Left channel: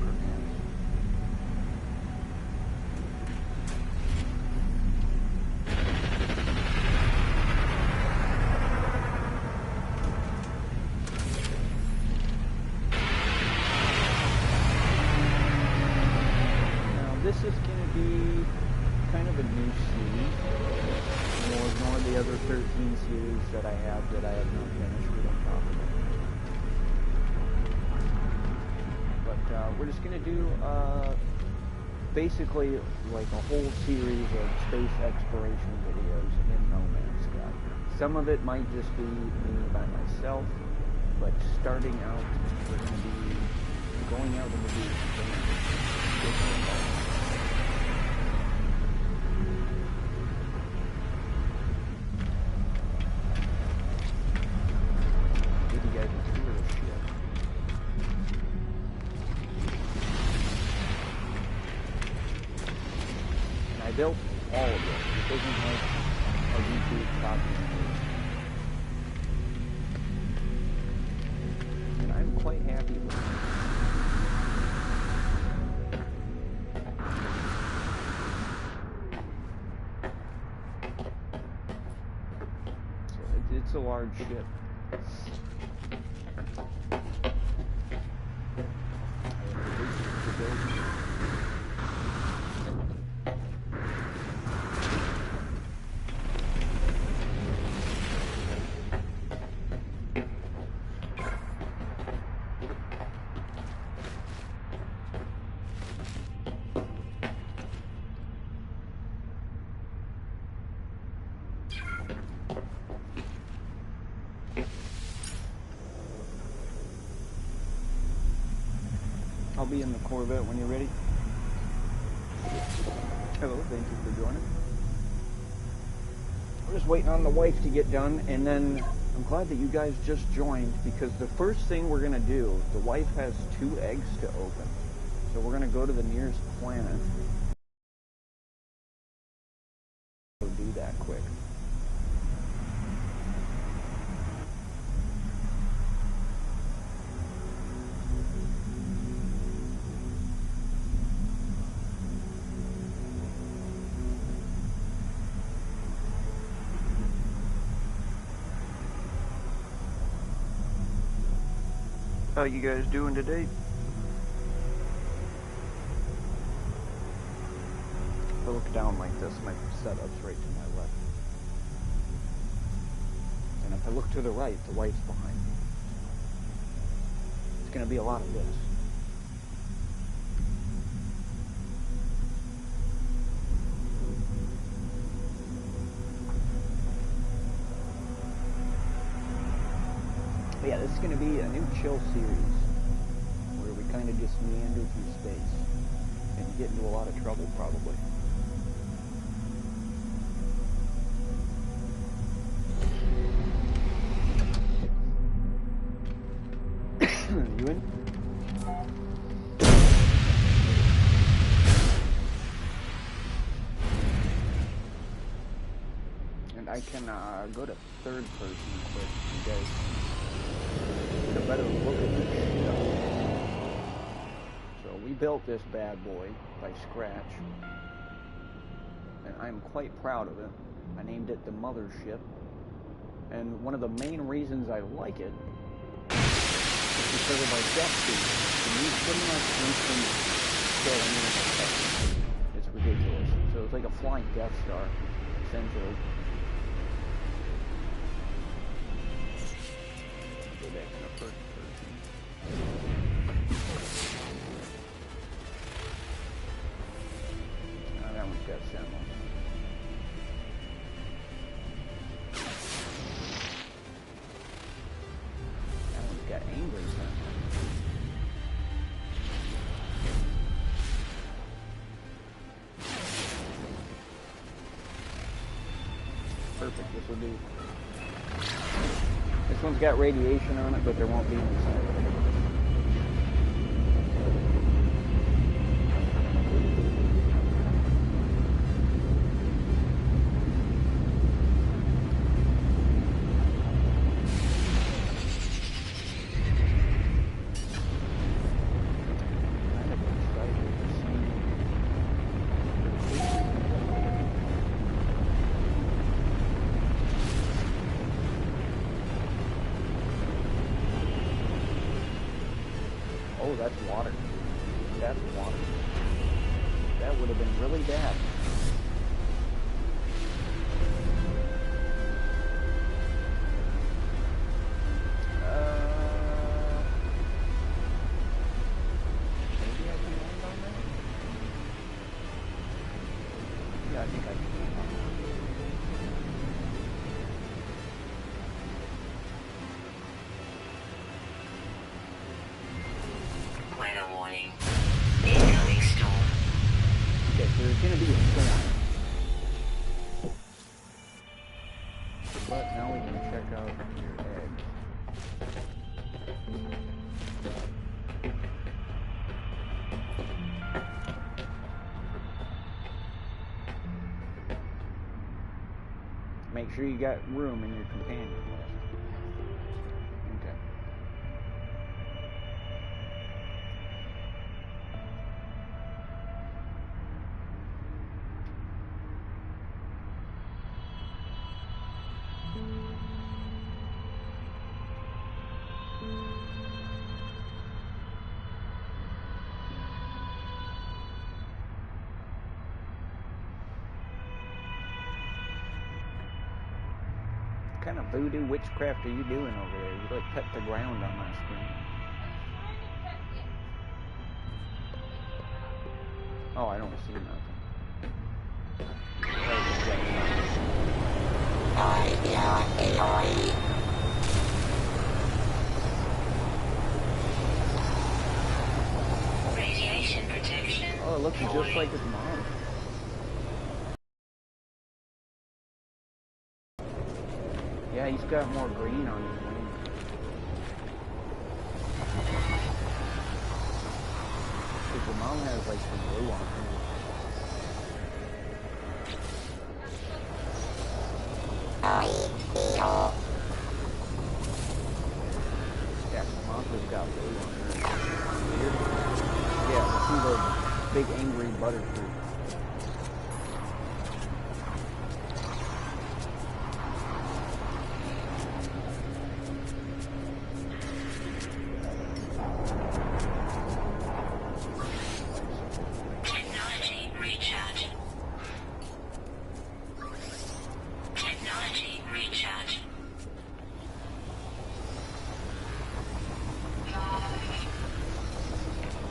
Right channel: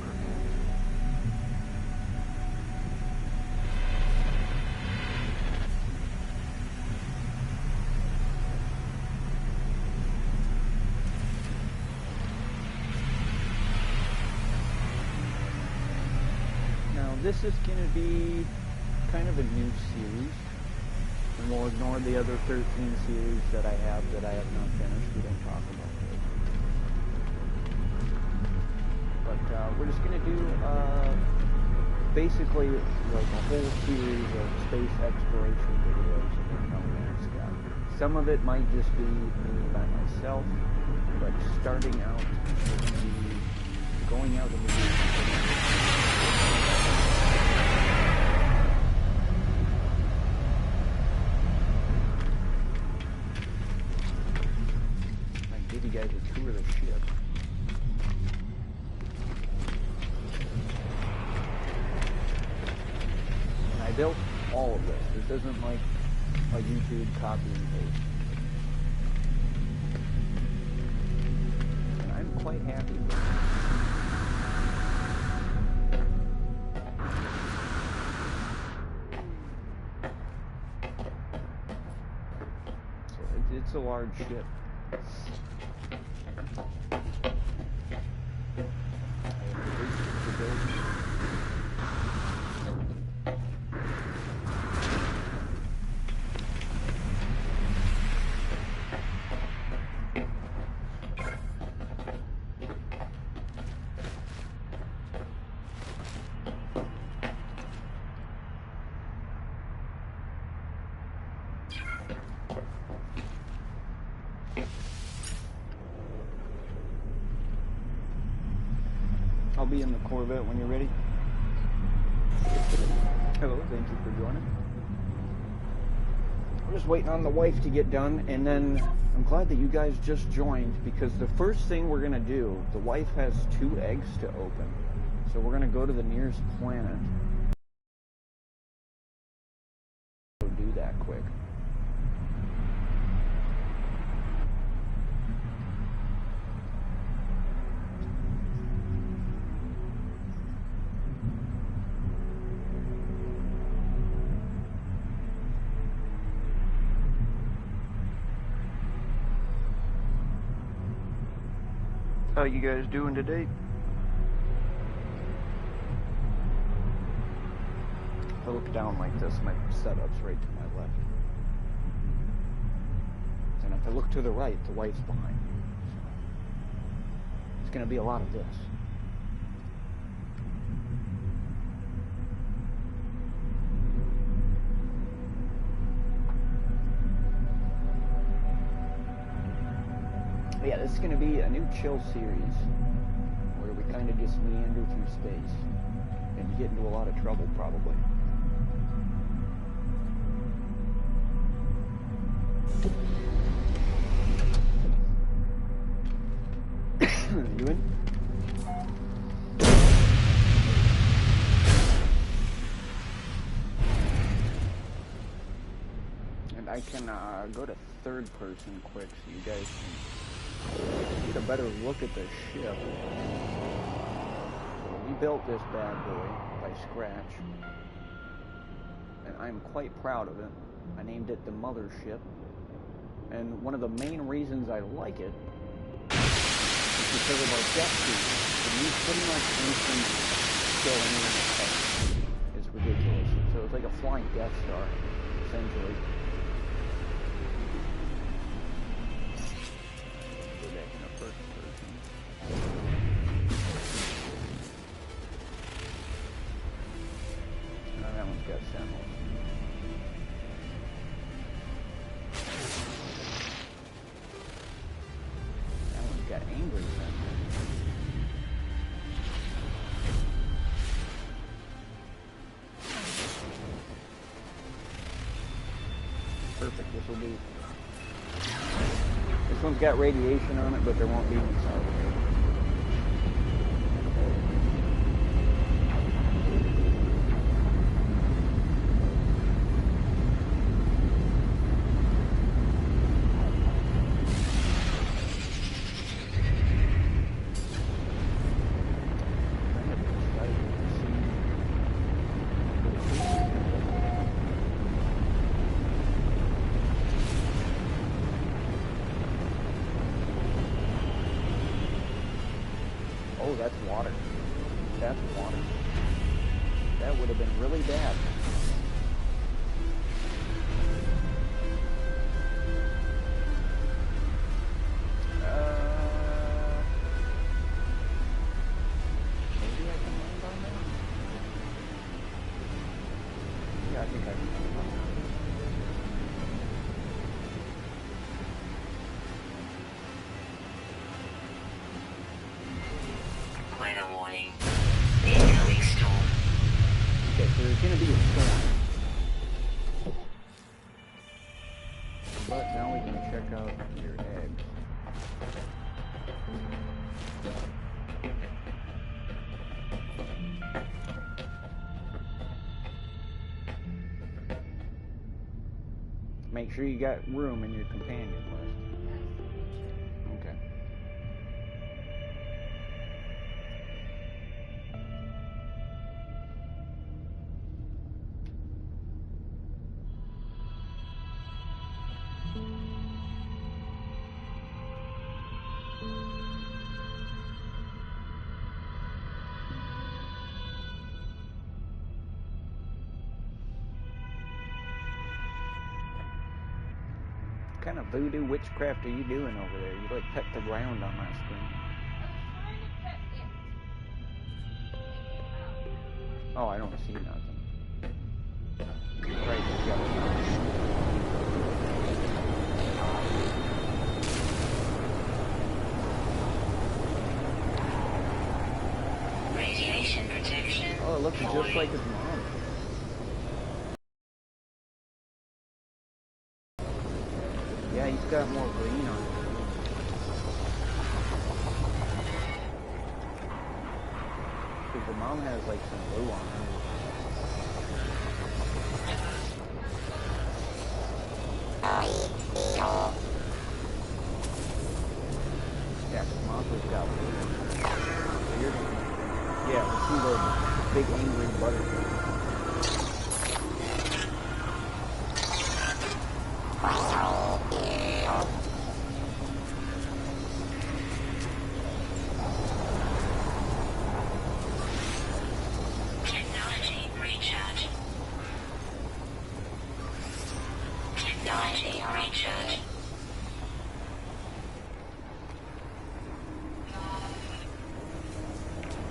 perhaps. Now this is going to be kind of a new series. We'll ignore the other 13 series that I have not finished. We don't talk about those. But we're just going to do basically like a whole series of space exploration videos in No Man's Sky. Some of it might just be me by myself, but starting out, we're going to be going out in the deep. Give you guys a tour of the ship. And I built all of this. This isn't like a YouTube copy and paste. And I'm quite happy with it. So it's a large ship. I'll be in the Corvette when you're ready. Hello, thank you for joining. We're just waiting on the wife to get done, and then I'm glad that you guys just joined, because the first thing we're going to do, the wife has 2 eggs to open. So we're going to go to the nearest planet. Go do that quick. How you guys doing today? If I look down like this, my setup's right to my left. And if I look to the right, the wife's behind me. So it's going to be a lot of this. But yeah, this is going to be a new chill series where we kind of just meander through space and get into a lot of trouble, probably. You in? And I can go to third person quick. You guys can get a better look at the ship. So we built this bad boy by scratch, and I'm quite proud of it. I named it the Mothership, and one of the main reasons I like it is because of our depth speed. We use pretty much instant killing in the text. It's ridiculous. So it's like a flying Death Star, essentially. Go back in the first person. Oh, that one's got sentinels. That one's got angry sentinels. Perfect, this will do. This one's got radiation on it, but there won't be any side of it. that's water. That's water. That would have been really bad. Maybe I can land on that? Yeah, I think I can land on that. Weather warning. Incoming storm. Okay, so there's going to be a storm. But now we can check out your eggs. Make sure you got room in your companion list. Okay. What kind of voodoo witchcraft are you doing over there? You like pet the ground on my screen. Oh, I don't see nothing. Radiation protection. Oh, it looks just like his mom. Yeah, he's got more green on his wing. Because the mom has like some blue on her. Yeah, Samantha's got blue on her. Weird. Yeah, see the big angry butterfly.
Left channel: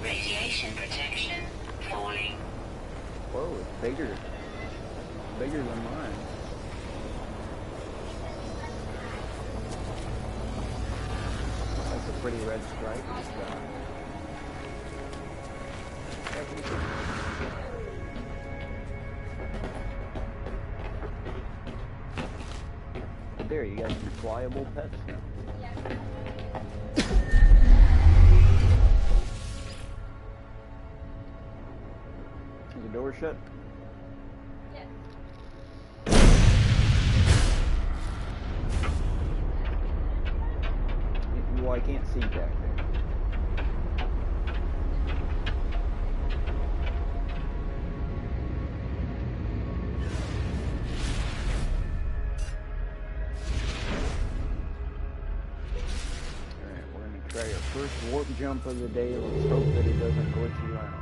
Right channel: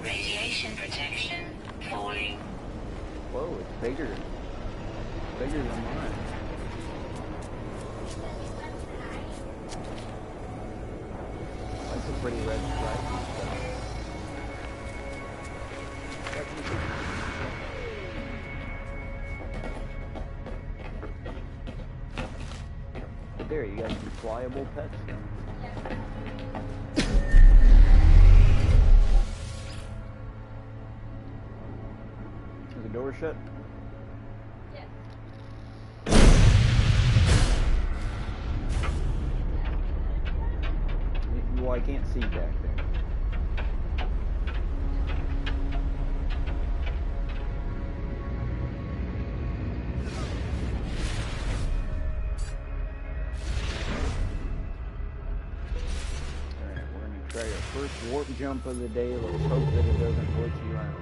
Radiation protection falling. Whoa, it's bigger. Bigger than mine. That's a pretty red stripe he's got. But there, you got some flyable pets now. Is the door shut? Yes. Well, I can't see back there. Alright, we're going to try our first warp jump of the day. Let's hope that it doesn't glitch you out.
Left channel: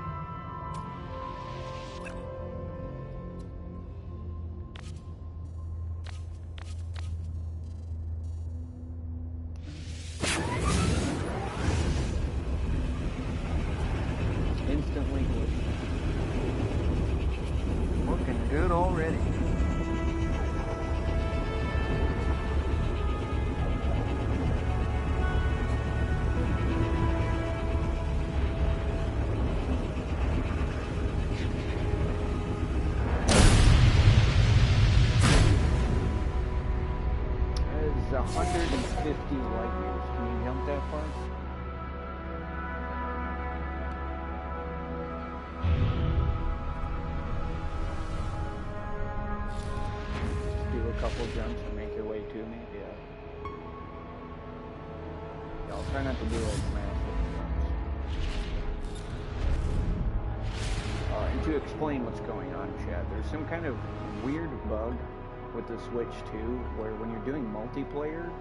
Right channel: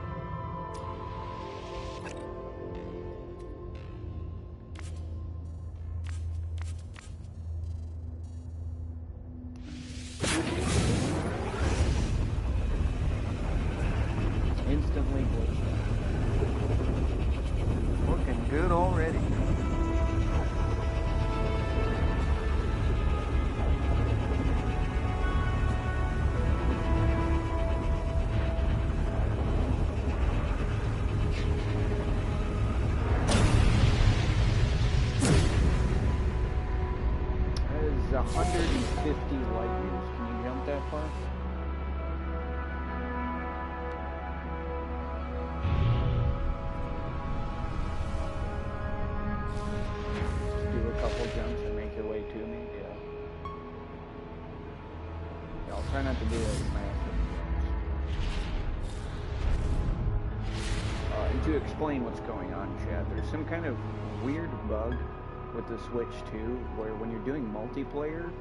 Instantly glitched out. Looking good already. That is 150 light years. Can you jump that far? Couple jumps and make your way to me. Yeah, I'll try not to do like massive jumps. And to explain what's going on, Chad, there's some kind of weird bug with the Switch 2 where when you're doing multiplayer,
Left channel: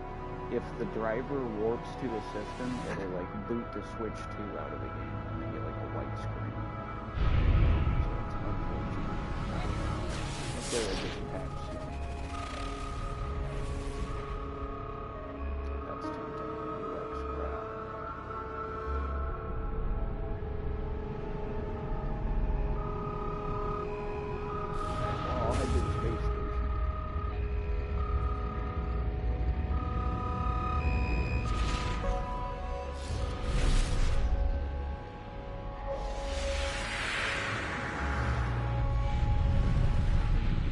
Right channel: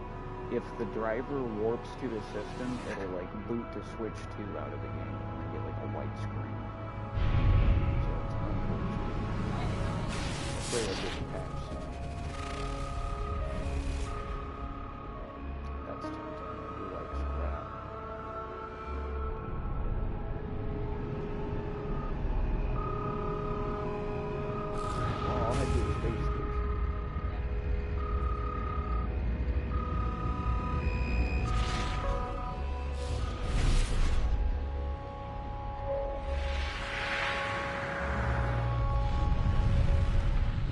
if the driver warps to the system, it'll like boot the Switch 2 out of the game and then get like a white screen. So it's unfortunate. Hopefully that gets patched soon. That's tempting. I do like scrap. Well, I'll head to the space station.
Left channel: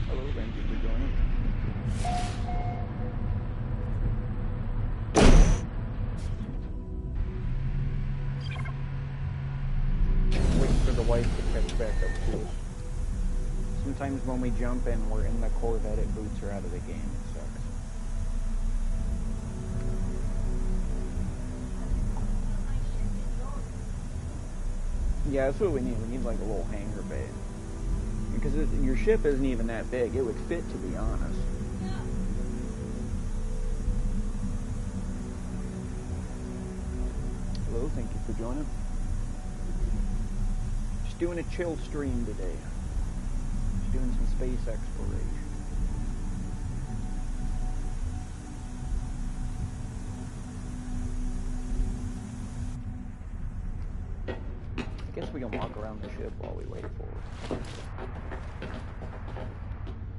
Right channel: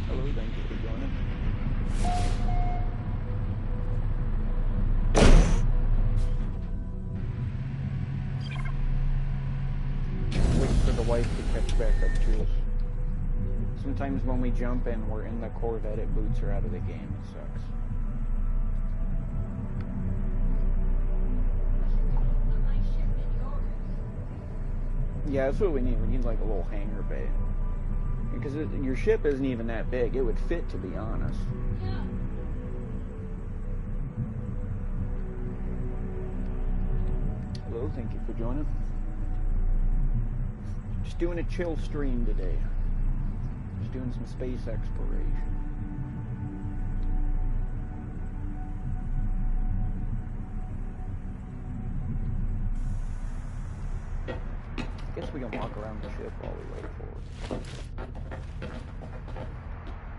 Hello, thank you for joining. Waiting for the wife to catch back up to us. Sometimes when we jump and we're in the Corvette, it boots her out of the game. It sucks. Yeah, that's what we need. We need like a little hangar bay. Because your ship isn't even that big. It would fit, to be honest. Hello, thank you for joining. Just doing a chill stream today. Just doing some space exploration. I guess we can walk around the ship while we wait for it.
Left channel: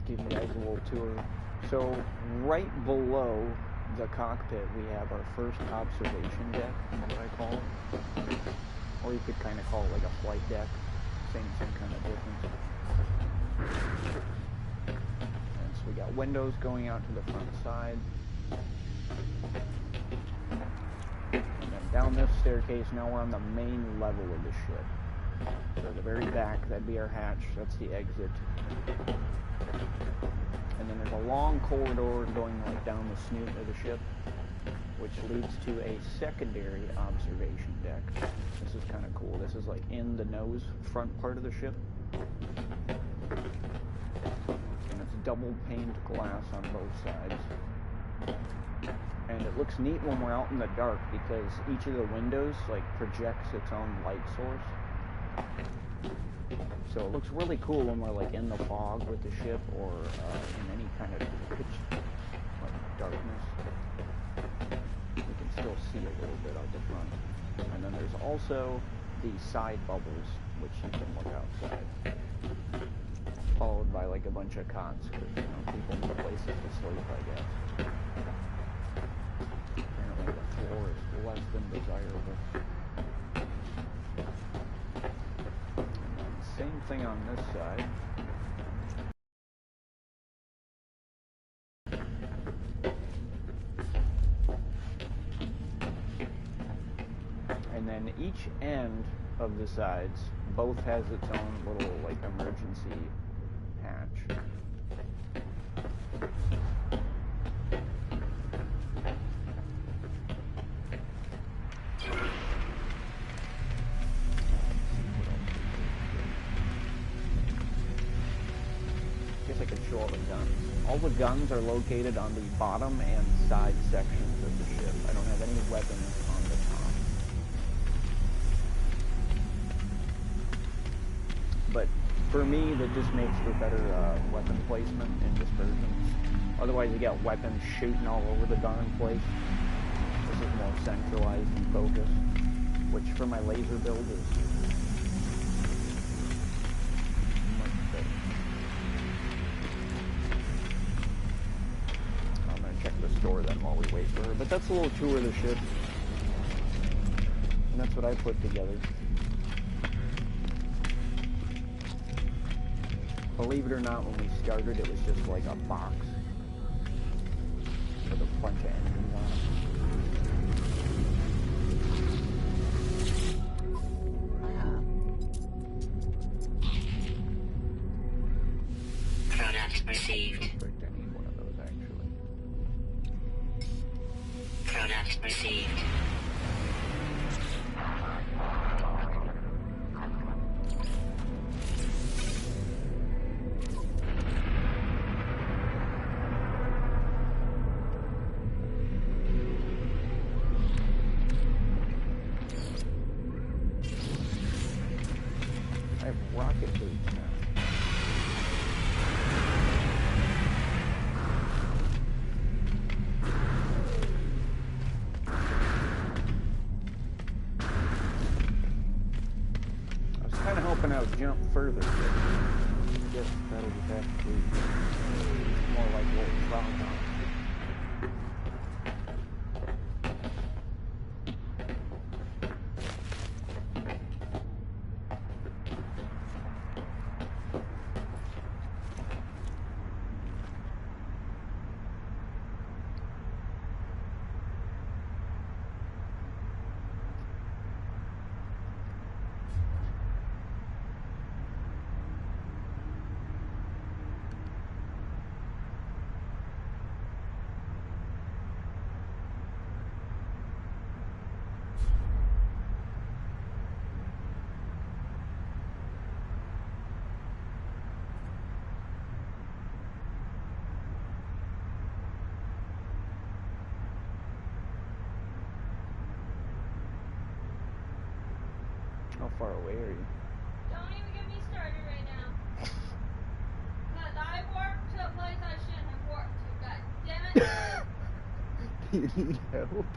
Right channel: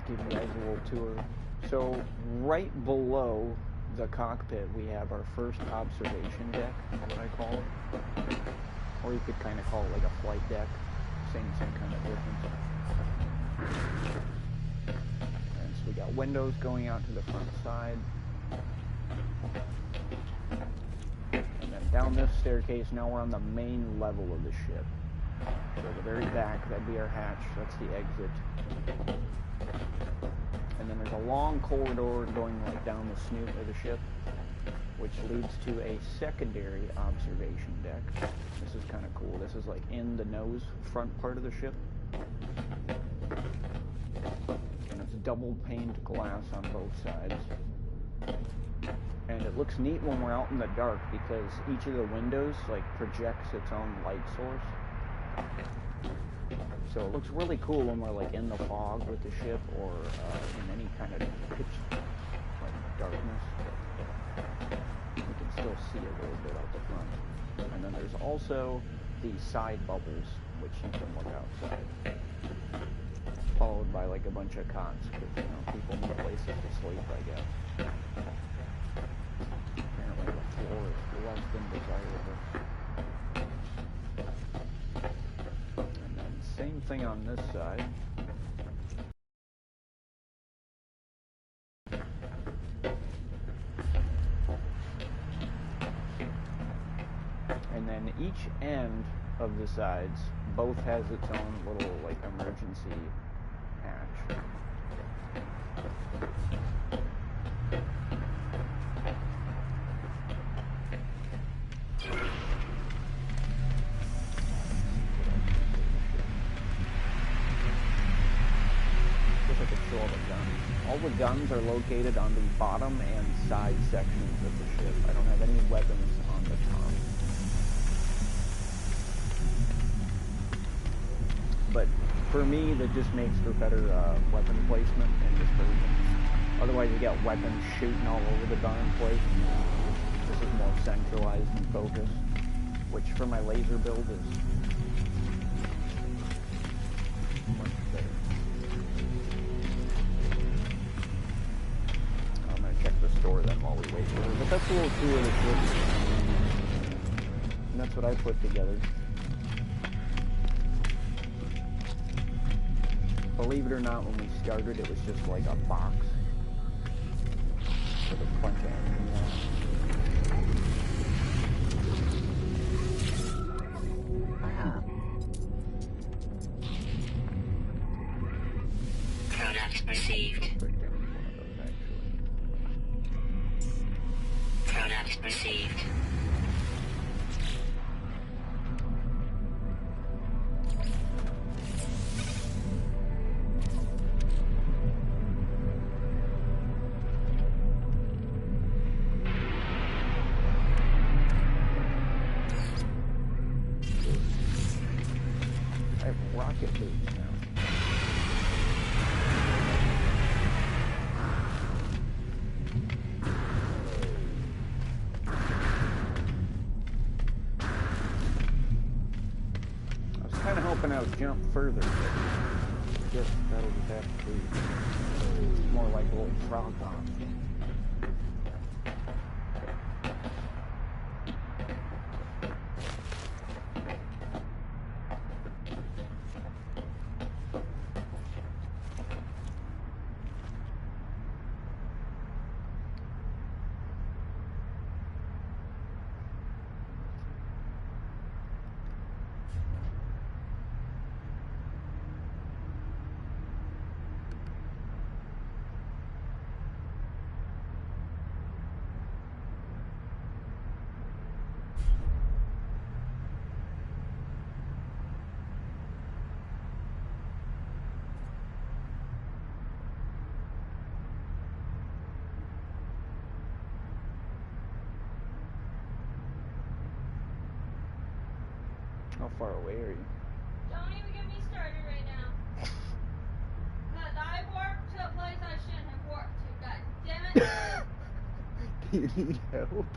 Give you guys a little tour. So, right below the cockpit, we have our first observation deck, is what I call it. Or you could kind of call it like a flight deck. Same kind of difference. And so we got windows going out to the front side. And then down this staircase, now we're on the main level of the ship. So at the very back, that'd be our hatch. That's the exit. And then there's a long corridor going like down the snoot of the ship, which leads to a secondary observation deck. This is kind of cool. This is like in the nose front part of the ship. And it's double paned glass on both sides. And it looks neat when we're out in the dark because each of the windows like projects its own light source. So it looks really cool when we're like in the fog with the ship or in any kind of pitch like darkness. We can still see a little bit out the front. And then there's also the side bubbles, which you can look outside. Followed by like a bunch of cots, because you know people need places to sleep, I guess. Apparently the floor is less than desirable. Same thing on this side. And then each end of the sides both has its own little like emergency hatch. I could show all the guns. All the guns are located on the bottom and side sections of the ship. I don't have any weapons on the top. But for me, that just makes for better weapon placement and dispersion. Otherwise, you got weapons shooting all over the darn place. This is more centralized and focused, which for my laser build is much better. Check the store then while we wait for her. But that's a little tour of the ship. And that's what I put together. Believe it or not, when we started, it was just like a box with a bunch of engines on it. Product received. Product received. I have rocket boots now. I was kind of hoping I would jump further, but I guess that'll just have to be more like a little frog dog. How far away are you? Don't even get me started right now. Because I warped to a place I shouldn't have warped to. God damn it. Do you need help?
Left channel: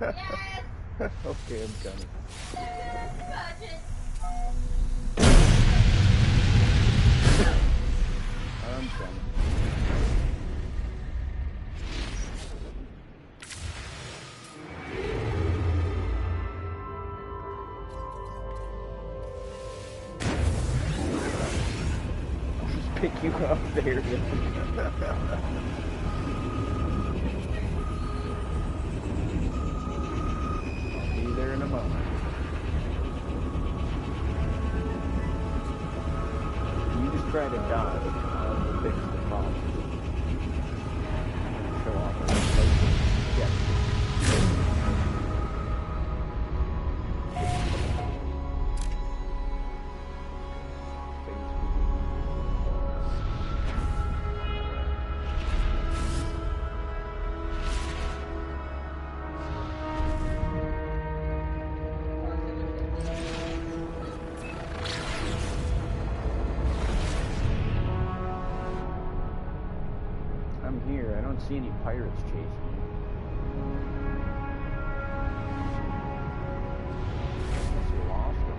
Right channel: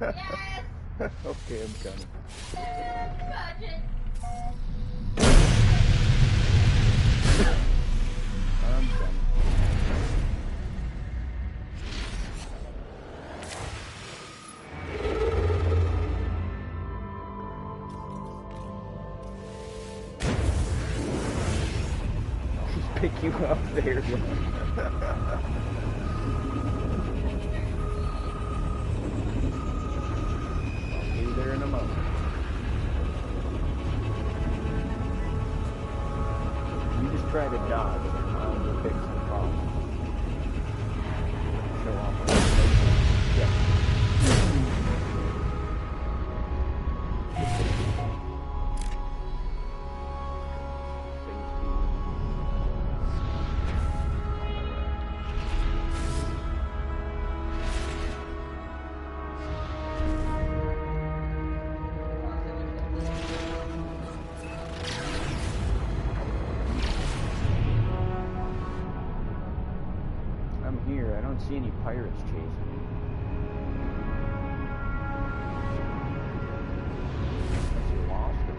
Yes. Okay, I'm coming. Budget. I'm coming. I'll just pick you up there then. I'll be there in a moment. You just try to dodge and I will fix the problem. I'm going to show off our places. Yeah. I'm here. I don't see any pirates chasing me. Unless you lost them.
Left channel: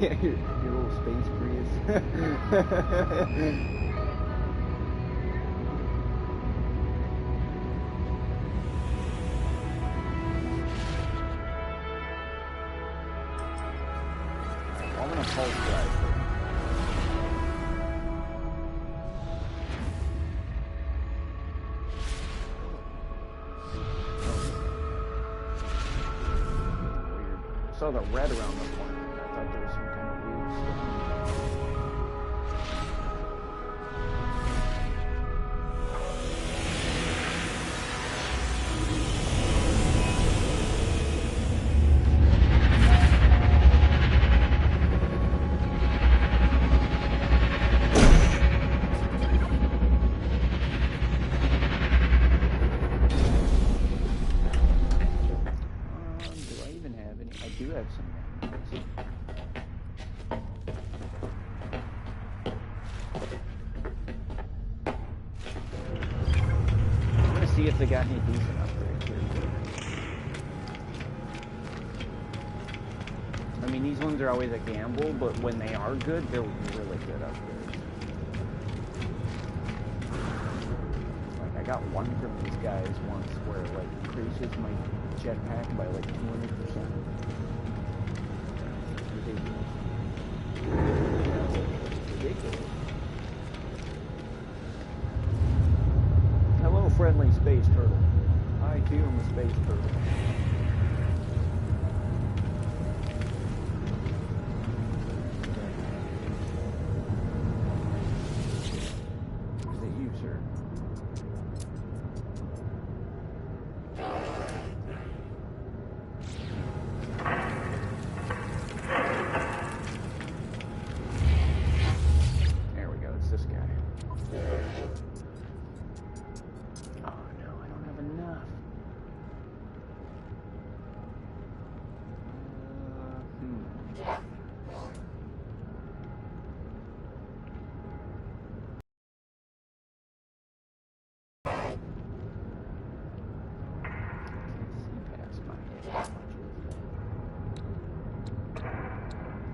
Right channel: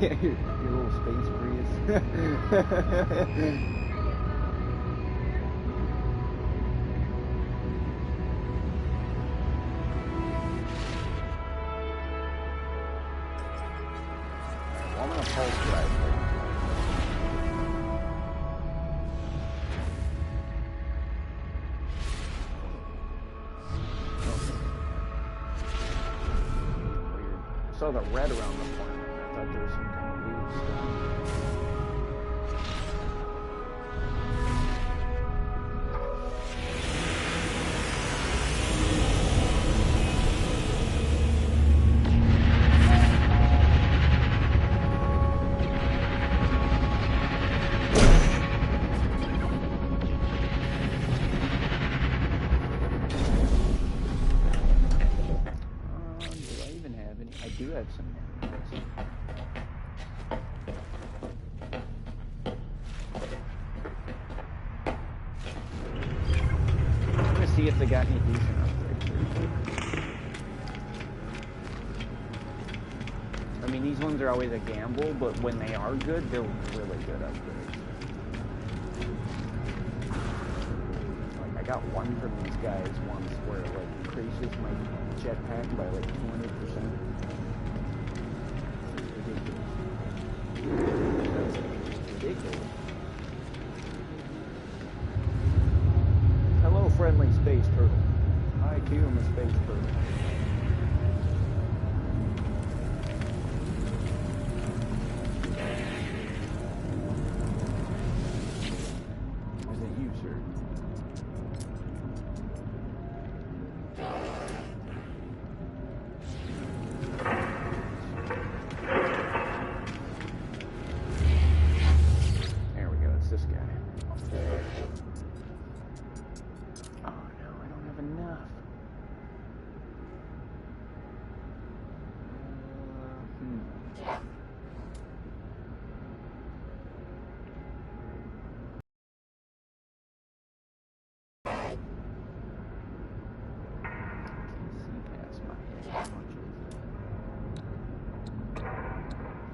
Yeah, your little space Prius. Well, I'm gonna pulse drive for him. Weird. I saw the red around the corner. I thought there was some kind of weird storm. Do I even have any? I do have some nanobots. I'm gonna see if they got any decent upgrades here quick. I mean, these ones are always a gamble, but when they are good, they're really good upgrades. Like, I got one from these guys once where it, like, increases my jetpack by, like, 200%. It's ridiculous. It's not ridiculous. It's ridiculous. Hello, friendly space turtle. I, too, am a space turtle. Is it you, sir? have enough. Can't see past my head. How much is that?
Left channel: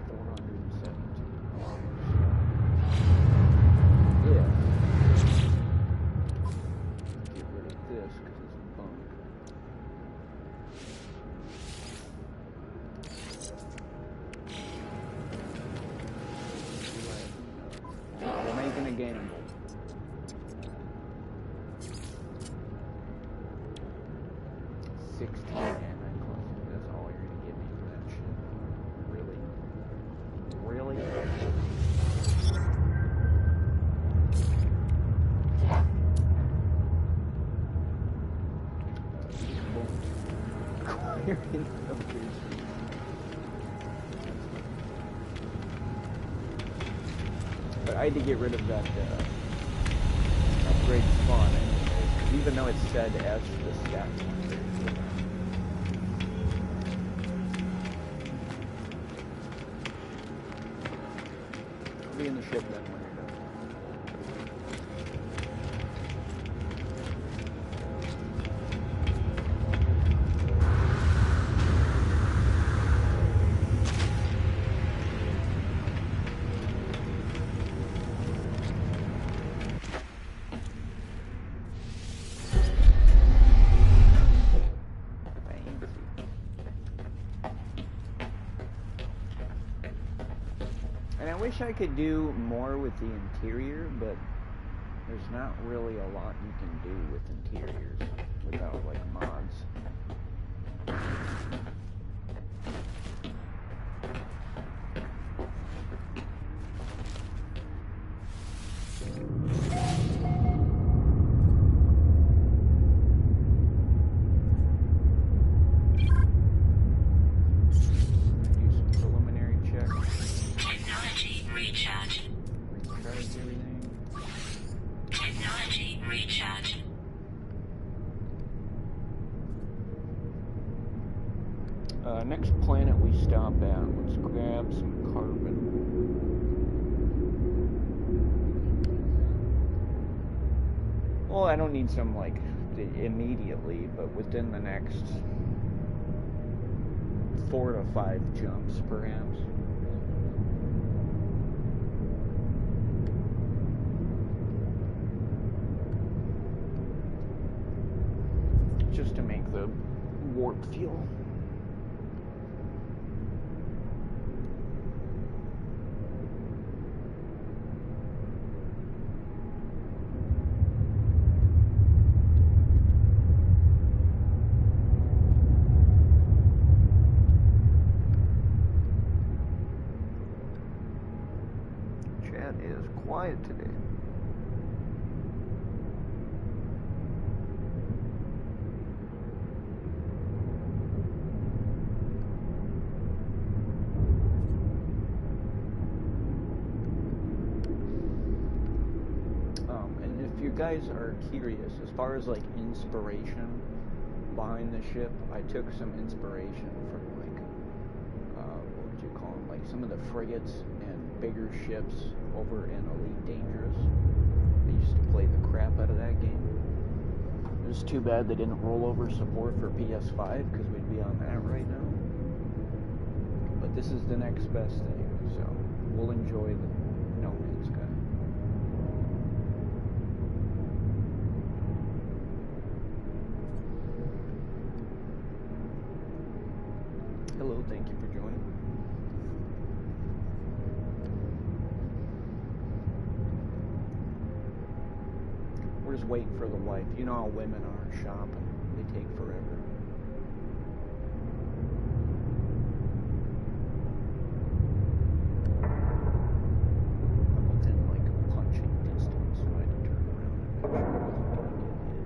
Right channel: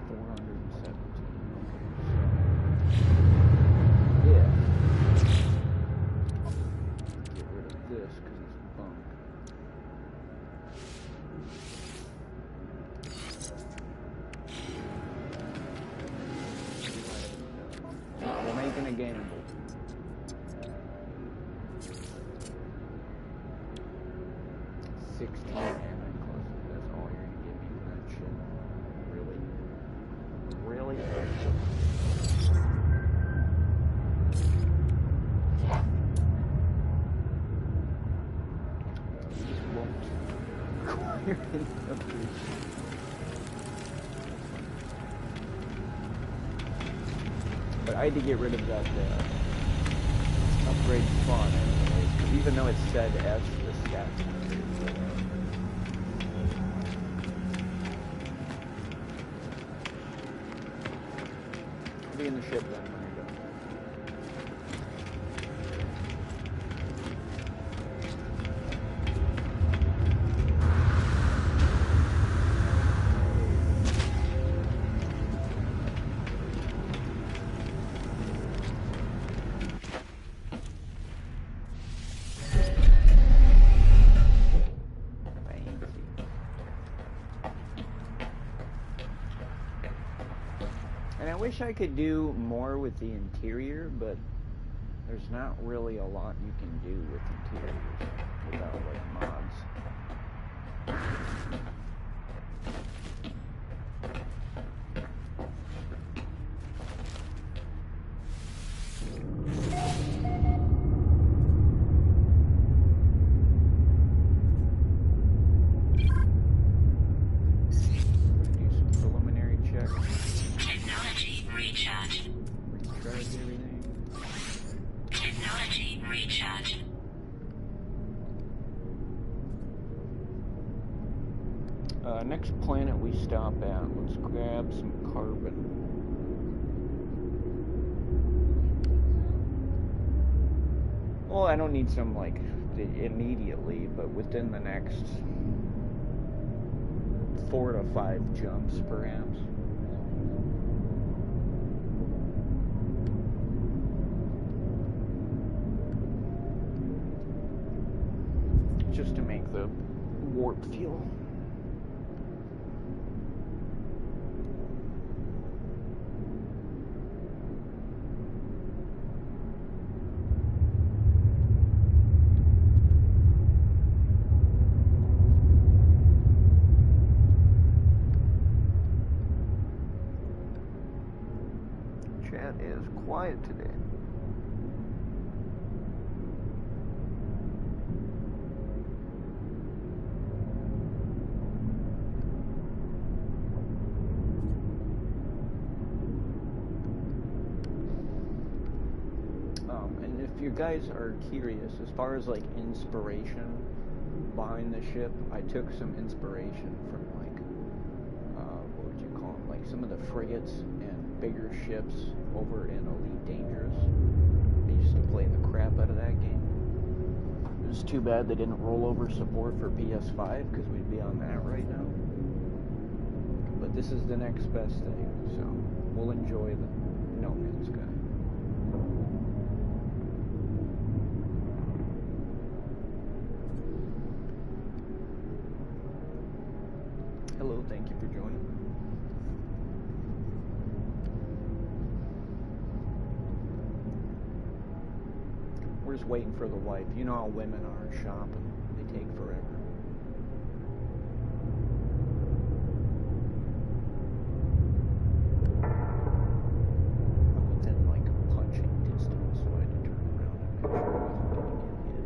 417. Okay, so if get rid of this because it's bunk. Do I have enough? Well, we're making a gamble. 16 anti-clusters. That's all you're gonna give me for that shit? Really? Really? We just won't acquire any upgrades. That's funny. But I had to get rid of that upgrade spawn anyways, because even though it's said as the stats weren't very good on. I'll be in the ship then when you're done. And I wish I could do more with the interior, but there's not really a lot you can do with interiors without, like, mods. I'm gonna do some preliminary checks. Technology recharge. Recharge everything. Technology recharge. Next planet we stop at, let's grab some carbon. Well, I don't need some, like, immediately, but within the next 4 to 5 jumps, perhaps. Just to make the warp fuel. Chat is quiet today. And if you guys are curious, as far as like inspiration behind the ship, I took some inspiration from like, what would you call them? Like some of the frigates and bigger ships over in Elite Dangerous. I used to play the crap out of that game. It was too bad they didn't roll over support for PS5 because we'd be on that right now. But this is the next best thing, so we'll enjoy the No Man's Sky. Hello, thank you for joining. We're just waiting for the wife. You know how women are shopping. They take forever. I'm within like punching distance, so I had to turn around and make sure I wasn't going to get hit.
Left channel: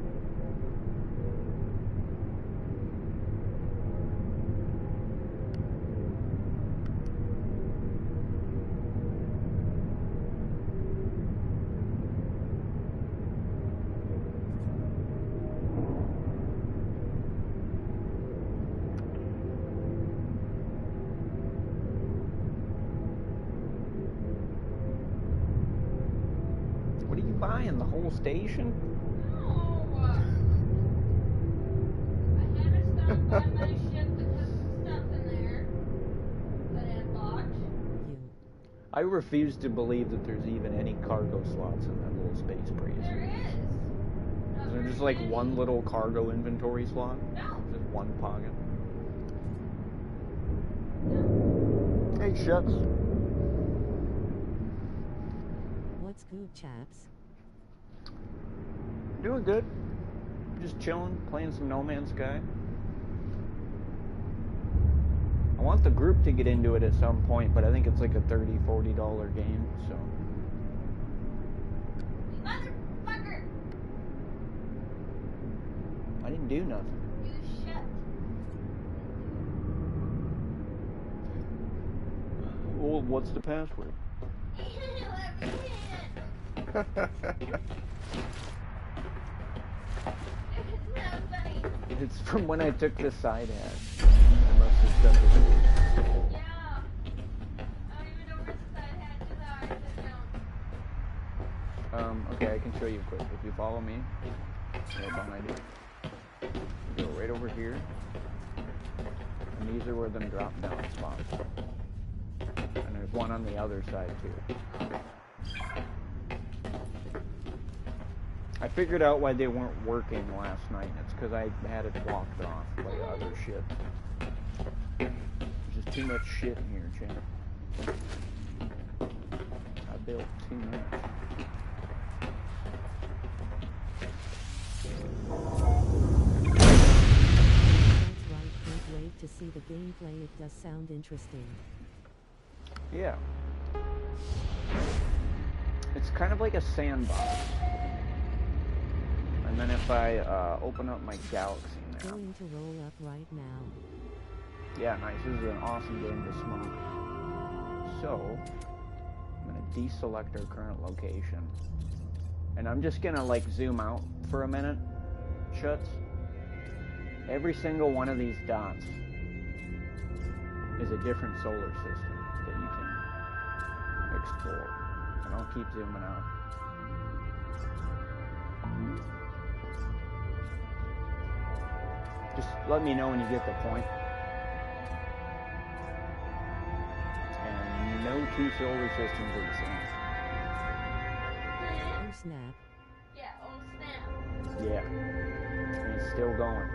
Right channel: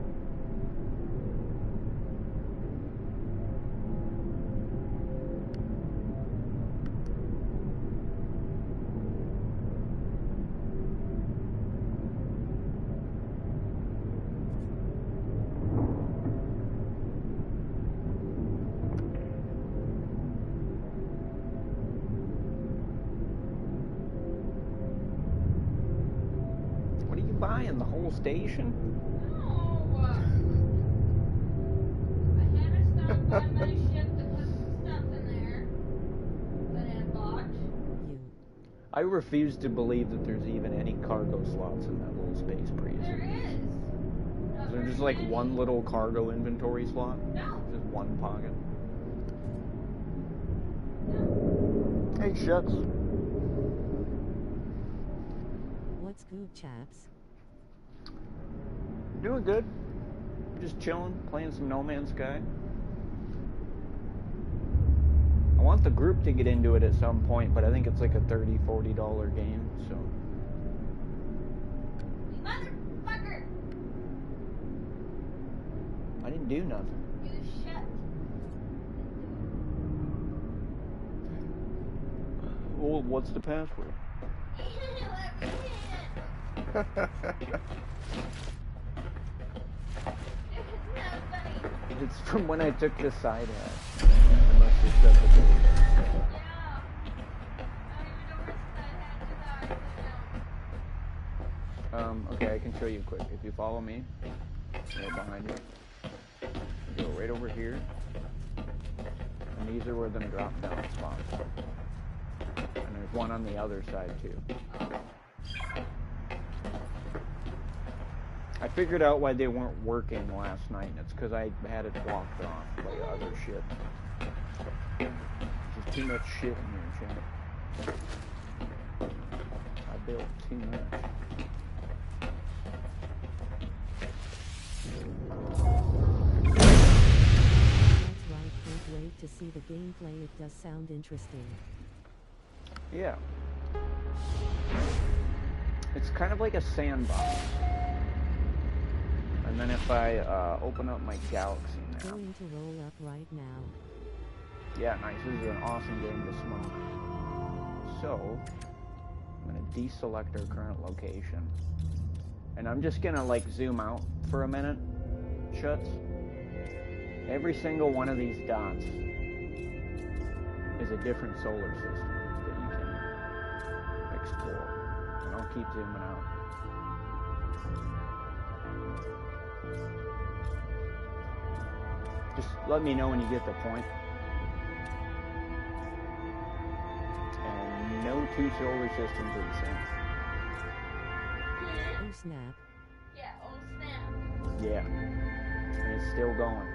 buying the whole station? No. I had to stop by my ship to put some stuff in there that I had bought. I refuse to believe that there's even any cargo slots in that little space breeze. There is. Is there just like one little cargo inventory slot? No. Just one pocket? No. Hey, Shuts. What's good, chaps? Doing good. Just chilling, playing some No Man's Sky. I want the group to get into it at some point, but I think it's like a $30, $40 game, so. Motherfucker! I didn't do nothing. You shut. Well, what's the password? Let me in. It's not funny. It's from when I took the side hatch. I must have shut the door. Yeah. I don't even know where the side hatches are. I don't. Okay, I can show you quick. If you follow me, right behind you, you go right over here, and these are where them drop down spots. And there's one on the other side too. I figured out why they weren't working last night, and it's because I had it blocked off by other shit. There's just too much shit in here, champ. I built too much. That's right, can't wait to see the gameplay. It does sound interesting. Yeah. It's kind of like a sandbox. And then if I open up my galaxy now. Going to roll up right now. Yeah, nice. This is an awesome game to smoke. So, I'm going to deselect our current location. And I'm just going to like zoom out for a minute. Shuts. Every single one of these dots is a different solar system that you can explore. And I'll keep zooming out. Just let me know when you get the point. And no two solar systems are the same. Oh snap. Yeah, oh snap. Yeah. And it's still going.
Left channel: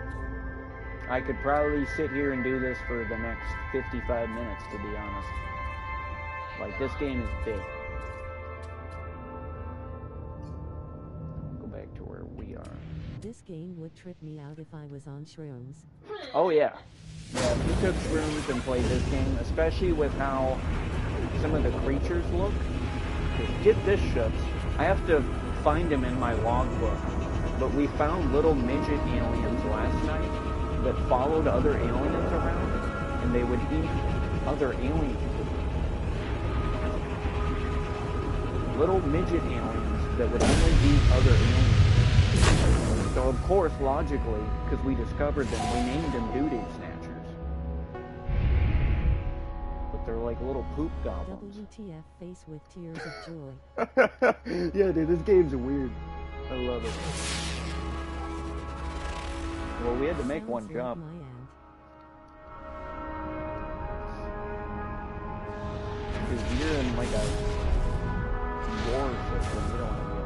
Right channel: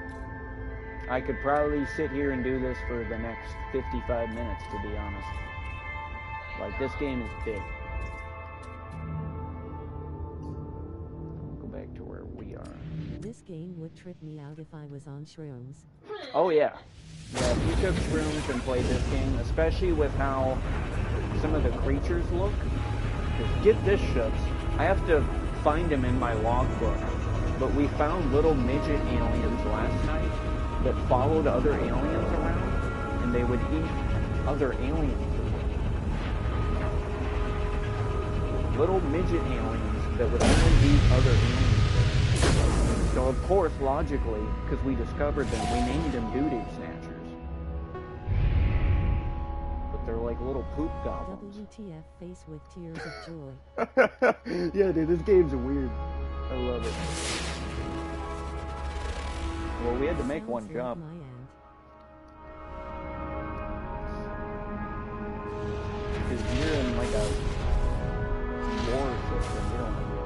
I could probably sit here and do this for the next 55 minutes, to be honest. Like, this game is big. I'll go back to where we are. This game would trip me out if I was on shrooms. Oh, yeah. Yeah, if you took shrooms and played this game, especially with how some of the creatures look, because get this, Shuts, I have to find them in my logbook, but we found little midget aliens last night that followed other aliens around, and they would eat other aliens. Little midget aliens that would only eat other aliens. So of course, logically, because we discovered them, we named them doo-doo snatchers. But they're like little poop goblins. WTF face with tears of joy. Yeah, dude, this game's weird. I love it. Well, we had to make Sounds one like jump. my aunt. Because you're in like a war system, you don't want to be in there.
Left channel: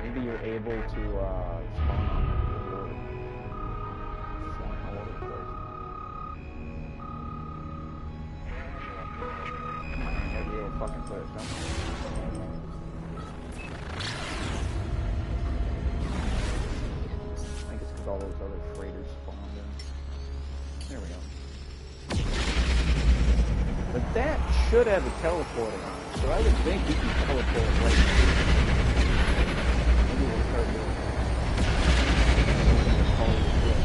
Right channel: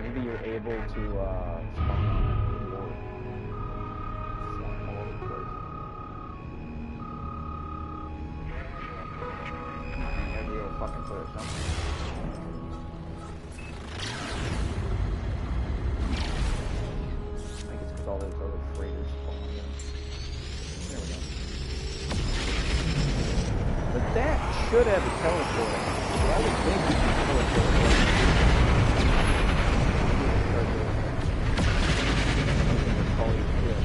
Maybe you're able to spawn on the board. Flying all over the place. Come on, you gotta be able to fucking put it somewhere. I think it's because all those other freighters spawned in. There we go. But that should have a teleporter. So I would think you can teleport right now. Maybe we'll start doing that. Call you shit.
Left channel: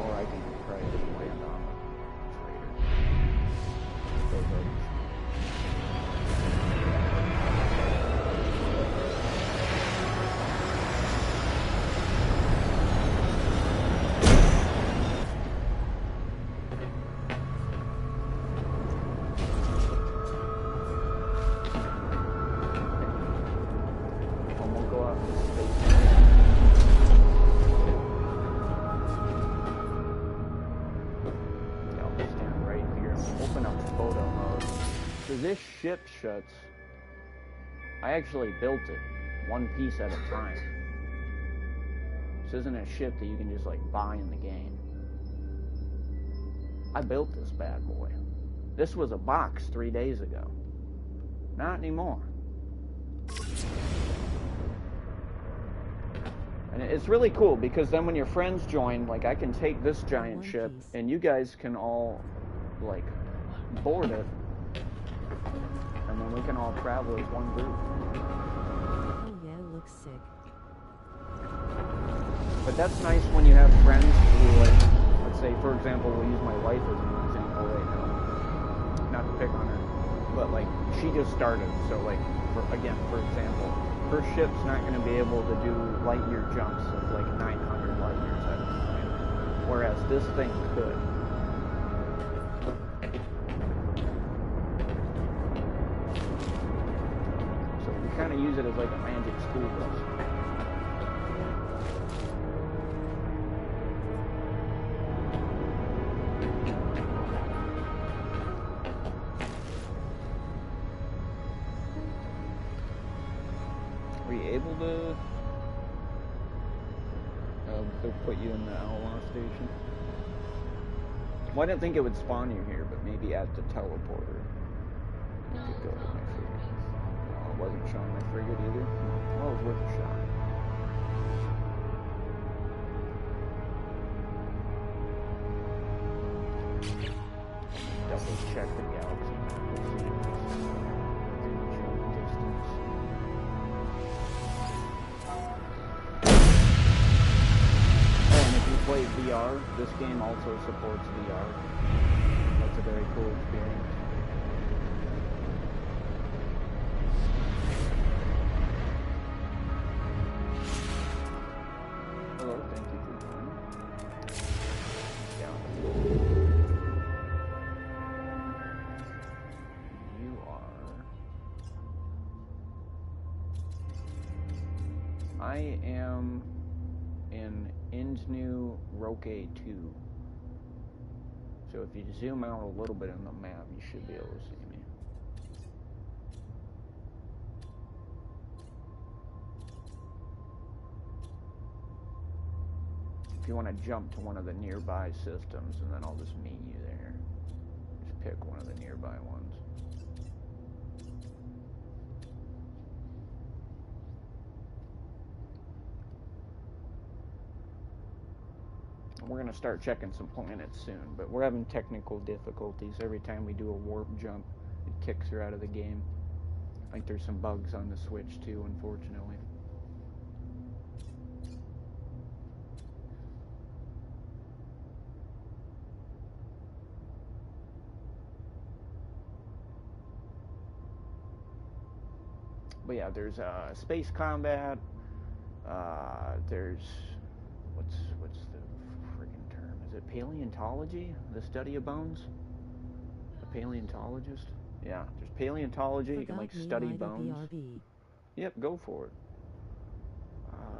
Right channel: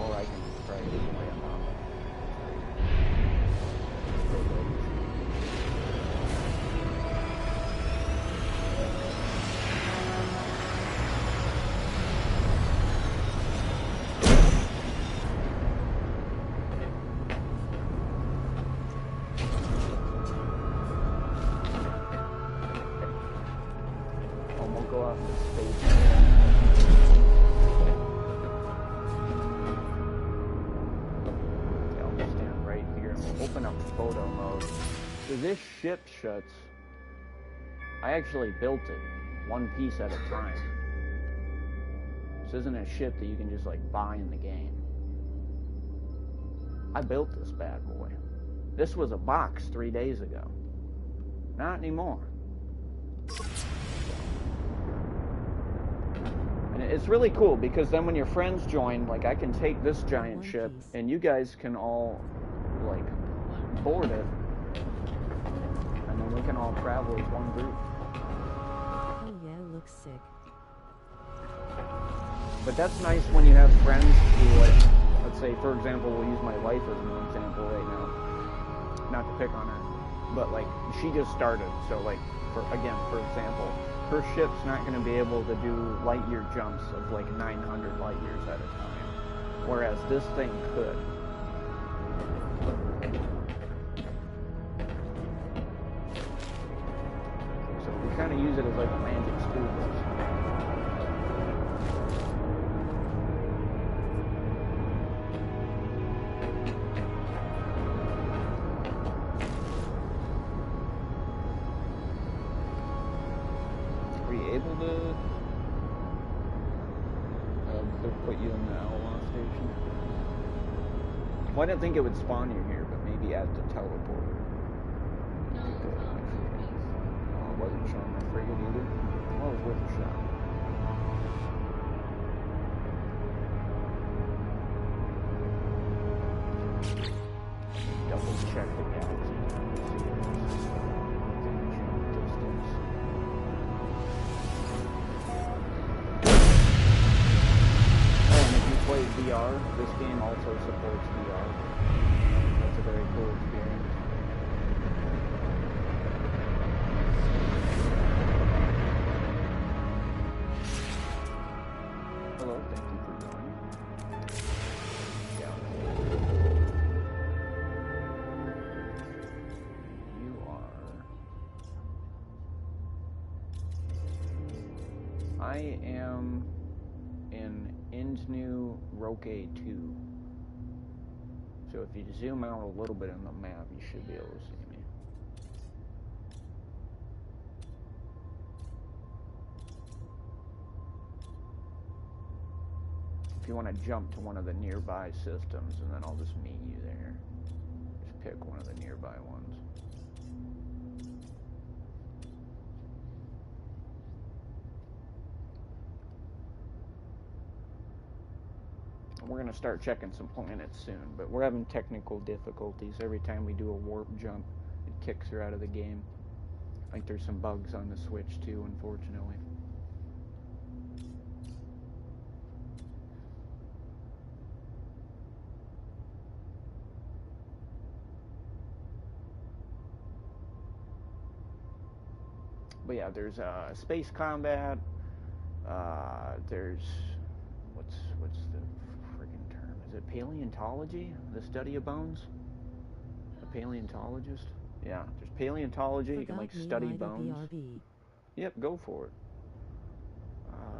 Or I can go off to space. Yeah, I'll just stand right here and we'll open up photo mode. So this ship shuts. I actually built it one piece at a time. This isn't a ship that you can just like buy in the game. I built this bad boy. This was a box 3 days ago. Not anymore. And it's really cool because then when your friends join, like I can take this giant ship and you guys can all like board it. And then we can all travel as one group. Oh yeah, looks sick. But that's nice when you have friends who, like, let's say, for example, we'll use my wife as an example right now. Not to pick on her, but like she just started, so like for example, her ship's not going to be able to do light year jumps of like 900 light years at a time, whereas this thing could. So we kind of use it as like a magic school bus. Able to put you in the Outlaw station? Well, I didn't think it would spawn you here, but maybe at the teleporter. No, You could go it's to not my frigate. frigate. No, it wasn't showing my frigate either. Well, it was worth a shot. Let me double check the galaxy map to see if it's within jump distance. Play VR. This game also supports VR. That's a very cool experience. Hello, thank you for joining. Yeah. You are... I am in Indnu Roque 2. So if you zoom out a little bit on the map, you should be able to see me. If you want to jump to one of the nearby systems, and then I'll just meet you there. Just pick one of the nearby ones. We're going to start checking some planets soon, but we're having technical difficulties. Every time we do a warp jump, it kicks her out of the game. I think there's some bugs on the Switch too, unfortunately. But yeah, there's space combat. There's what's the friggin' term? Is it paleontology? The study of bones? A paleontologist? Yeah, there's paleontology. You can like study bones. BRB. Yep, go for it.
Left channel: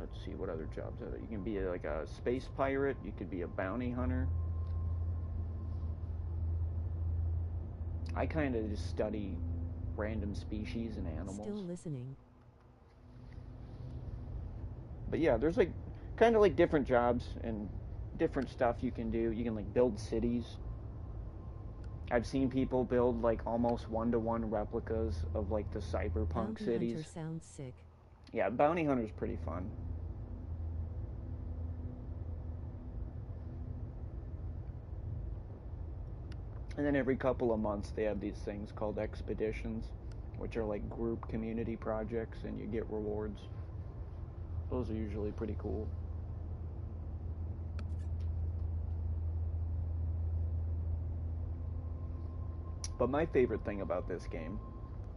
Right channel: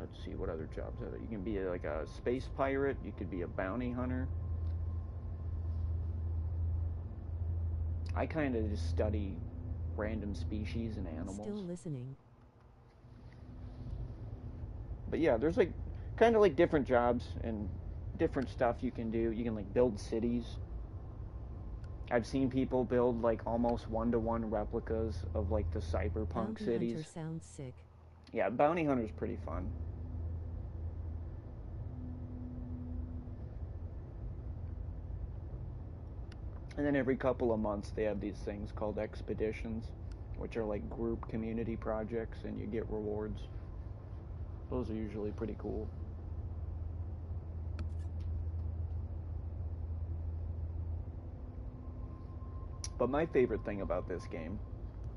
Let's see what other jobs are there. You can be like a space pirate. You could be a bounty hunter. I kind of just study random species and animals. Still listening. But yeah, there's like kind of like different jobs and different stuff you can do. You can like build cities. I've seen people build like almost one-to-one replicas of like the cyberpunk Bounty cities. Hunter sounds sick. Yeah, bounty hunter's pretty fun. And then every couple of months they have these things called expeditions, which are like group community projects, and you get rewards. Those are usually pretty cool. But my favorite thing about this game,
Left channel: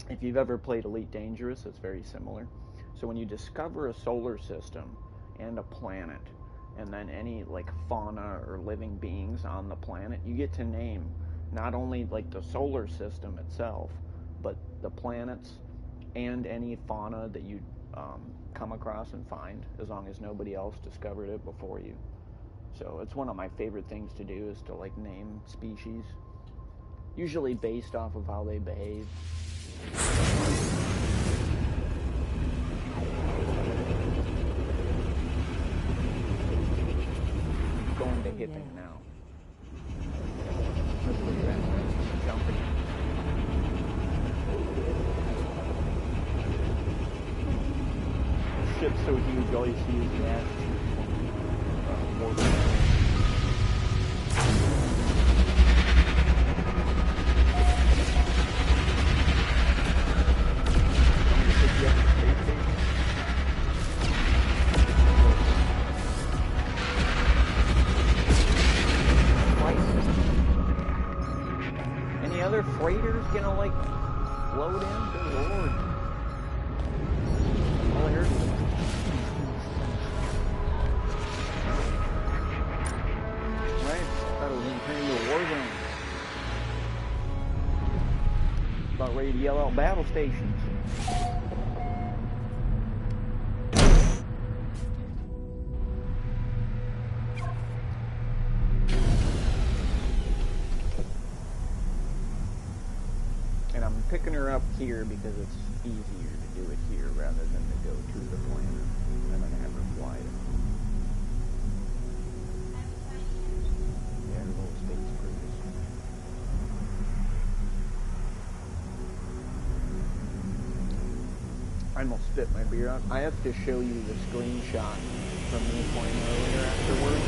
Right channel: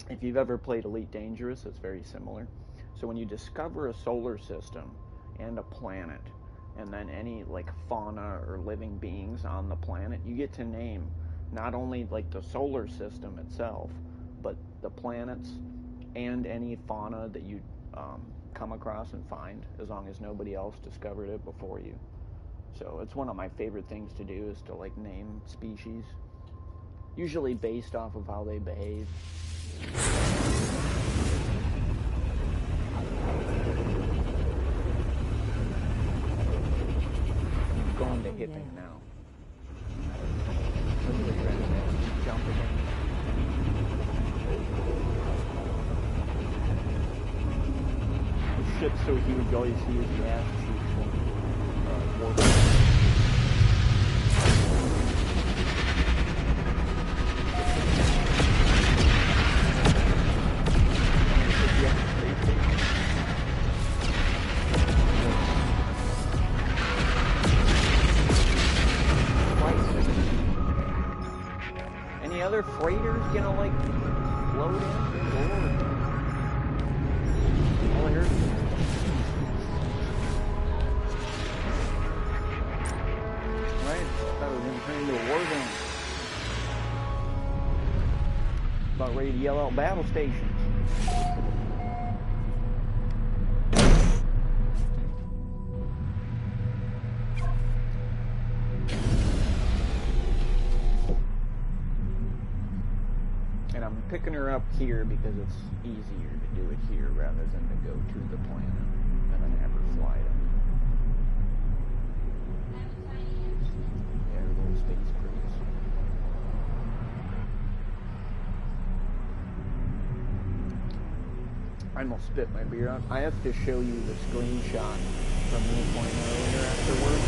if you've ever played Elite Dangerous, it's very similar. So when you discover a solar system and a planet, and then any like fauna or living beings on the planet, you get to name not only like the solar system itself, but the planets and any fauna that you come across and find, as long as nobody else discovered it before you. So it's one of my favorite things to do, is to like name species, usually based off of how they behave. I'm going to hipping now. That's where you're at, right? Just jump again. The ship's so huge, all you see is the ass cheeks from warping. Any other freighters gonna like float in? Good lord. All I heard was right? I thought it was gonna turn into a war zone. About ready to yell out battle stations. And I'm picking her up here because it's easier to do it here rather than to go to the planet and then have her fly it. Yeah, her little space cruise. I almost spit my beer out. I have to show you the screenshot from me playing earlier afterwards.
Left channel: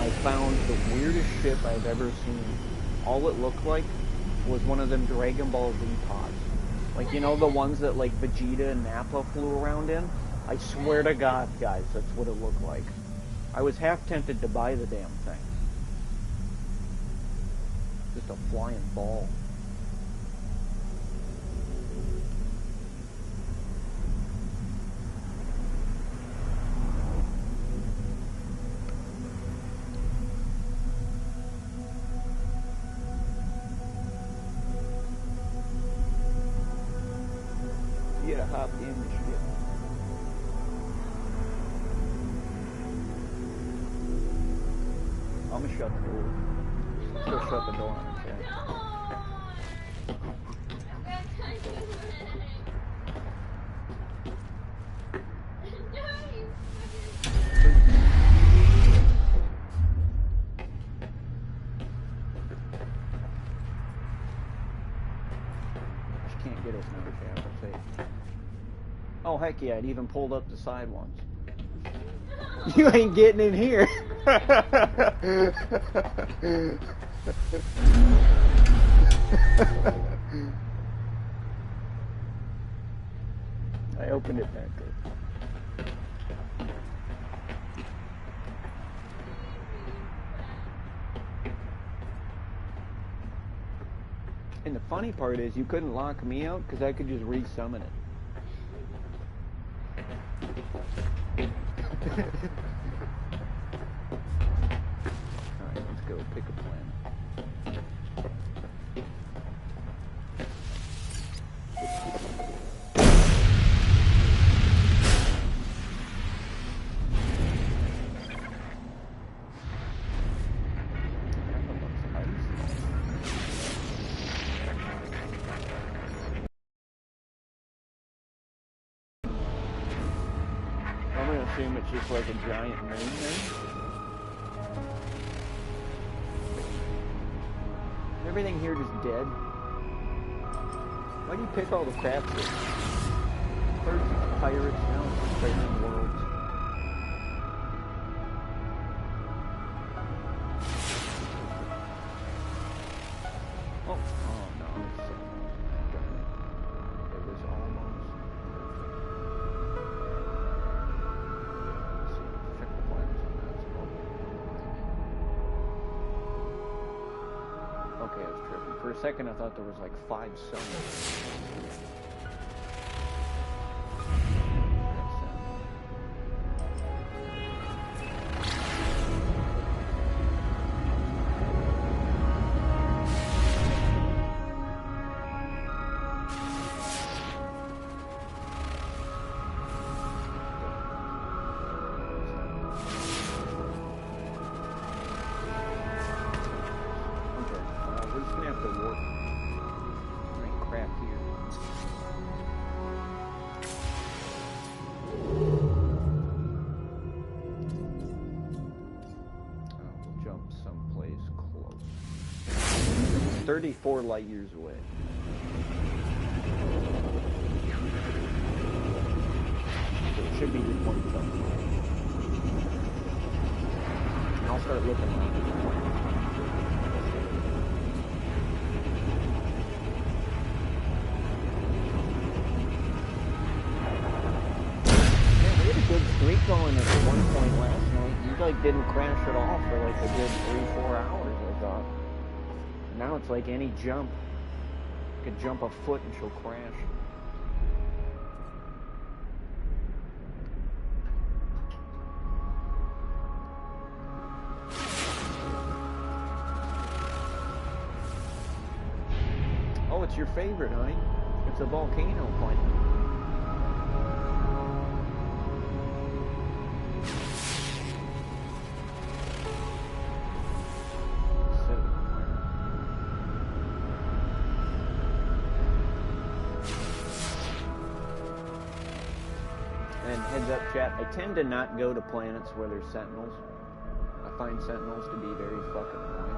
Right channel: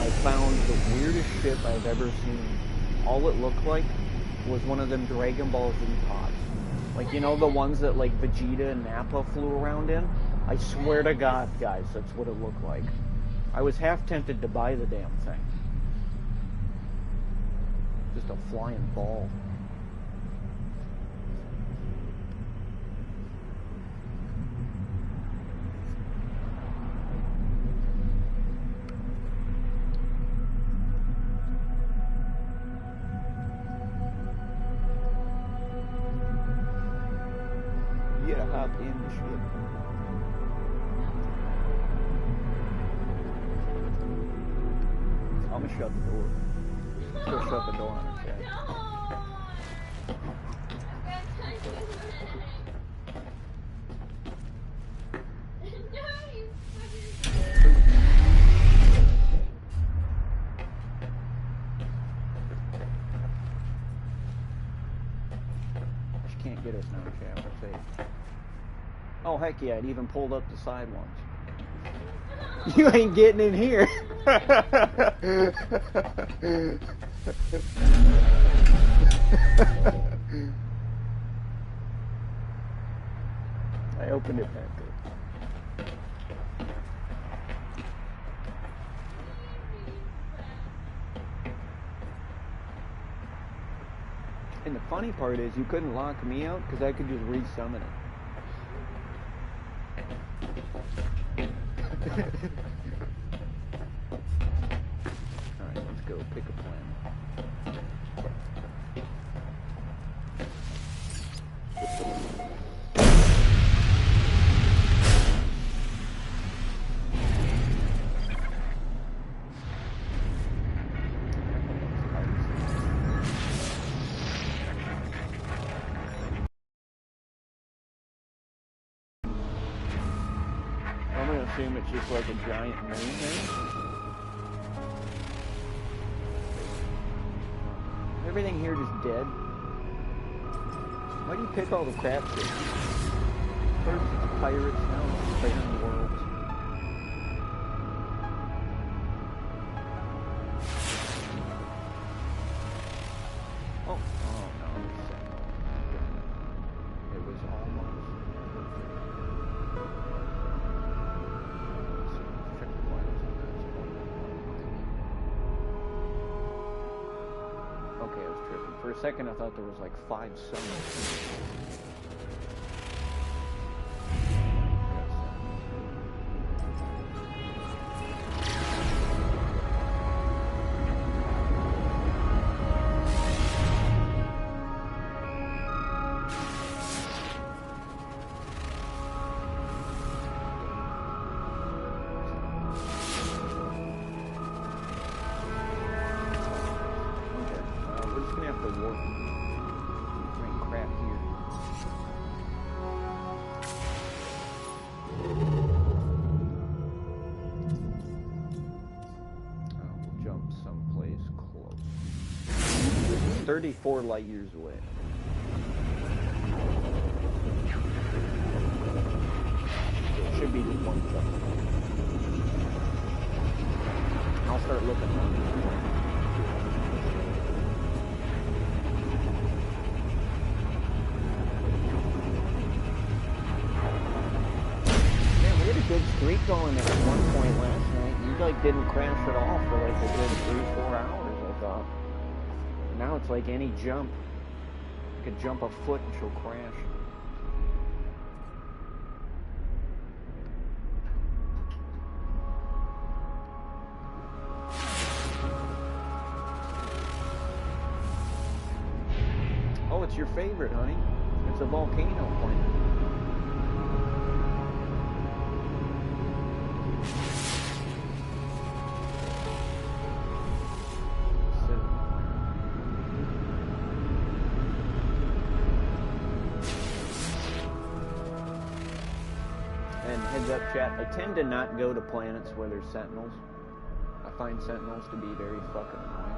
I found the weirdest ship I've ever seen. All it looked like was one of them Dragon Ball Z pods. Like, you know, the ones that, like, Vegeta and Nappa flew around in? I swear to God, guys, that's what it looked like. I was half tempted to buy the damn thing. Just a flying ball. You gotta hop in the ship. I'm gonna shut the door. She'll shut the door on her chest. She can't get us now, Chad. We're safe. Oh, heck yeah, it even pulled up the side ones. You ain't getting in here. I opened it back up. And the funny part is you couldn't lock me out because I could just re-summon it. Alright, let's go pick a plan. I'm gonna assume it's just like a giant moon then. Everything here just dead. Why do you pick all the crap shit? First it's pirates, now it's pirate worlds. Oh no, it's it was almost perfect. Let's see, check the planets on that. It's about okay, I was tripping. For a second I thought there was like 5 suns. to warp. There ain't crap here. We'll jump someplace close. This is 34 light years away. So it should be just one jump. And I'll start looking around at the planets to make sure that man, we had a good streak going at one point last night. You like didn't crash at all for like a good 3-4 hours, I thought. And now it's like any jump. You could jump a foot and she'll crash. Oh, it's your favorite, honey. It's a volcano planet. Sit in the planet. And heads up, chat, I tend to not go to planets where there's sentinels. I find sentinels to be very fucking annoying.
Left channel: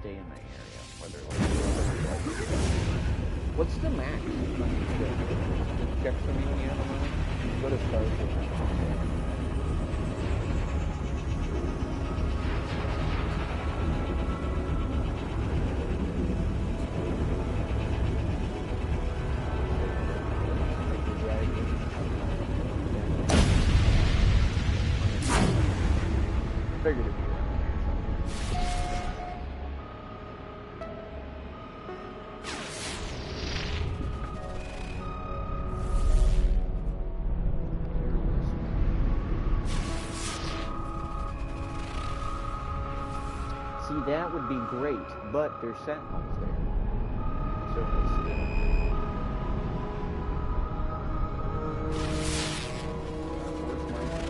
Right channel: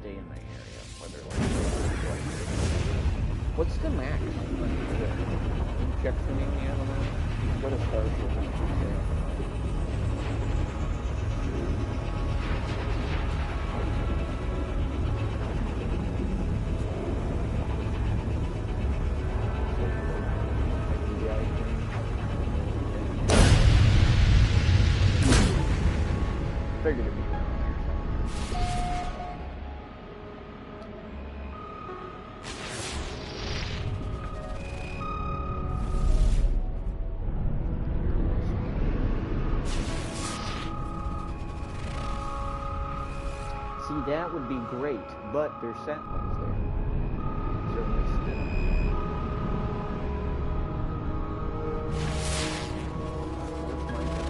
Stay in the area where they're like 30 light years ago. What's the max on your ship? Can you check for me when you have a moment? You can go to Starship and it should say it. Figured it'd be around there somewhere. See, that would be great, but there's sentinels there. So they still. Where's my gun?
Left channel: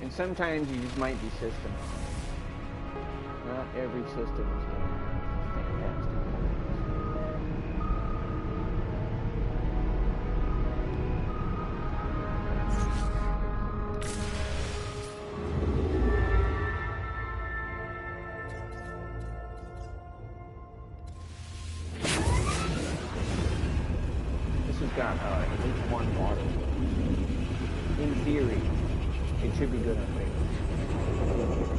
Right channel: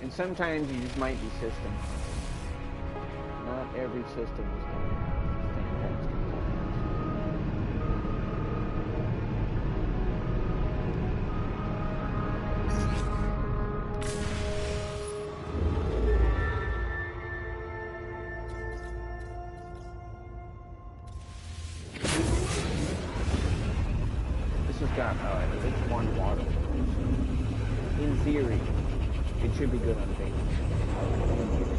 And sometimes you just might be system hopping. Not every system is going to have fantastic plans. This has got at least one water world, so in theory, it should be good on Venus. In theory.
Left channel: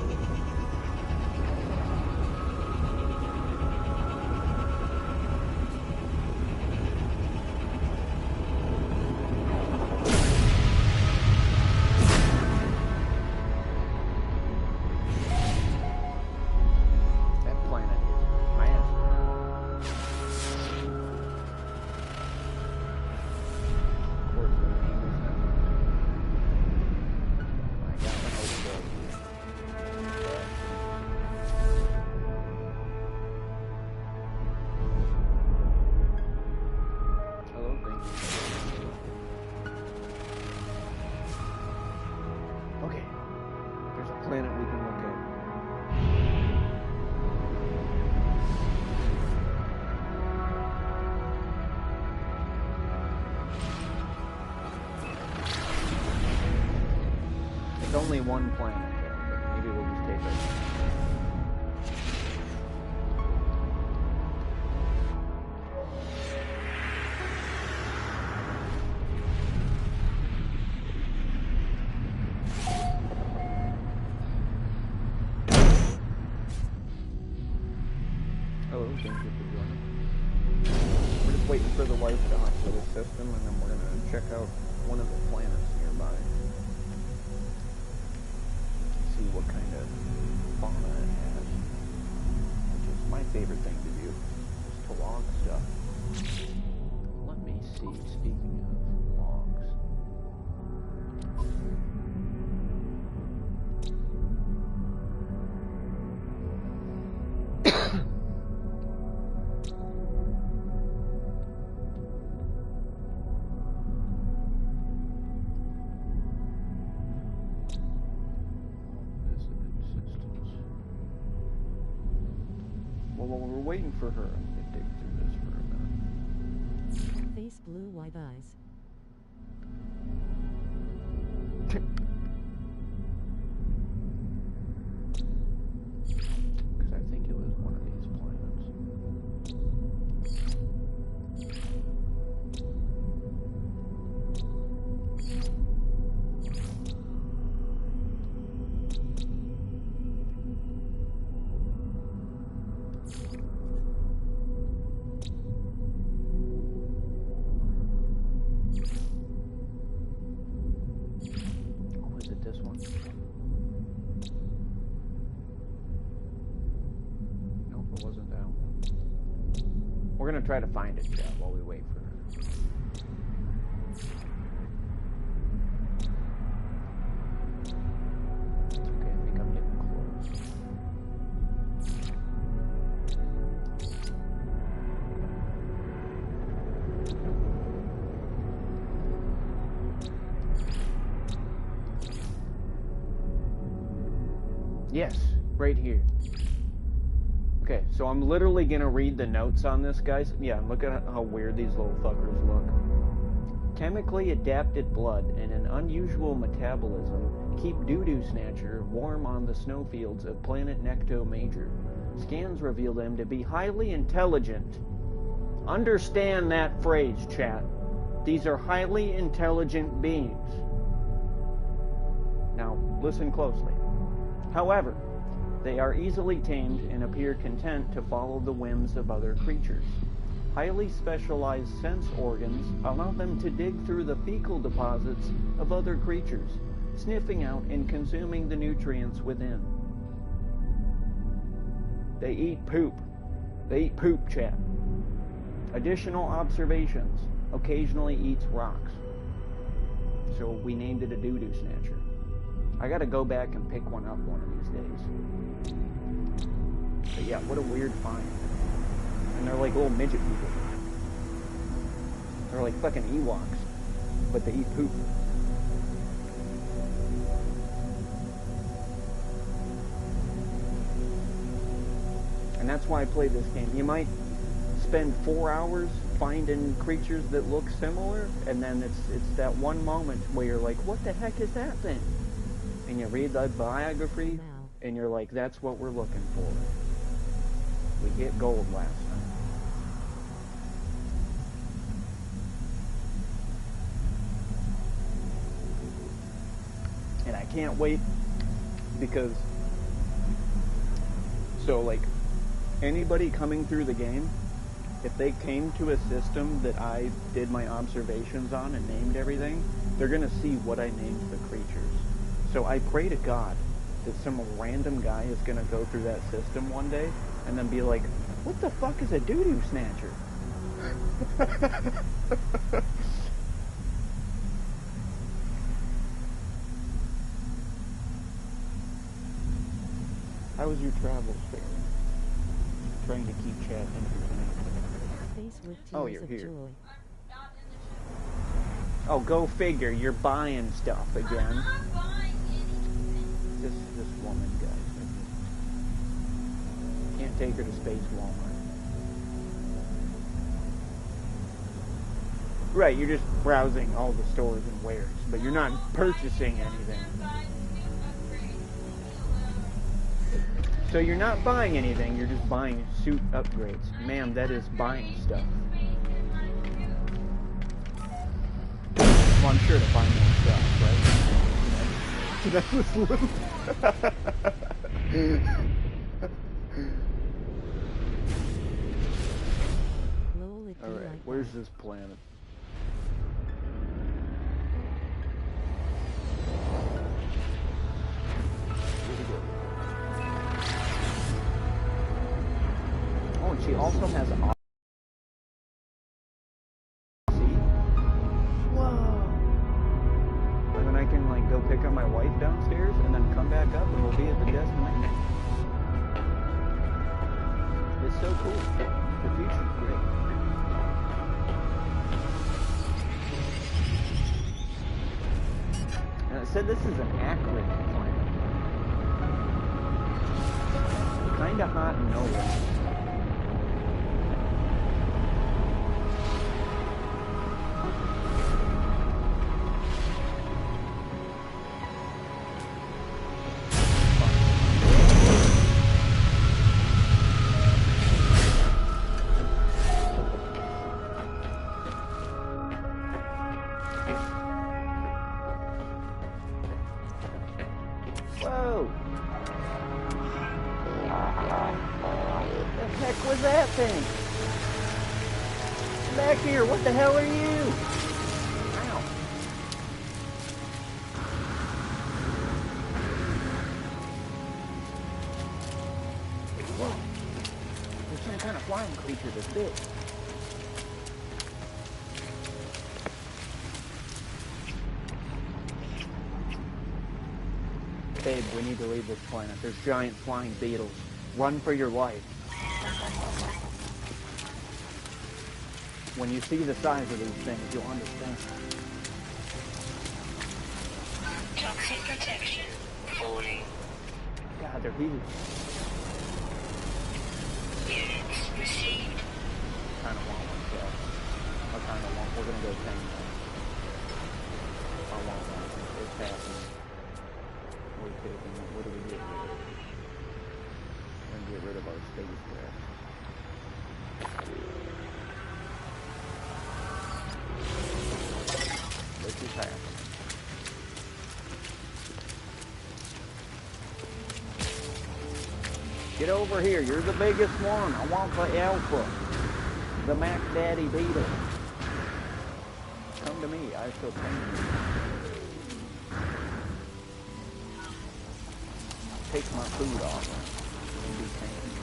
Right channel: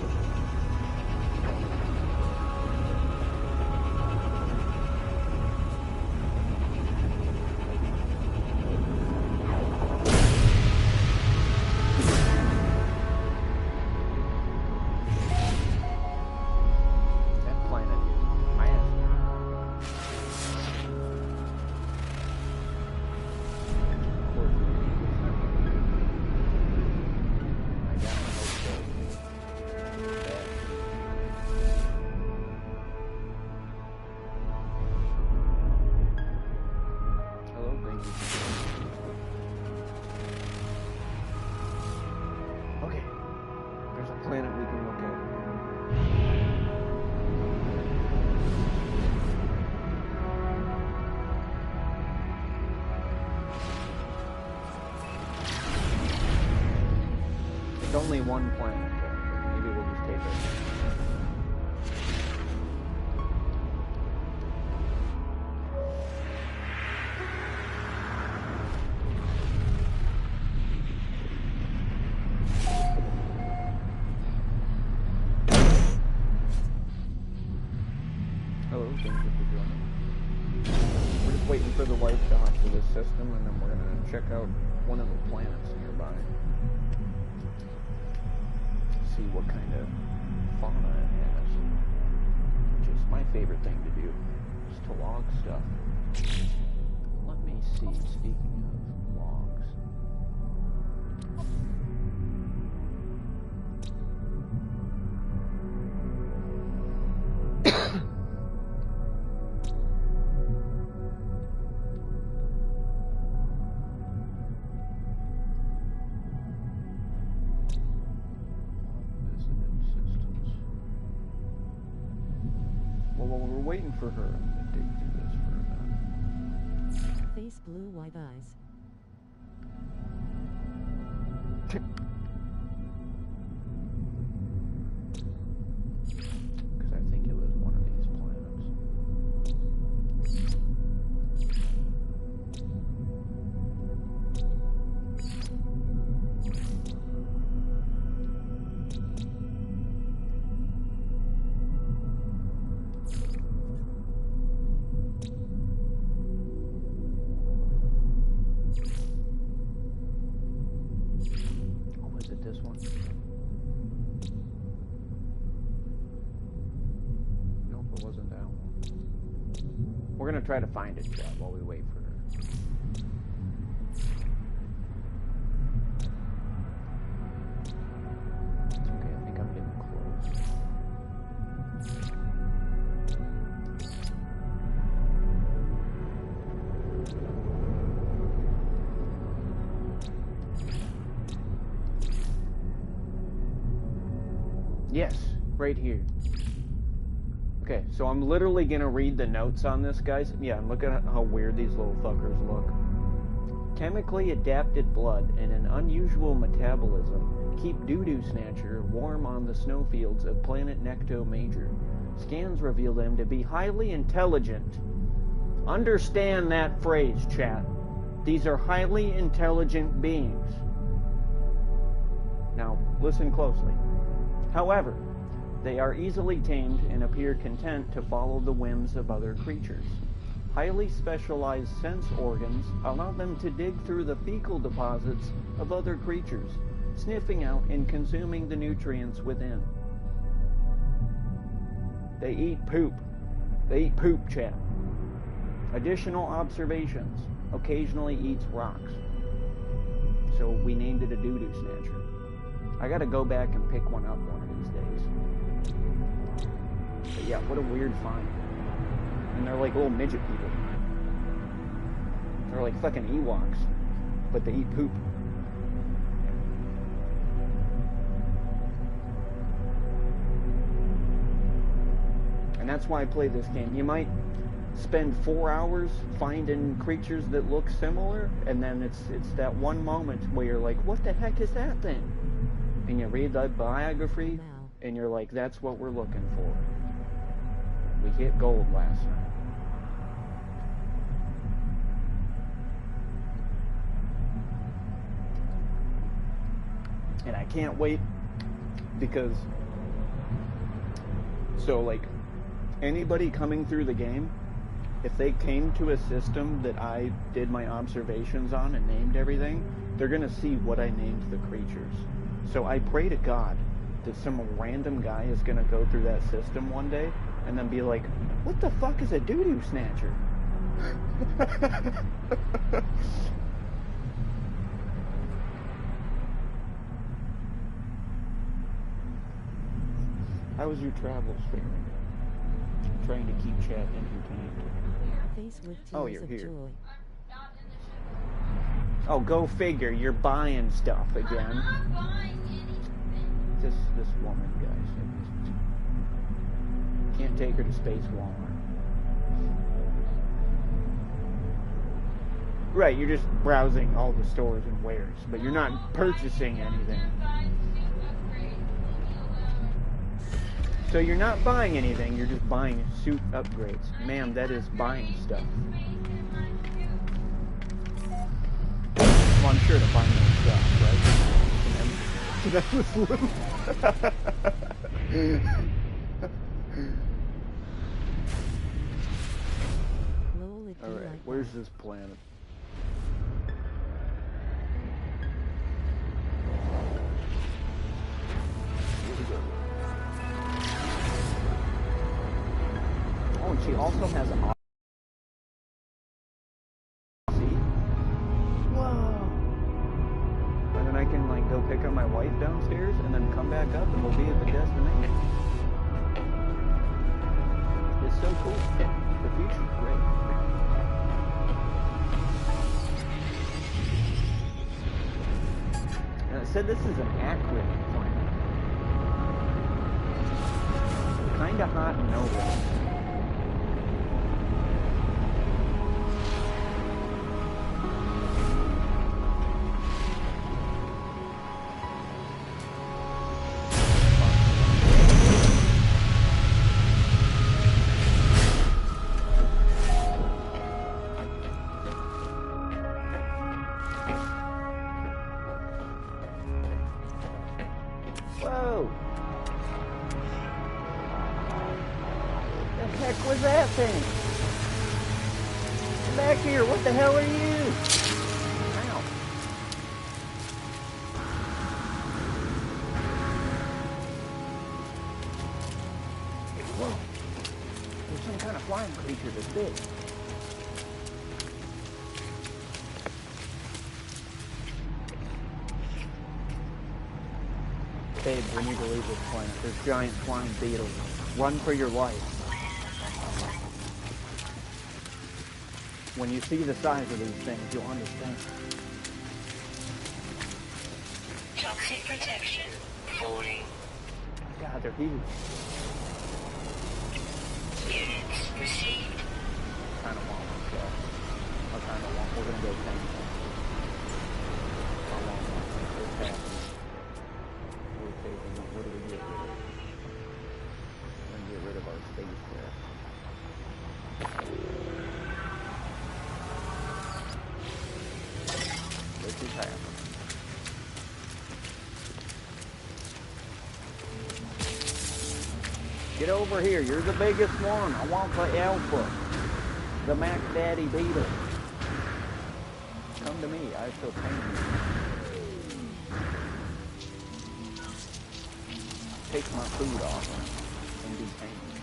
Okay, there's a planet we can look at. It's only one planet though, but maybe we'll just take it. Hello, thank you for joining. We're just waiting for the life to hop to this system, and then we're gonna check out one of the planets nearby. See what kind of fauna it has. Which is my favorite thing to do, is to log stuff. Let me see, speaking of logs. Well, while we're waiting for her, I'm gonna dig through this for a minute. Face blue white eyes. Because I think it was one of these planets. Oh, is it this one? Nope, it wasn't that one. We're gonna try to find it, chat, while we wait for her. It's okay, I think I'm getting close. Yes, right here. Okay, so I'm literally gonna read the notes on this, guys. Yeah, and look at how weird these little fuckers look. Chemically adapted blood and an unusual metabolism keep doo-doo snatcher warm on the snowfields of planet Necto Major. Scans reveal them to be highly intelligent. Understand that phrase, chat. These are highly intelligent beings. Now, listen closely. However, they are easily tamed and appear content to follow the whims of other creatures. Highly specialized sense organs allow them to dig through the fecal deposits of other creatures, sniffing out and consuming the nutrients within. They eat poop. They eat poop, chat. Additional observations. Occasionally eats rocks. So we named it a doo-doo snatcher. I gotta go back and pick one up one of these days. But yeah, what a weird find. And they're like little midget people. They're like fucking Ewoks, but they eat poop. And that's why I play this game. You might spend 4 hours finding creatures that look similar, and then it's that one moment where you're like, what the heck is that thing? And you read the biography, and you're like, that's what we're looking for. We hit gold last night. And I can't wait, because, so like, anybody coming through the game, if they came to a system that I did my observations on and named everything, they're going to see what I named the creatures. So I pray to God that some random guy is going to go through that system one day and then be like, what the fuck is a doo-doo snatcher? How was your travels, Fairy? Trying to keep chat entertained. Face with Oh, tears you're of here. joy. Not in the ship. Oh, go figure. You're buying stuff again. I'm not buying anything. This woman, guys. I just can't take her to Space Walmart. Right, you're just browsing all the stores and wares, but you're not purchasing anything. I'm buying suit upgrades. Leave me alone. So you're not buying anything, you're just buying suit upgrades. Ma'am, that is buying stuff. Space in my suit. Well, I'm sure to buy more stuff, right? So that was little. Where's this planet? Here we go. Oh, and she also has see? Whoa! And then I can like go pick up my wife downstairs and then come back up and we'll be at the destination. It's so cool. The future's great. And it said this is an acrid planet. Kinda hot and no warm. Whoa! The heck was that thing? Get back here! What the hell are you? Ow! Whoa! There's some kind of flying creature that's big. Babe, we need to leave this planet. There's giant flying beetles. Run for your life. When you see the size of these things, you'll understand. Toxic protection. Falling. God, they're huge. Units received. I kind of want one, Chef. We're going to go tame one. I want one. It's happening. We're taking it. What do we get rid of? We're going to get rid of our spacecraft. This is happening. Get over here. You're the biggest one. I want the alpha. The Mac Daddy Beetle. Come to me. I shall tame you. Take my food off and be tamed.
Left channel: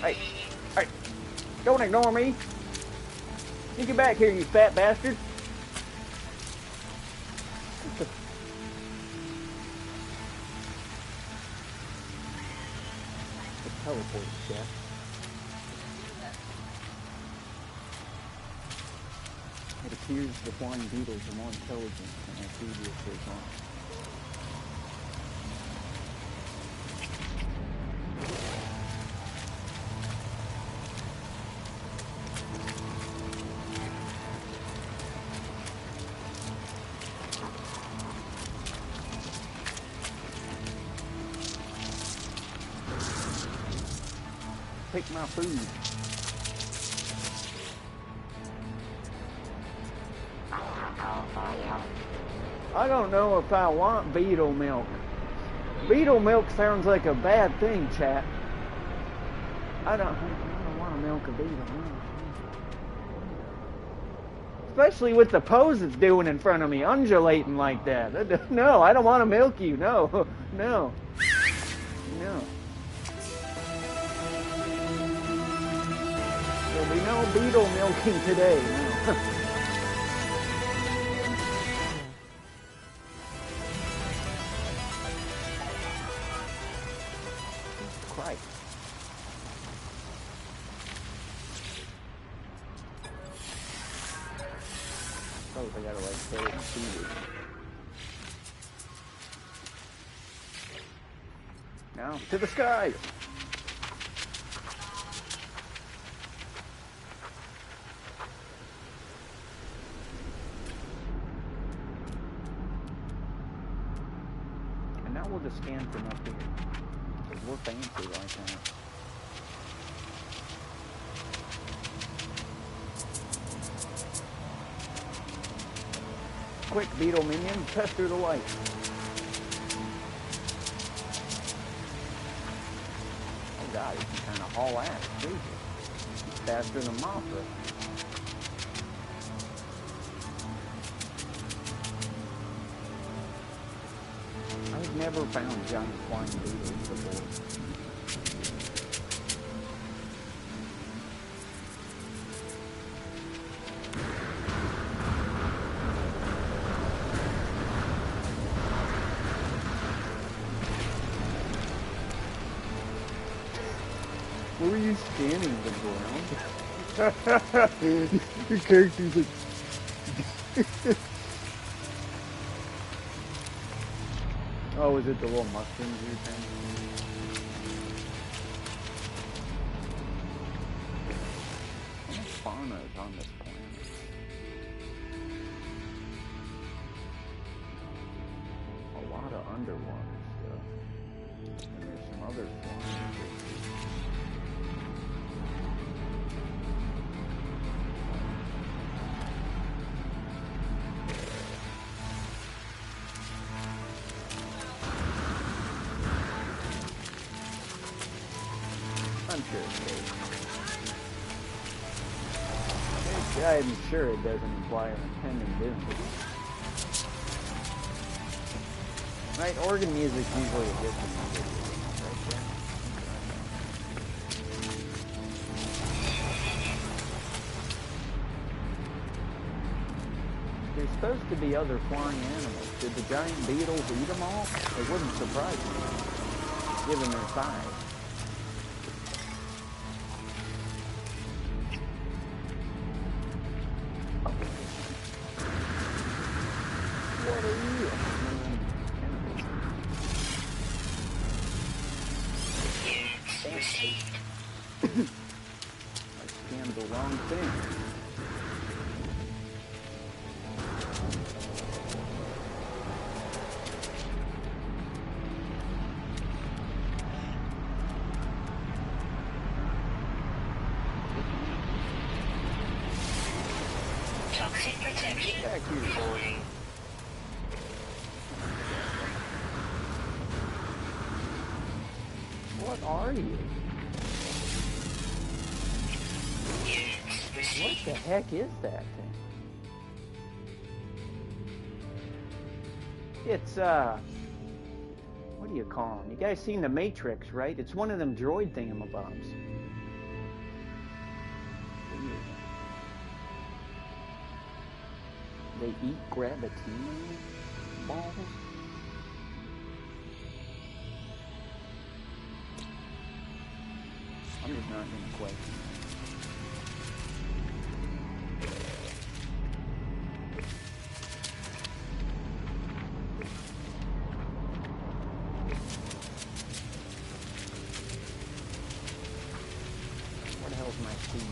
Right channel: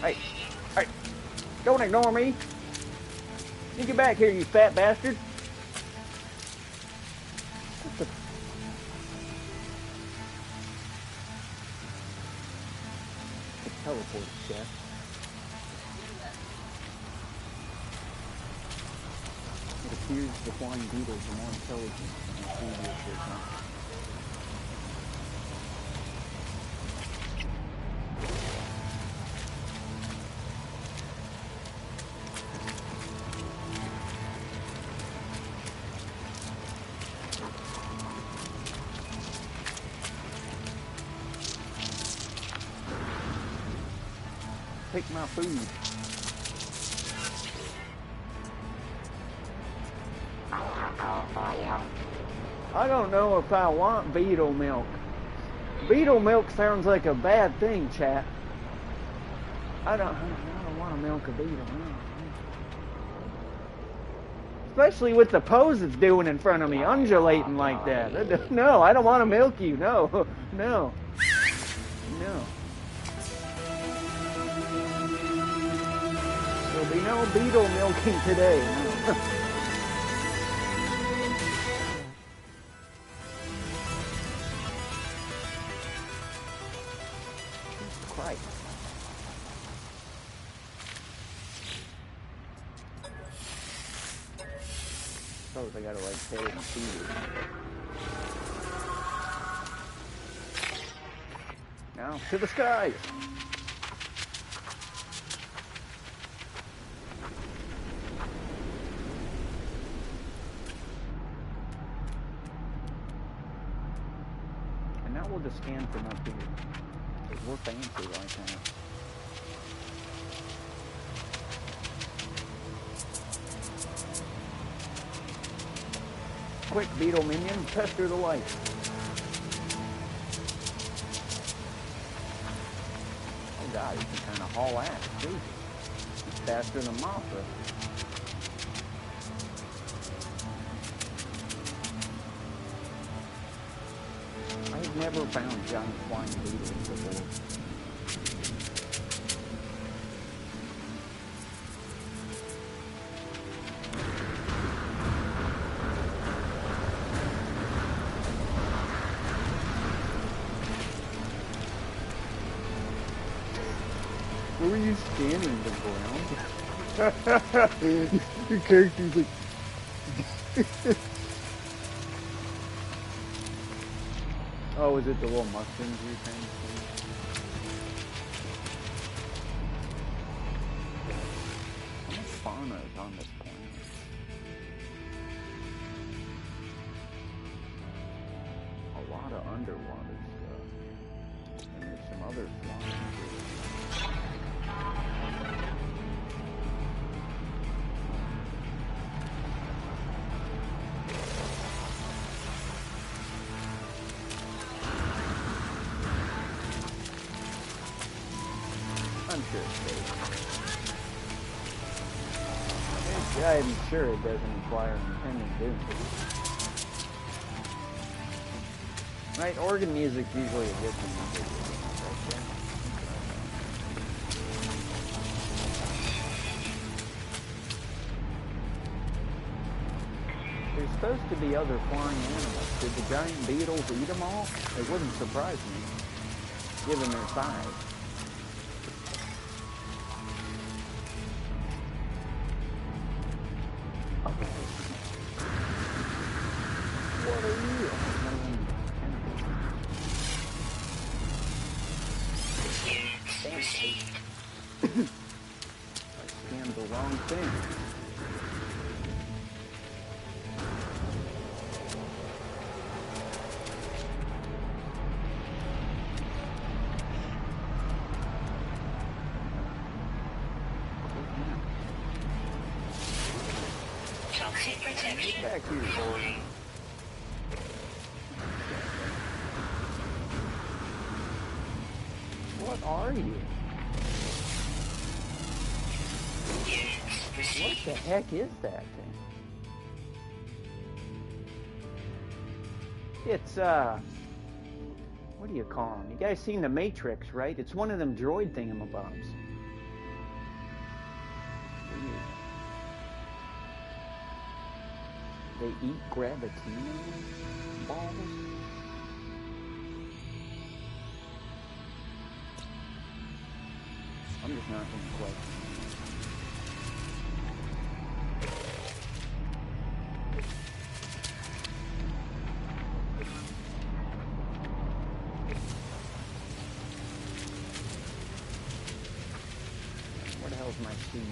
Hey! Hey! Don't ignore me! You get back here, you fat bastard! What the... It's teleported, Chef. It appears the flying beetles are more intelligent than our previous design. Take my food. I don't know if I want beetle milk. Beetle milk sounds like a bad thing, chat. I don't want to milk a beetle. No. Especially with the pose it's doing in front of me, undulating like that. No, I don't want to milk you. No, no, no. There'll be no beetle milking today, no. Jesus Christ. Suppose I gotta like pay it and feed it. Now, to the skies! And now we'll just scan from up here. Because we're fancy like that. Quick, beetle minion, pester the light. Oh god, he can kind of haul ass, Jesus. He's faster than Mothra. I've never found giant flying beetles before. Where were you standing the ground? Your character's like... Oh, is it the little mushrooms you're trying to see? How much fauna is on this planet? A lot of underwater stuff. And there's some other flying creatures. I'm sure it's safe. I'm sure it doesn't imply our impending doom. Right, organ music's usually a good thing. There's supposed to be other flying animals. Did the giant beetles eat them all? It wouldn't surprise me, given their size. What are you? I scanned the wrong thing. Toxic protection. Get back here. Falling. What are you? What the heck is that thing? It's, what do you call them? You guys seen The Matrix, right? It's one of them droid thingamabobs. Weird. They eat Gravitino balls? I'm just not going to question it. Where the hell's my speed?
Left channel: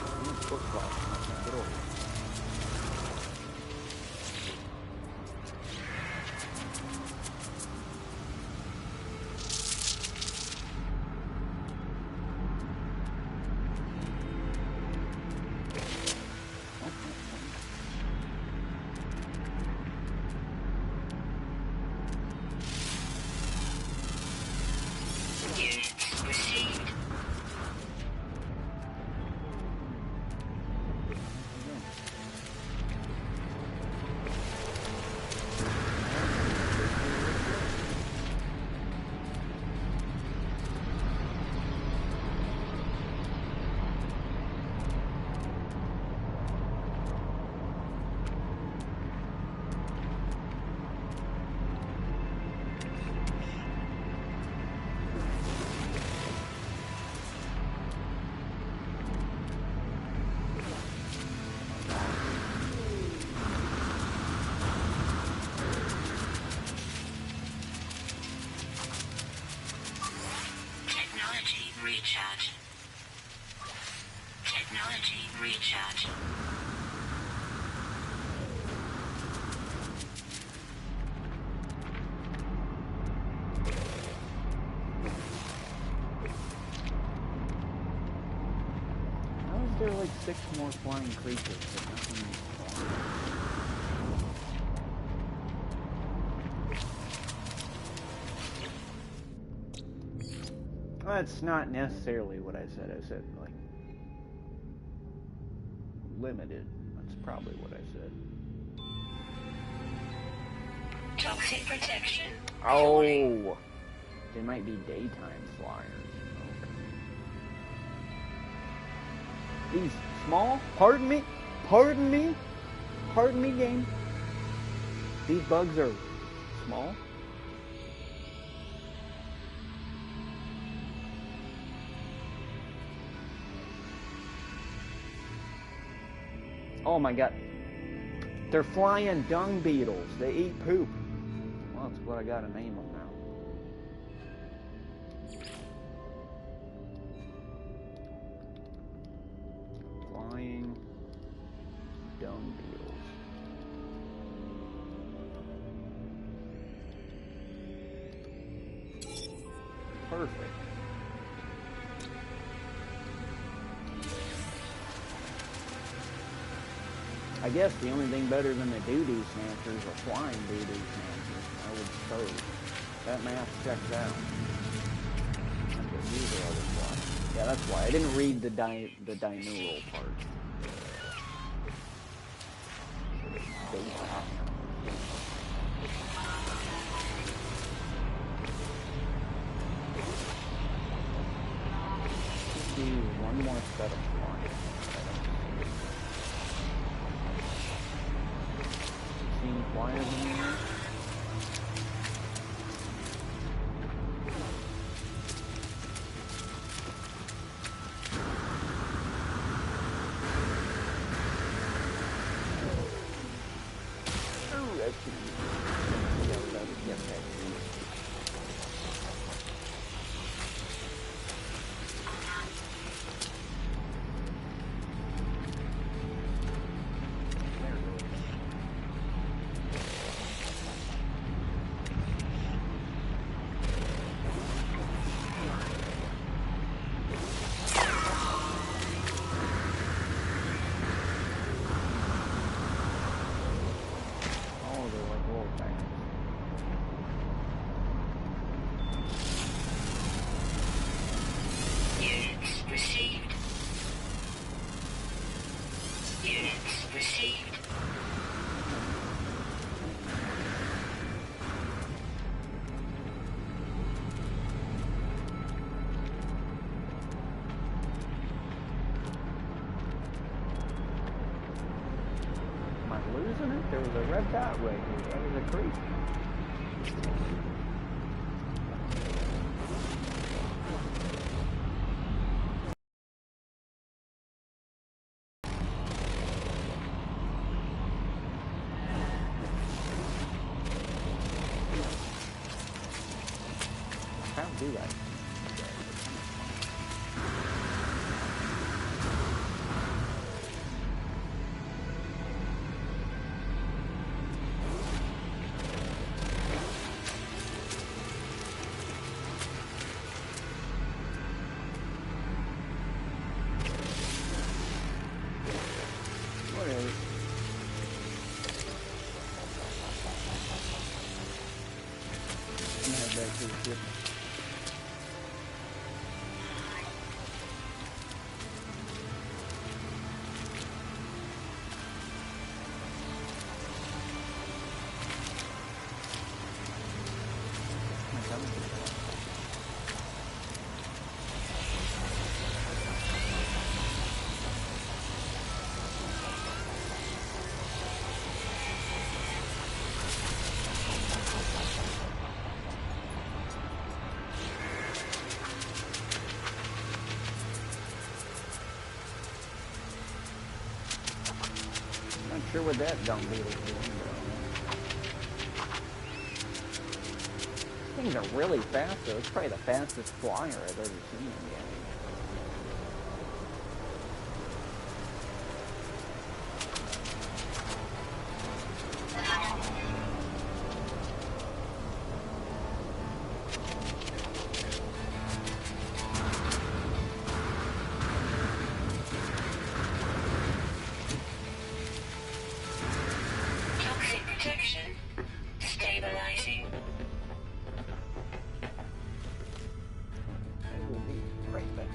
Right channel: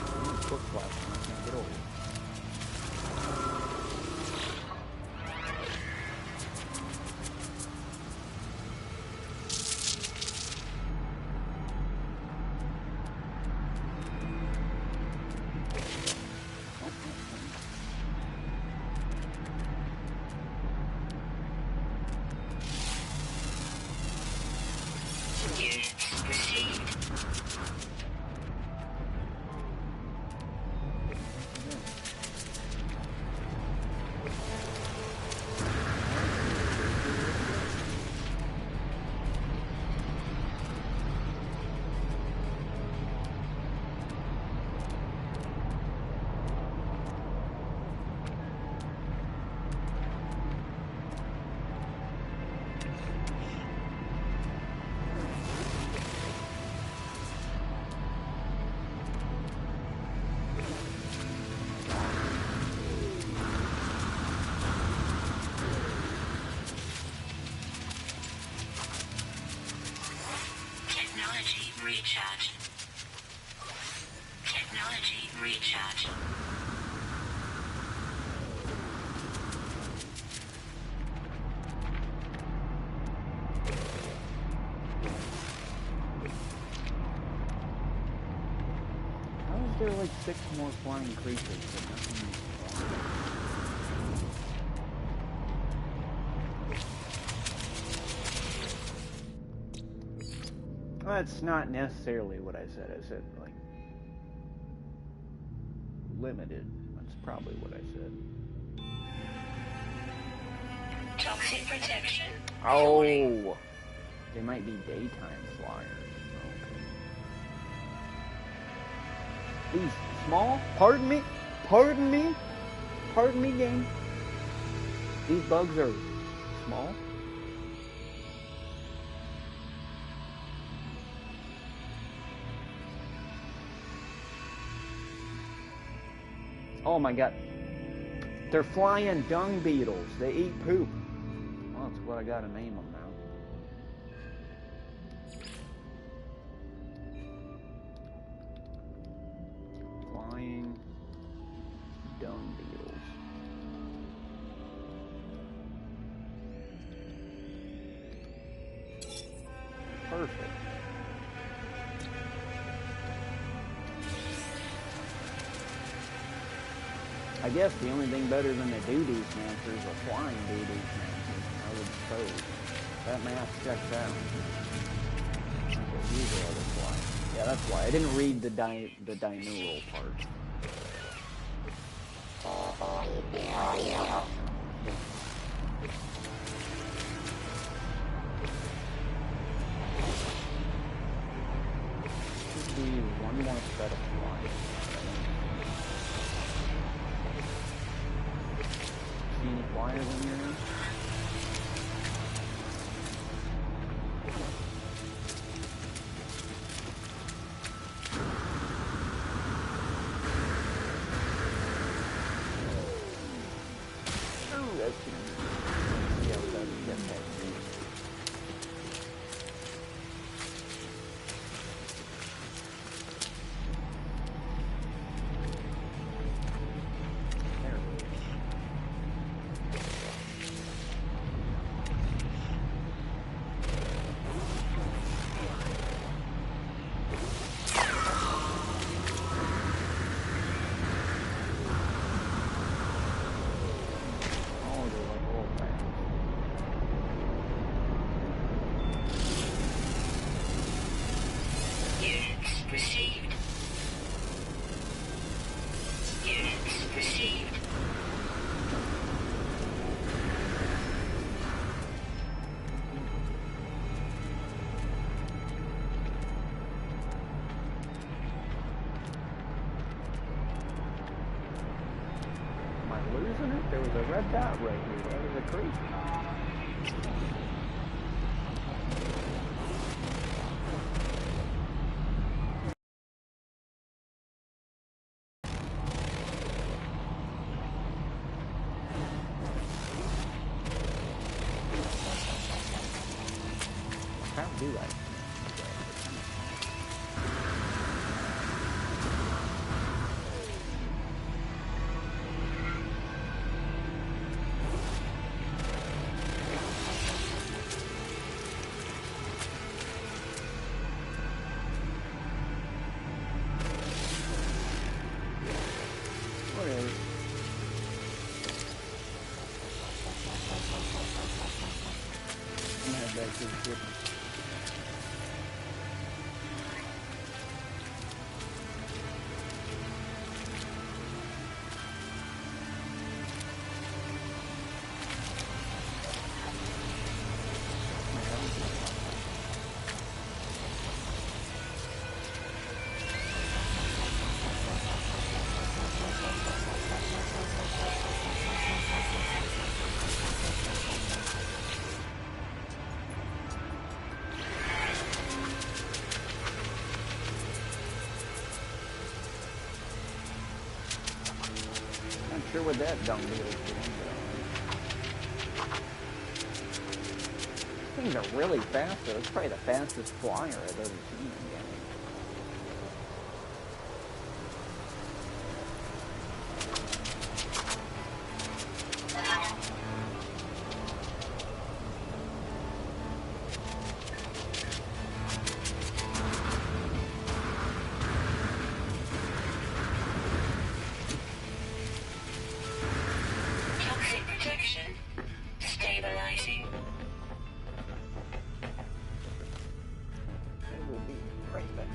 I'm in foot clock and I can't get over it. Recharge. Technology recharge. How is there like 6 more flying creatures but nothing is flying? Well, that's not necessarily what I said. I said, like, limited. That's probably what I said. Toxic protection. Oh, they might be daytime flyers. Okay. These small, pardon me, game. These bugs are small. Oh my god. They're flying dung beetles. They eat poop. Well, that's what I gotta name them now. Flying dung beetles. Perfect. I guess the only thing better than the doo-doo snatchers are flying doo-doo snatchers, I would suppose. That math checks out. Okay, these are other flyers. Yeah, that's why. I didn't read the dineural part. Should be one more set of flyers. See any flyers in here? Oh, that's gonna be. Yeah, we gotta get that. There it is. Oh, they're like old bags. Units received. Units received. Am I losing it? There was a red dot right here. That was a creature. How do I? Whatever. I'm gonna head back to the ship. My God. Not sure what that dung beetle's doing, but things are really fast, though. It's probably the fastest flyer I've ever seen in game. Toxic protection. Stabilizing. I will be right back.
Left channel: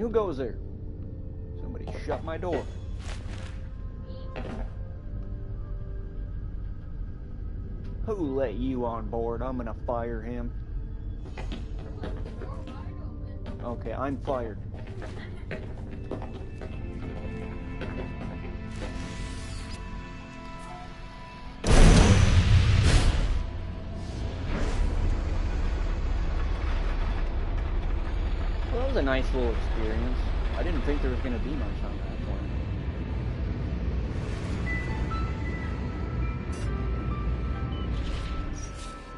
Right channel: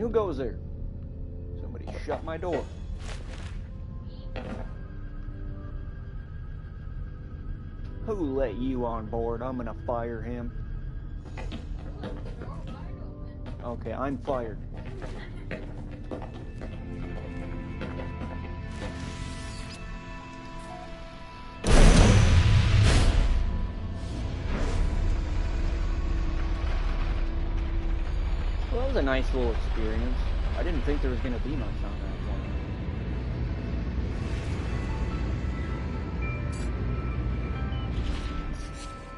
who goes there? Somebody shut my door. Me? Who let you on board? I'm gonna fire him. You left the door wide open. Okay, I'm fired. Well, that was a nice little experience. I didn't think there was going to be much on that point.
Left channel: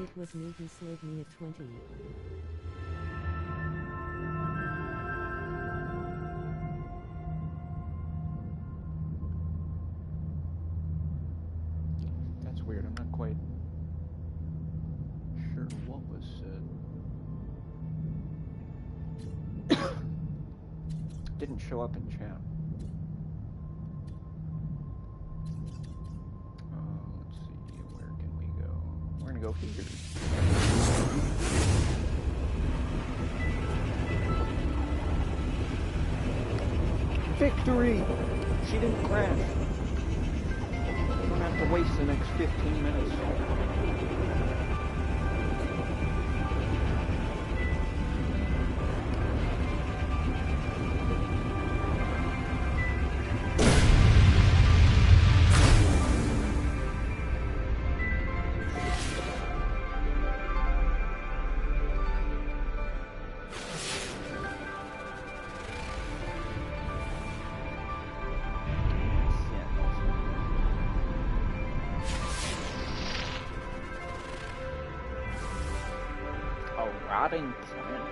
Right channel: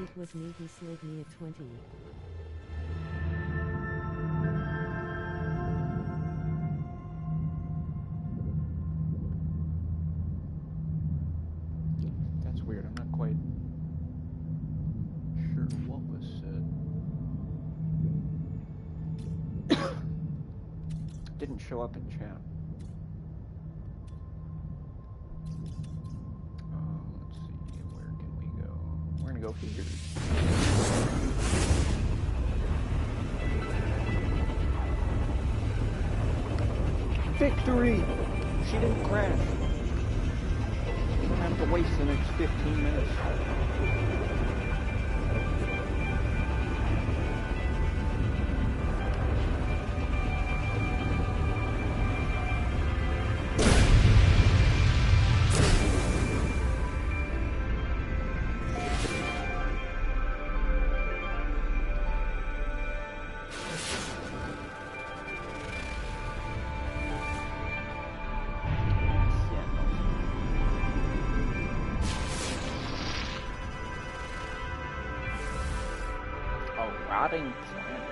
It was me, he slid me a 20. That's weird. I'm not quite sure what was said. Didn't show up in chat. Let's see. Where can we go? We're gonna go here. Victory! She didn't crash. We don't have to waste the next 15 minutes. Rotting planet.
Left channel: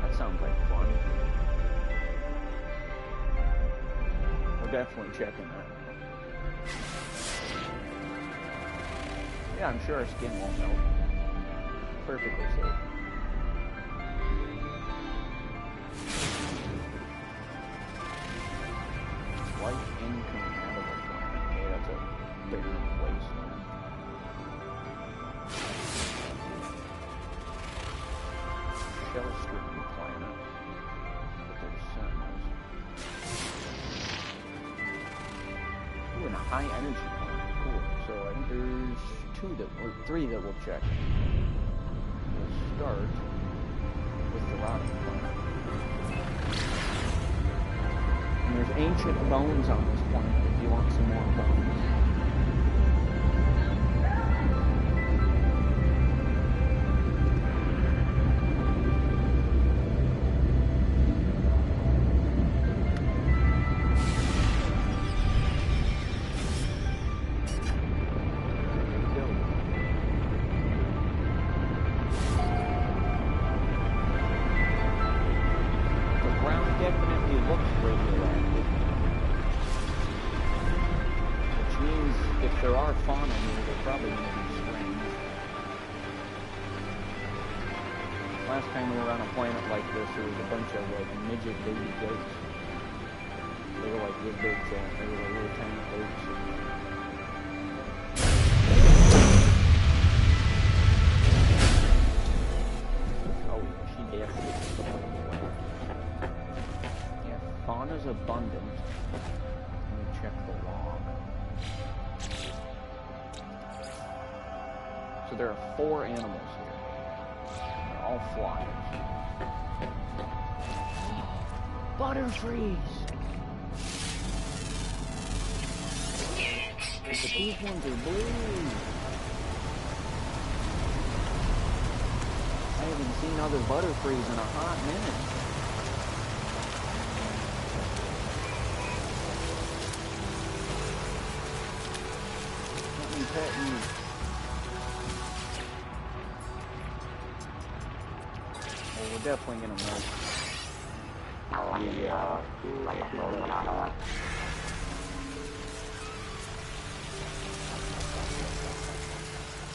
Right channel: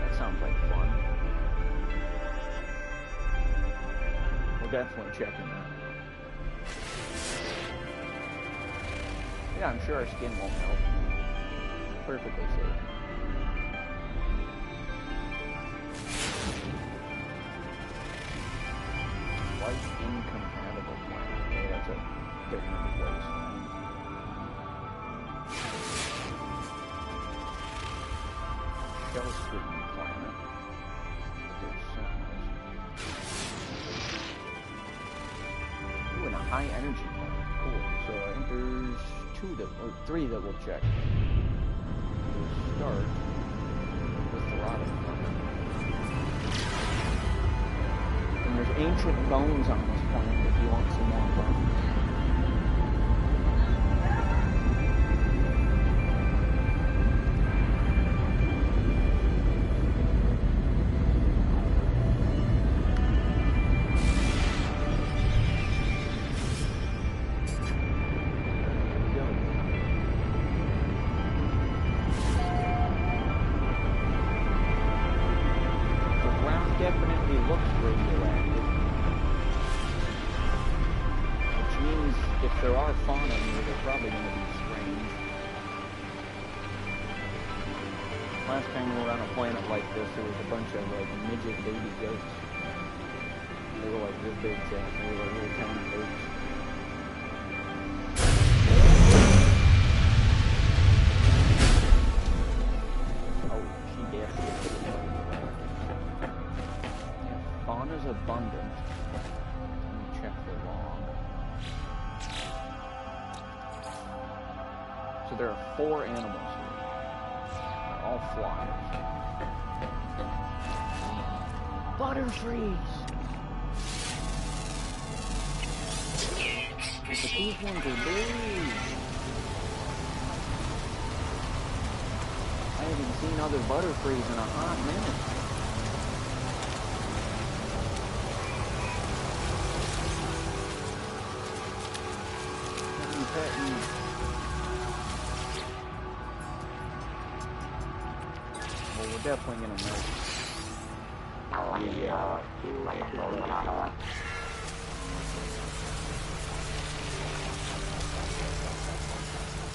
That sounds like fun. We're definitely checking that out. Yeah, I'm sure our skin won't melt. Perfectly safe. Life incompatible planet. Okay, that's a barren wasteland. Shell-screen planet, but there's sentinels. Ooh, and a high-energy planet. Cool. So I think there's three that we'll check. We'll start with the rotting planet. And there's ancient bones on this planet if you want some more bones. Definitely looks radioactive, which means if there are fauna here, they're probably going to be strange. Last time we were on a planet like this, there was a bunch of like midget baby goats. They were like this big, chat. They were like little tiny goats. Oh yeah, she definitely is a Fauna's abundant. Let me check the log. So there are 4 animals here. They're all flyers. Butterfrees! But these ones are blue. I haven't seen other butterfrees in a hot minute. Well, we're definitely gonna milk. Yeah.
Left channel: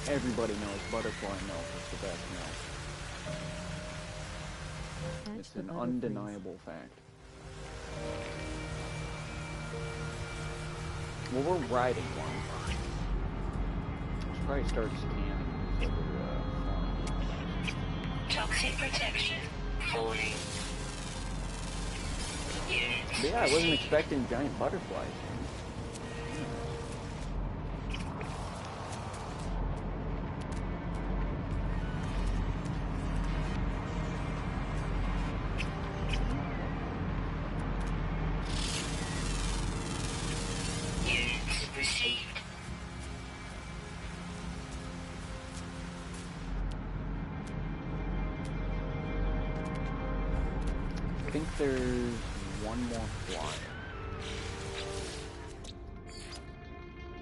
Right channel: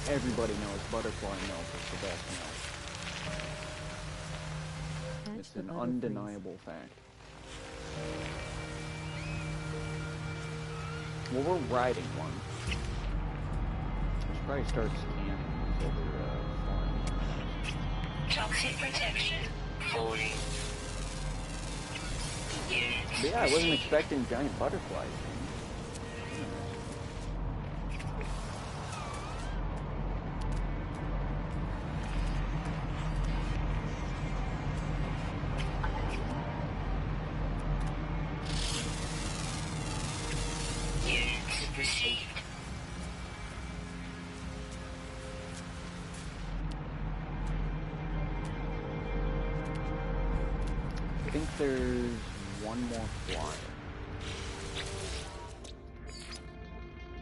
Everybody knows butterfly milk is the best milk. It's an undeniable fact. Well, we're riding one. We should probably start scanning these other flying animals. Toxic protection 40. Units But yeah, I wasn't received. expecting giant butterflies. Units received. I think there's one more flyer.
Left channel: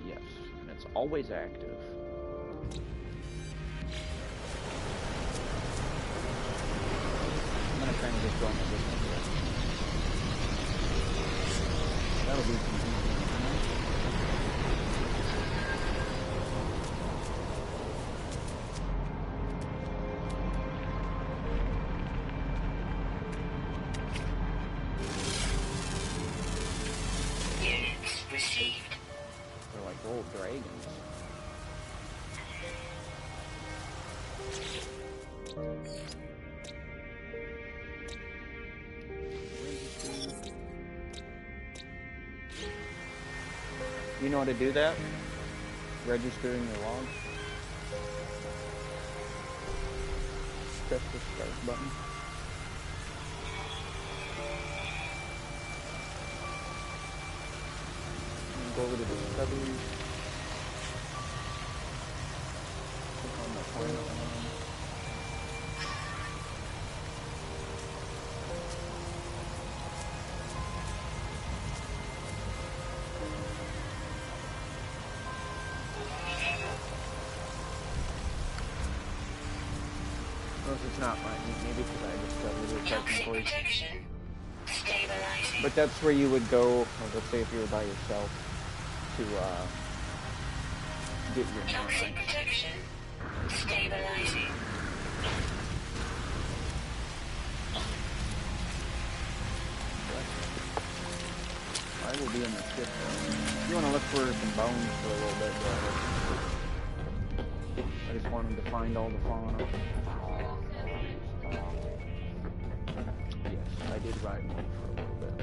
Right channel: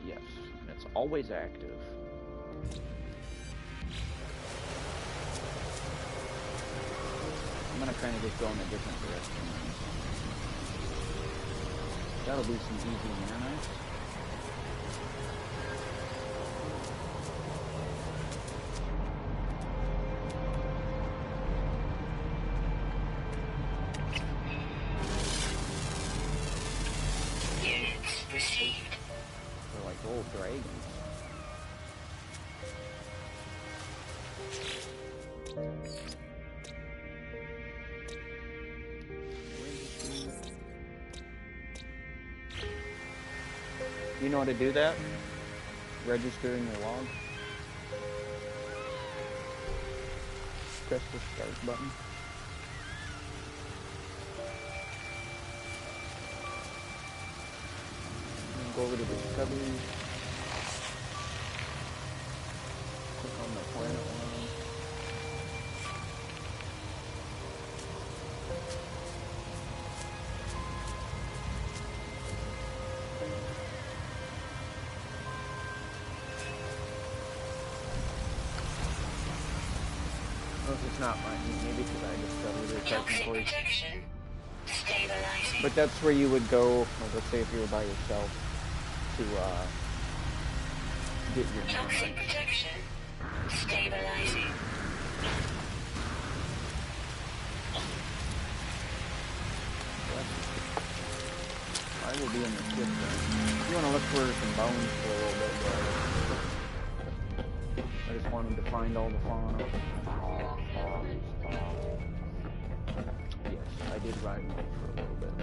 Yes, and it's always active. I'm gonna kind of just go in a different direction. That'll be some easy nanite. Units received. They're like old dragons. You know how to do that? Register in your log. Press the start button. And go over to Discovery. Click on the planet one. Notice it's not mine, maybe because I discovered it Toxic technically. protection. Stabilizing. But that's where you would go, let's say if you were by yourself, to get your Toxic nanite. protection. Stabilizing. I will be in the ship though. You want to look for some bones for a little bit, but I just wanted to find all the fauna. Yes, I did ride one for a little bit.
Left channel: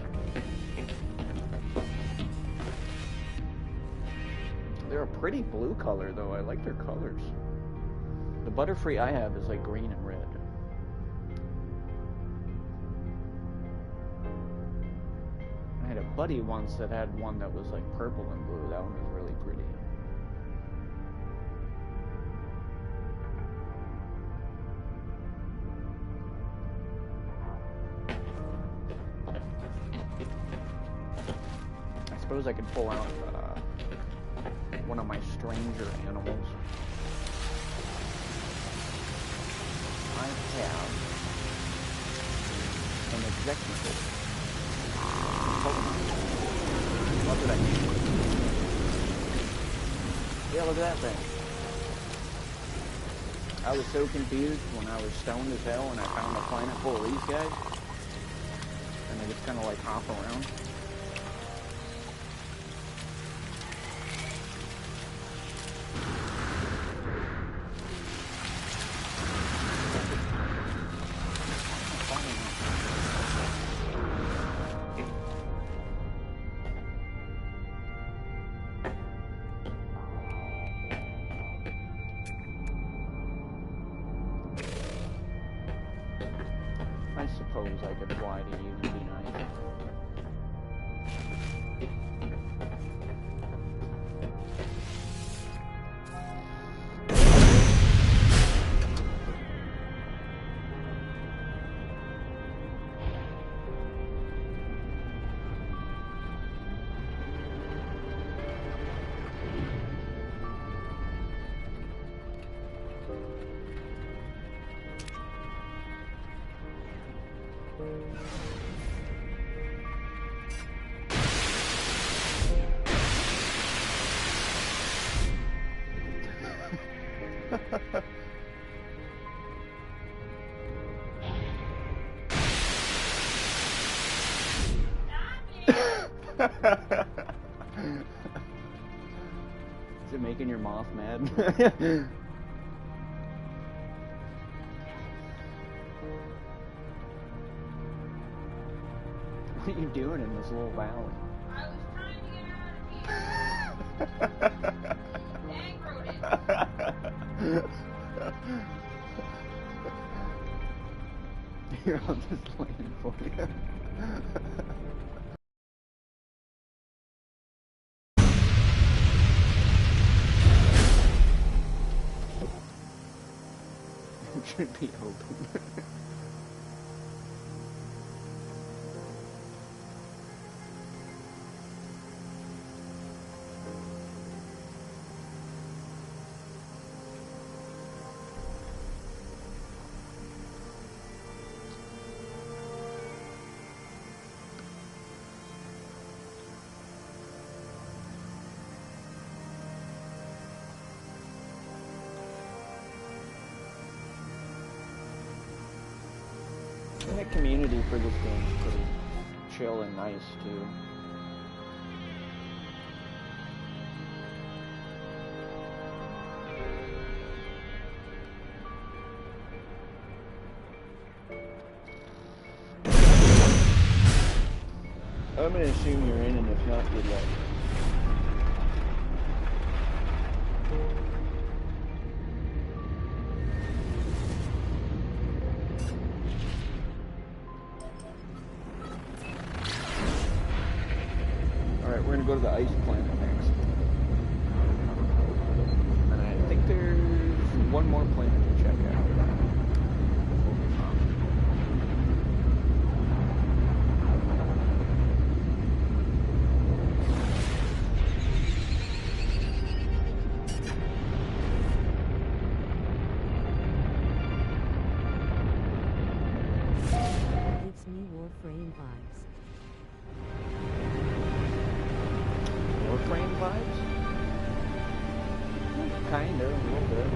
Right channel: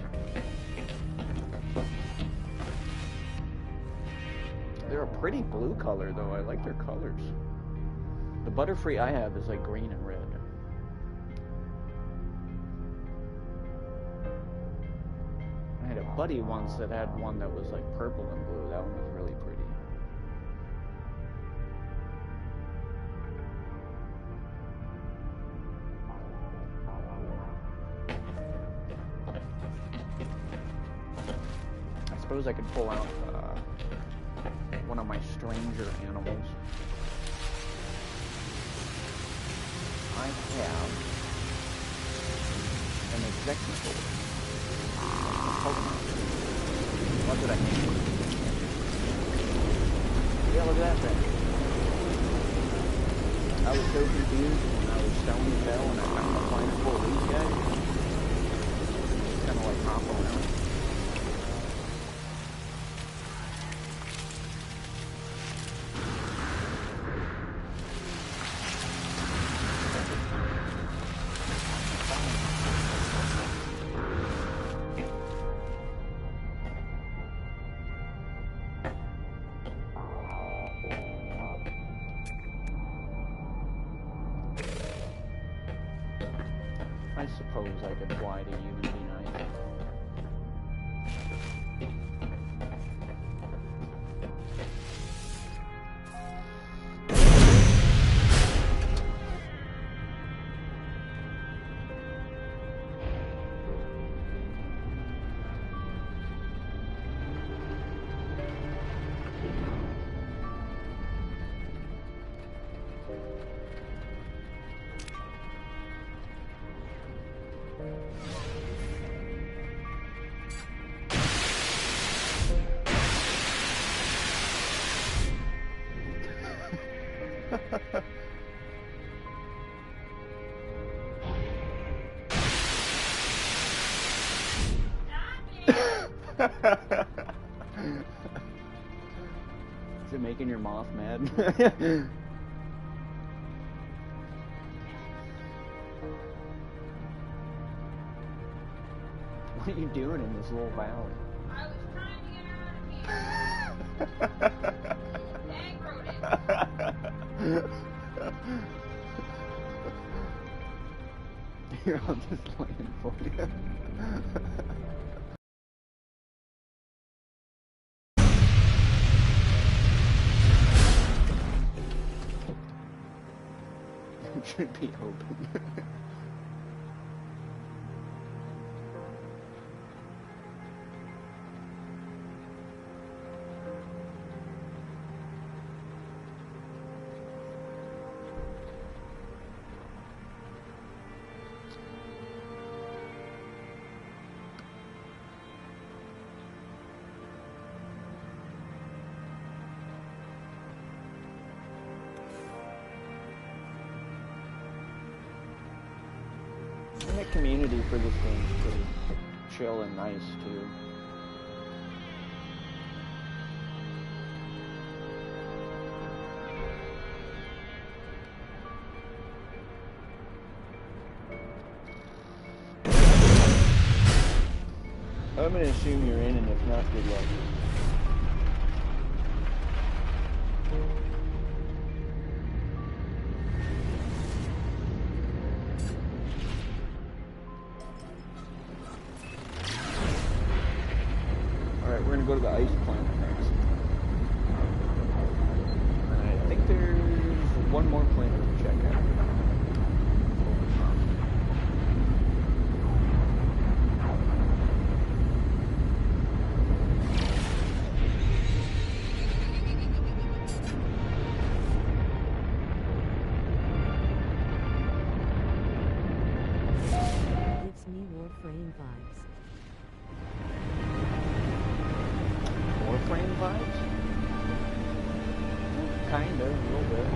They're a pretty blue color though. I like their colors. The Butterfree I have is like green and red. I had a buddy once that had one that was like purple and blue. That one was really pretty. I suppose I could pull out one of my stranger animals. I have an executor. Pokemon. What did I mean? Yeah, look at that thing. I was so confused when I was stoned as hell and I found a planet full of these guys. And they just kind of like hop around. I suppose I could fly to you and be nice. Is it making your moth mad? What are you doing in this little valley? I was trying to get her out of here. Dang rodent. Here, I'll just land for you. It should be open. And the community for this game is pretty chill and nice too. I'm gonna assume you're in, and if not, good luck. Alright, we're gonna go to the ice planet next. And I think there's one more planet to check after that. Over time. Gives me Warframe vibes. Warframe vibes? Kinda, a little bit.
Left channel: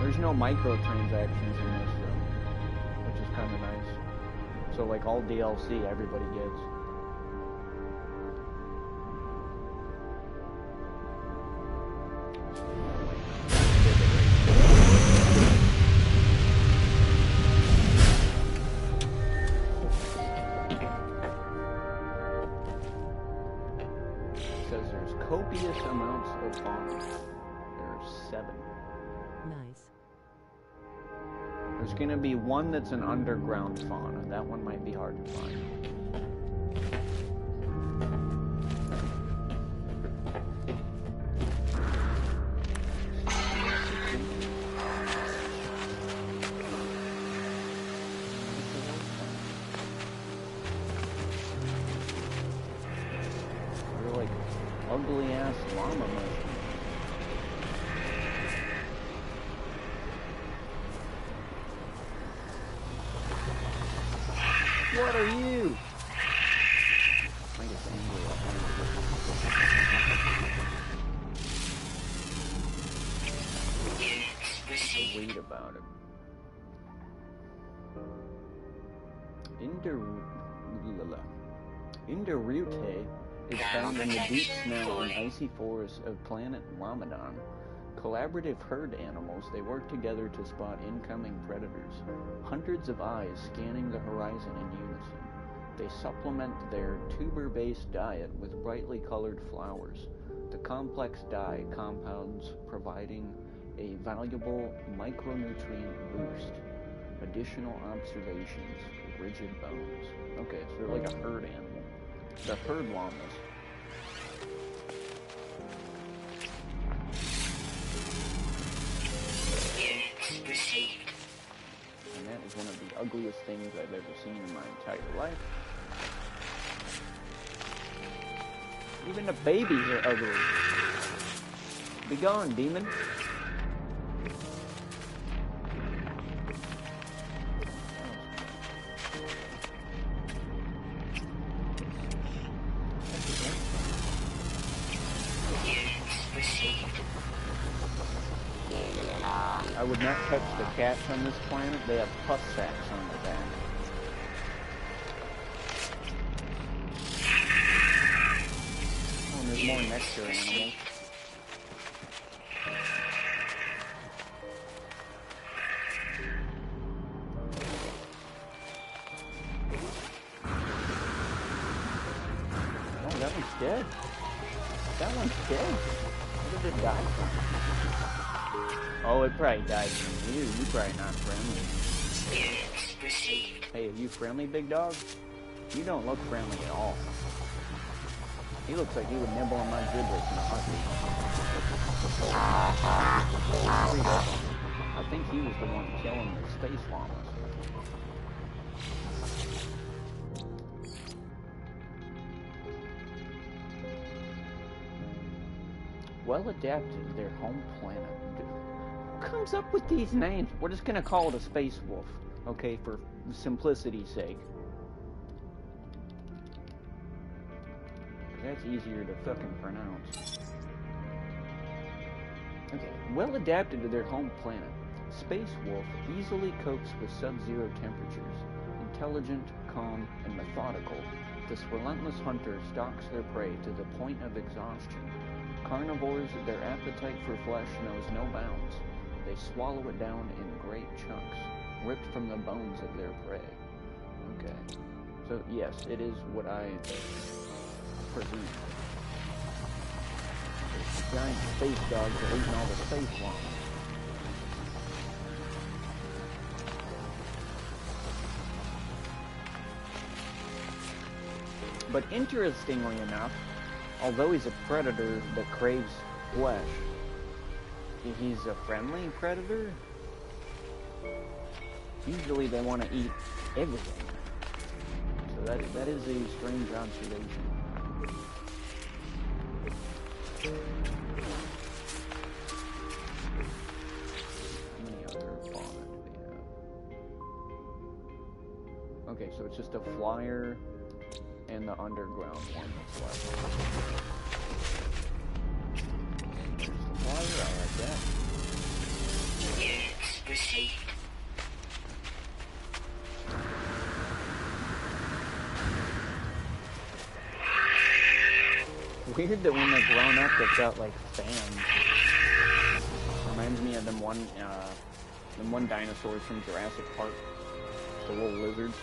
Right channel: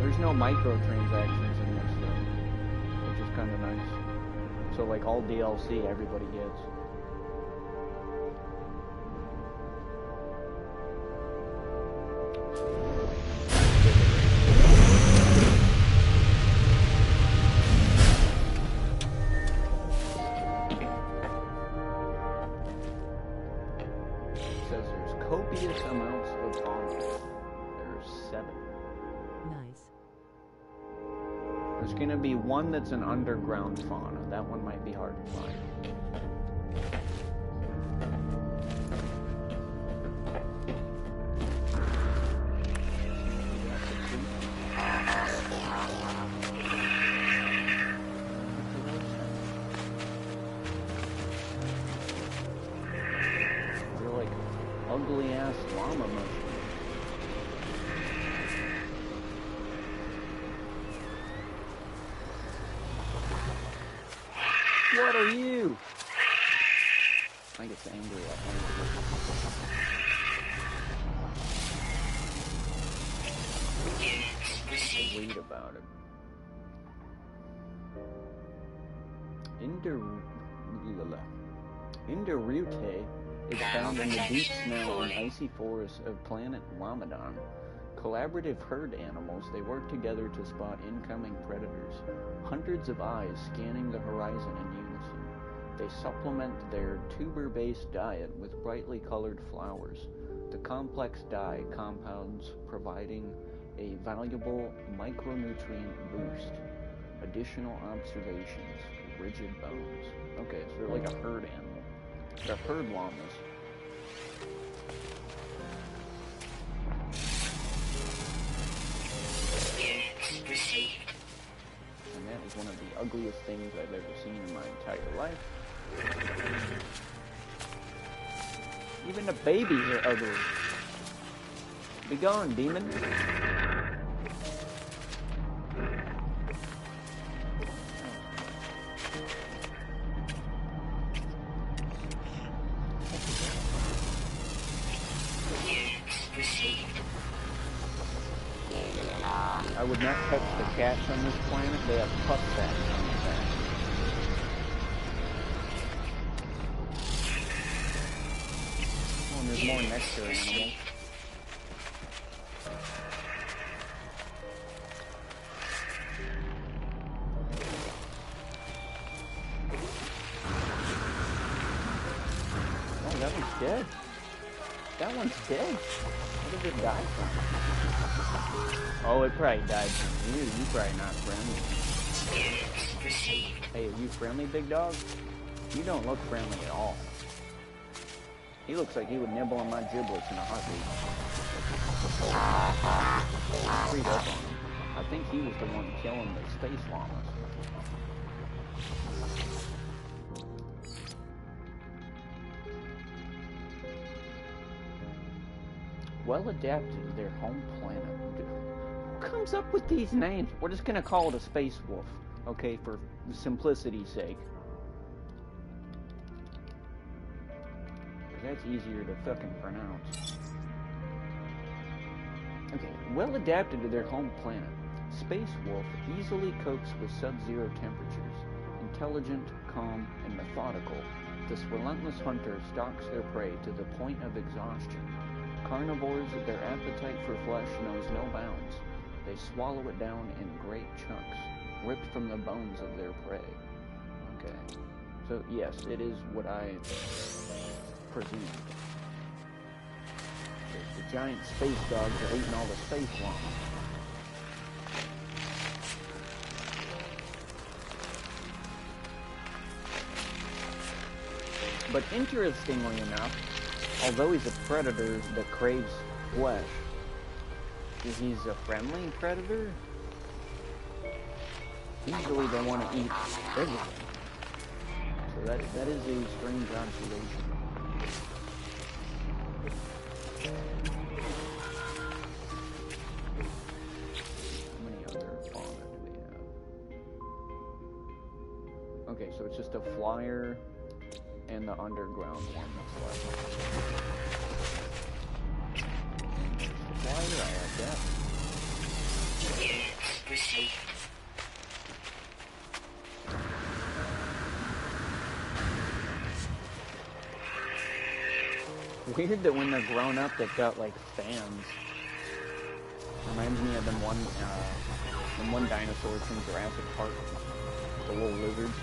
There's no microtransactions in this though, which is kinda nice. So like all DLC everybody gets. Says there's copious amounts of fauna. There's 7. Nice. There's gonna be one that's an underground fauna. That one might be hard to find. They're like ugly ass llama mushrooms. What are you? I get angry at him. Read about it. Indorute is found in the deep snow and icy forests of planet Ramadan. Collaborative herd animals, they work together to spot incoming predators. Hundreds of eyes scanning the horizon in unison. They supplement their tuber-based diet with brightly colored flowers. The complex dye compounds providing a valuable micronutrient boost. Additional observations, rigid bones. Okay, so they're like a herd animal. They're herd llamas. And that is one of the ugliest things I've ever seen in my entire life. Even the babies are ugly. Be gone, demon. I would not touch the cats on this planet. They have pus sacks on their back. Oh, and there's more nectar animals. dead. That one's dead. What did it die from? Oh, it probably died from you. You're probably not friendly. Units received. Hey, are you friendly, big dog? You don't look friendly at all. He looks like he would nibble on my giblets in a heartbeat. Read up on him. I think he was the one killing the space llamas. Well adapted to their home planet. Who comes up with these names? We're just gonna call it a space wolf, okay, for simplicity's sake. That's easier to fucking pronounce. Okay, well adapted to their home planet, Space Wolf easily copes with sub-zero temperatures. Intelligent, calm, and methodical, this relentless hunter stalks their prey to the point of exhaustion. Carnivores, their appetite for flesh knows no bounds. They swallow it down in great chunks, ripped from the bones of their prey. Okay. So, yes, it is what I presumed. The giant space dogs are eating all the space llamas. But interestingly enough, although he's a predator that craves flesh, he's a friendly predator. Usually they want to eat everything. So that is a strange observation. How many other fauna do we have? Okay, so it's just a flyer and the underground one that's left. And there's the flyer, I have that. Units received. Weird that when they're grown up, they've got like fans. Reminds me of them one dinosaurs from Jurassic Park, the little lizards.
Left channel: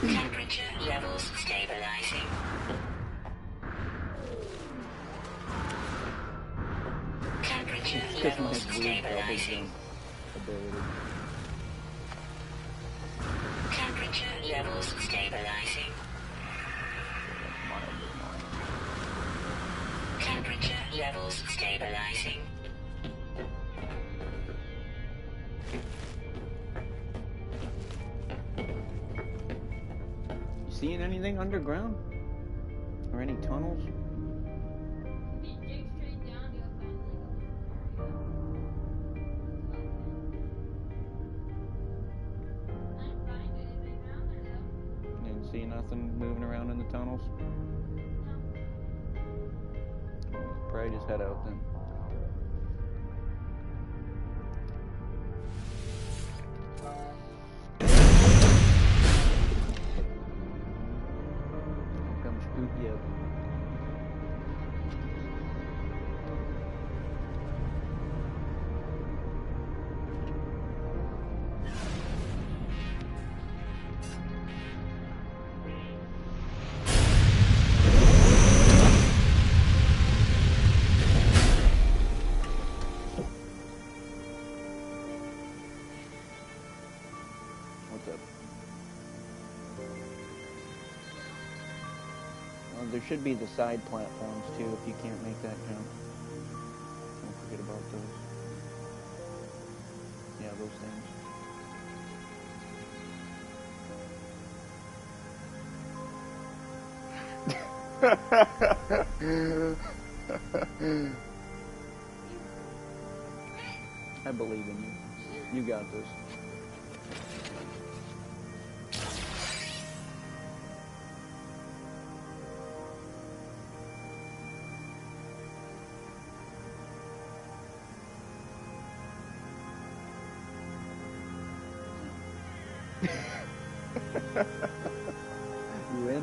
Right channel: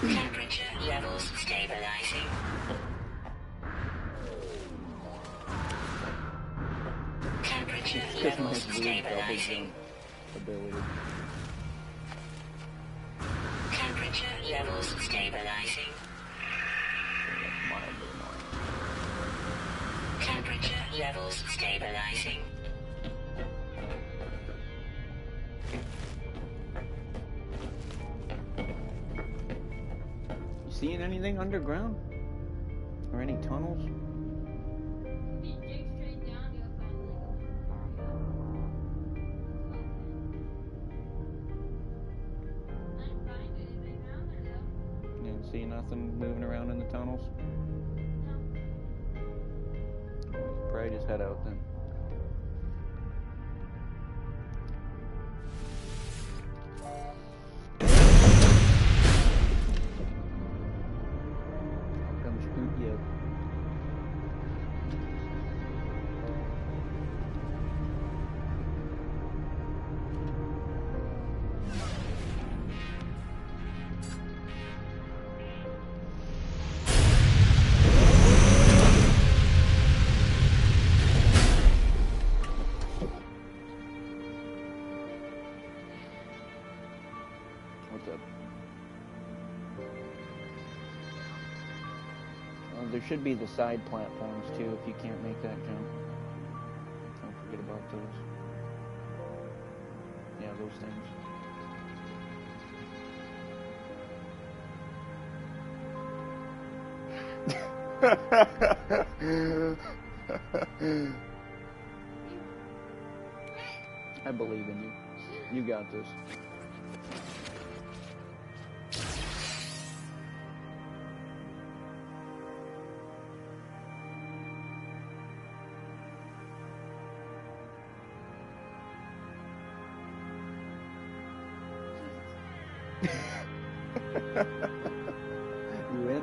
Temperature levels stabilizing. Temperature Because my levels weird double stabilizing. jump ability. Temperature levels stabilizing. That's mildly annoying. Temperature levels stabilizing. Seeing anything underground? Or any tunnels? If you dig straight down, you'll find I didn't find anything down there though. You didn't see nothing moving around in the tunnels? No. Probably just head out then. How come scoot you? What's up? Well, there should be the side platforms too if you can't make that jump. Don't forget about those. Yeah, those things. I believe in you. You got this. You in?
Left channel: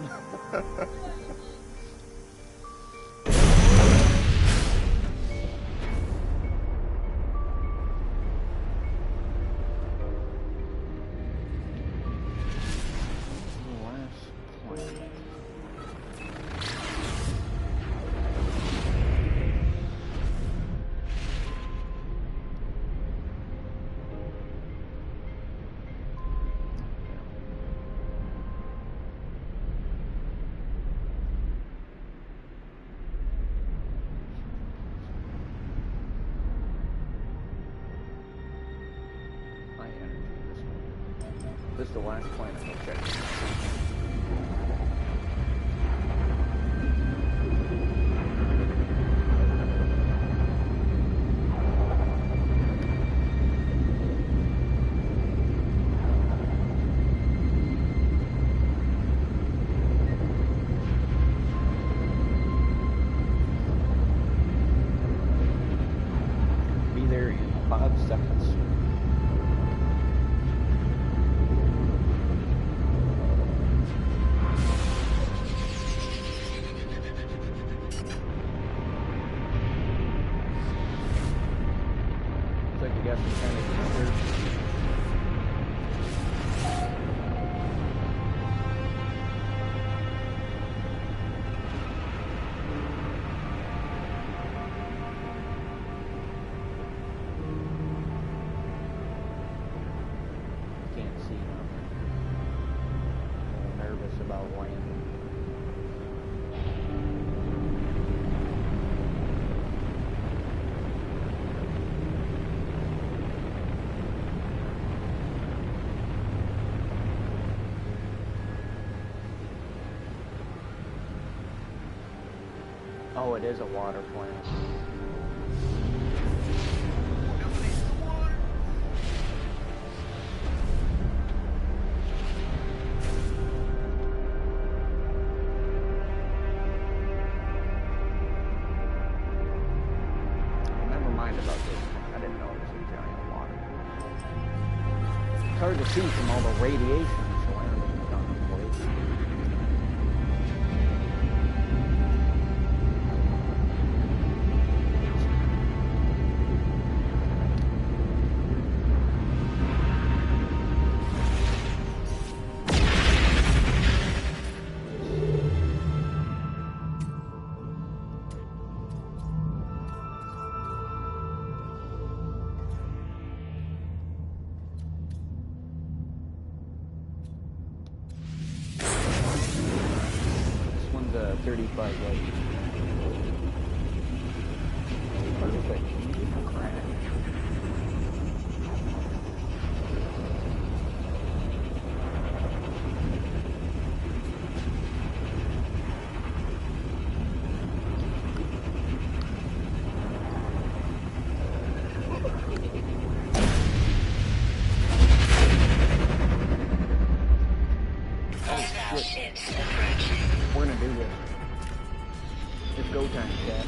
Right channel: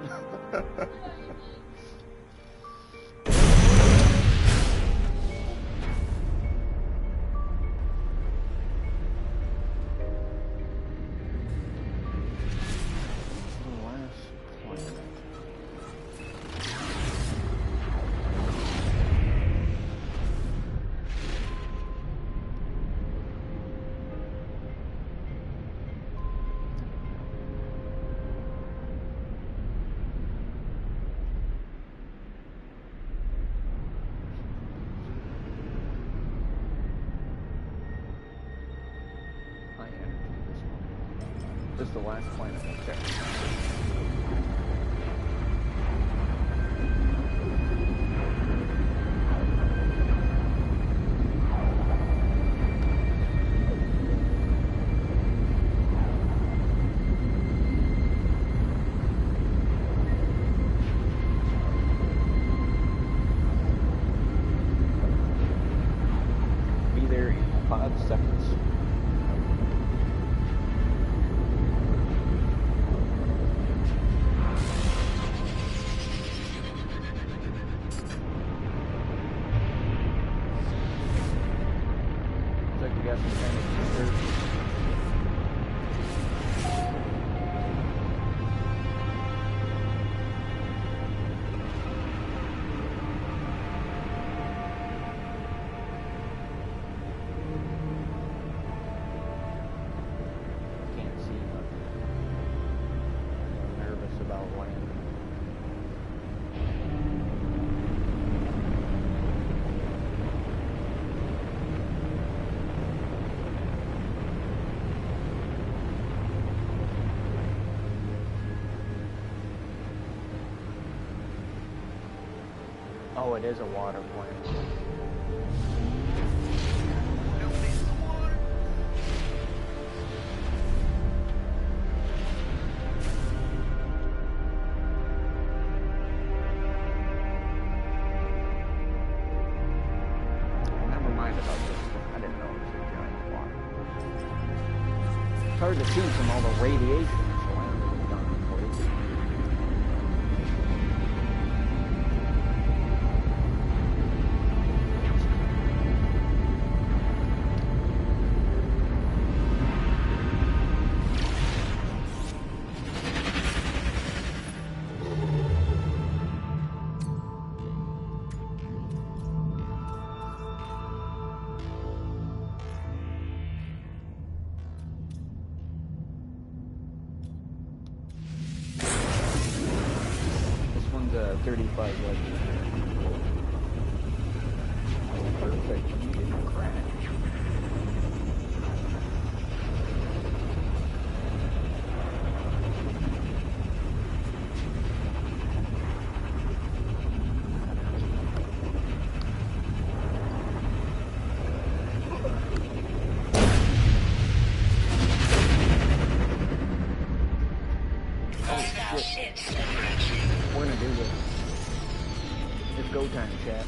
High energy, this one. This is the last planet we'll check. Be there in 5 seconds. Looks like we got some kind of counter. Can't see nothing. A little nervous about landing. Oh, it is a water planet. Never mind about this one. I didn't know it was a giant water planet. It's hard to see from all the radiation surrounding the darn place. This one's a 35 light year. Oh, perfect. You didn't crash. We're gonna do this. It's go time, chat.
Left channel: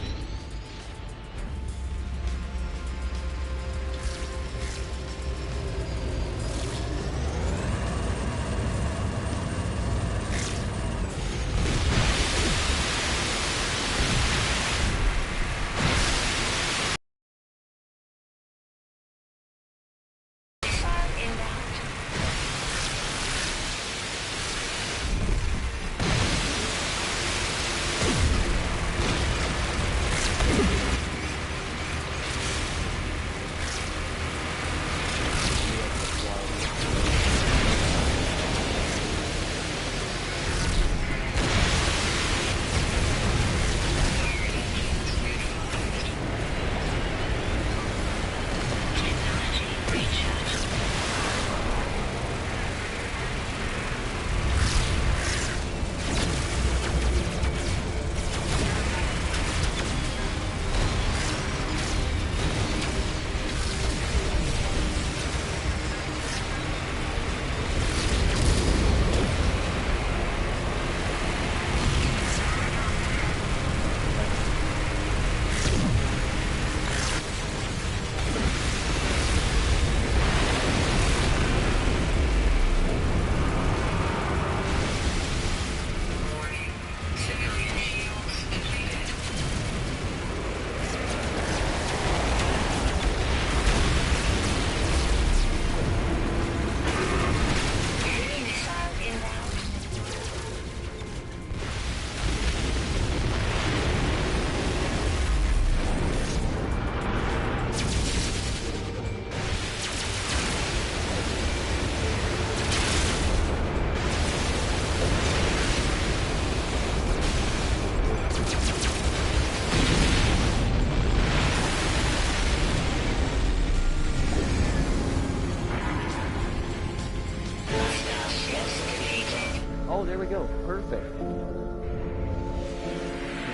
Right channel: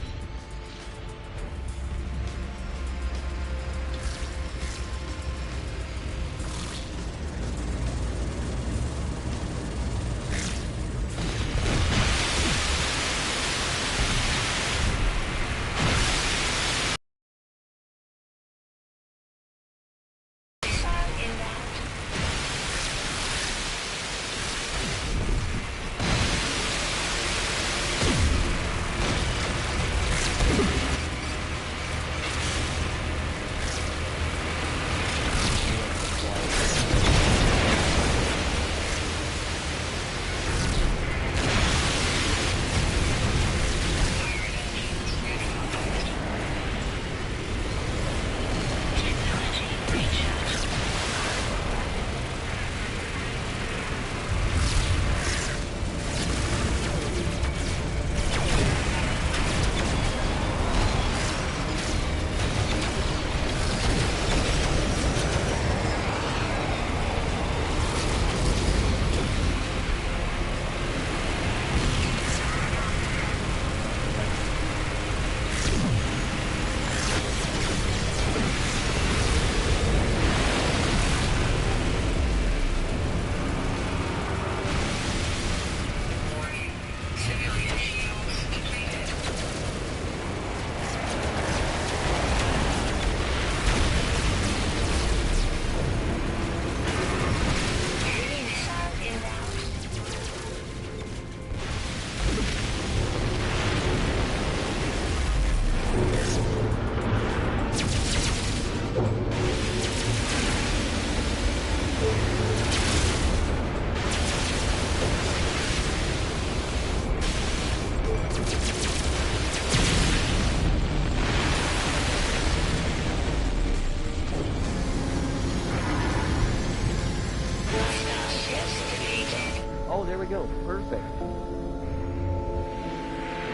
we go. Perfect.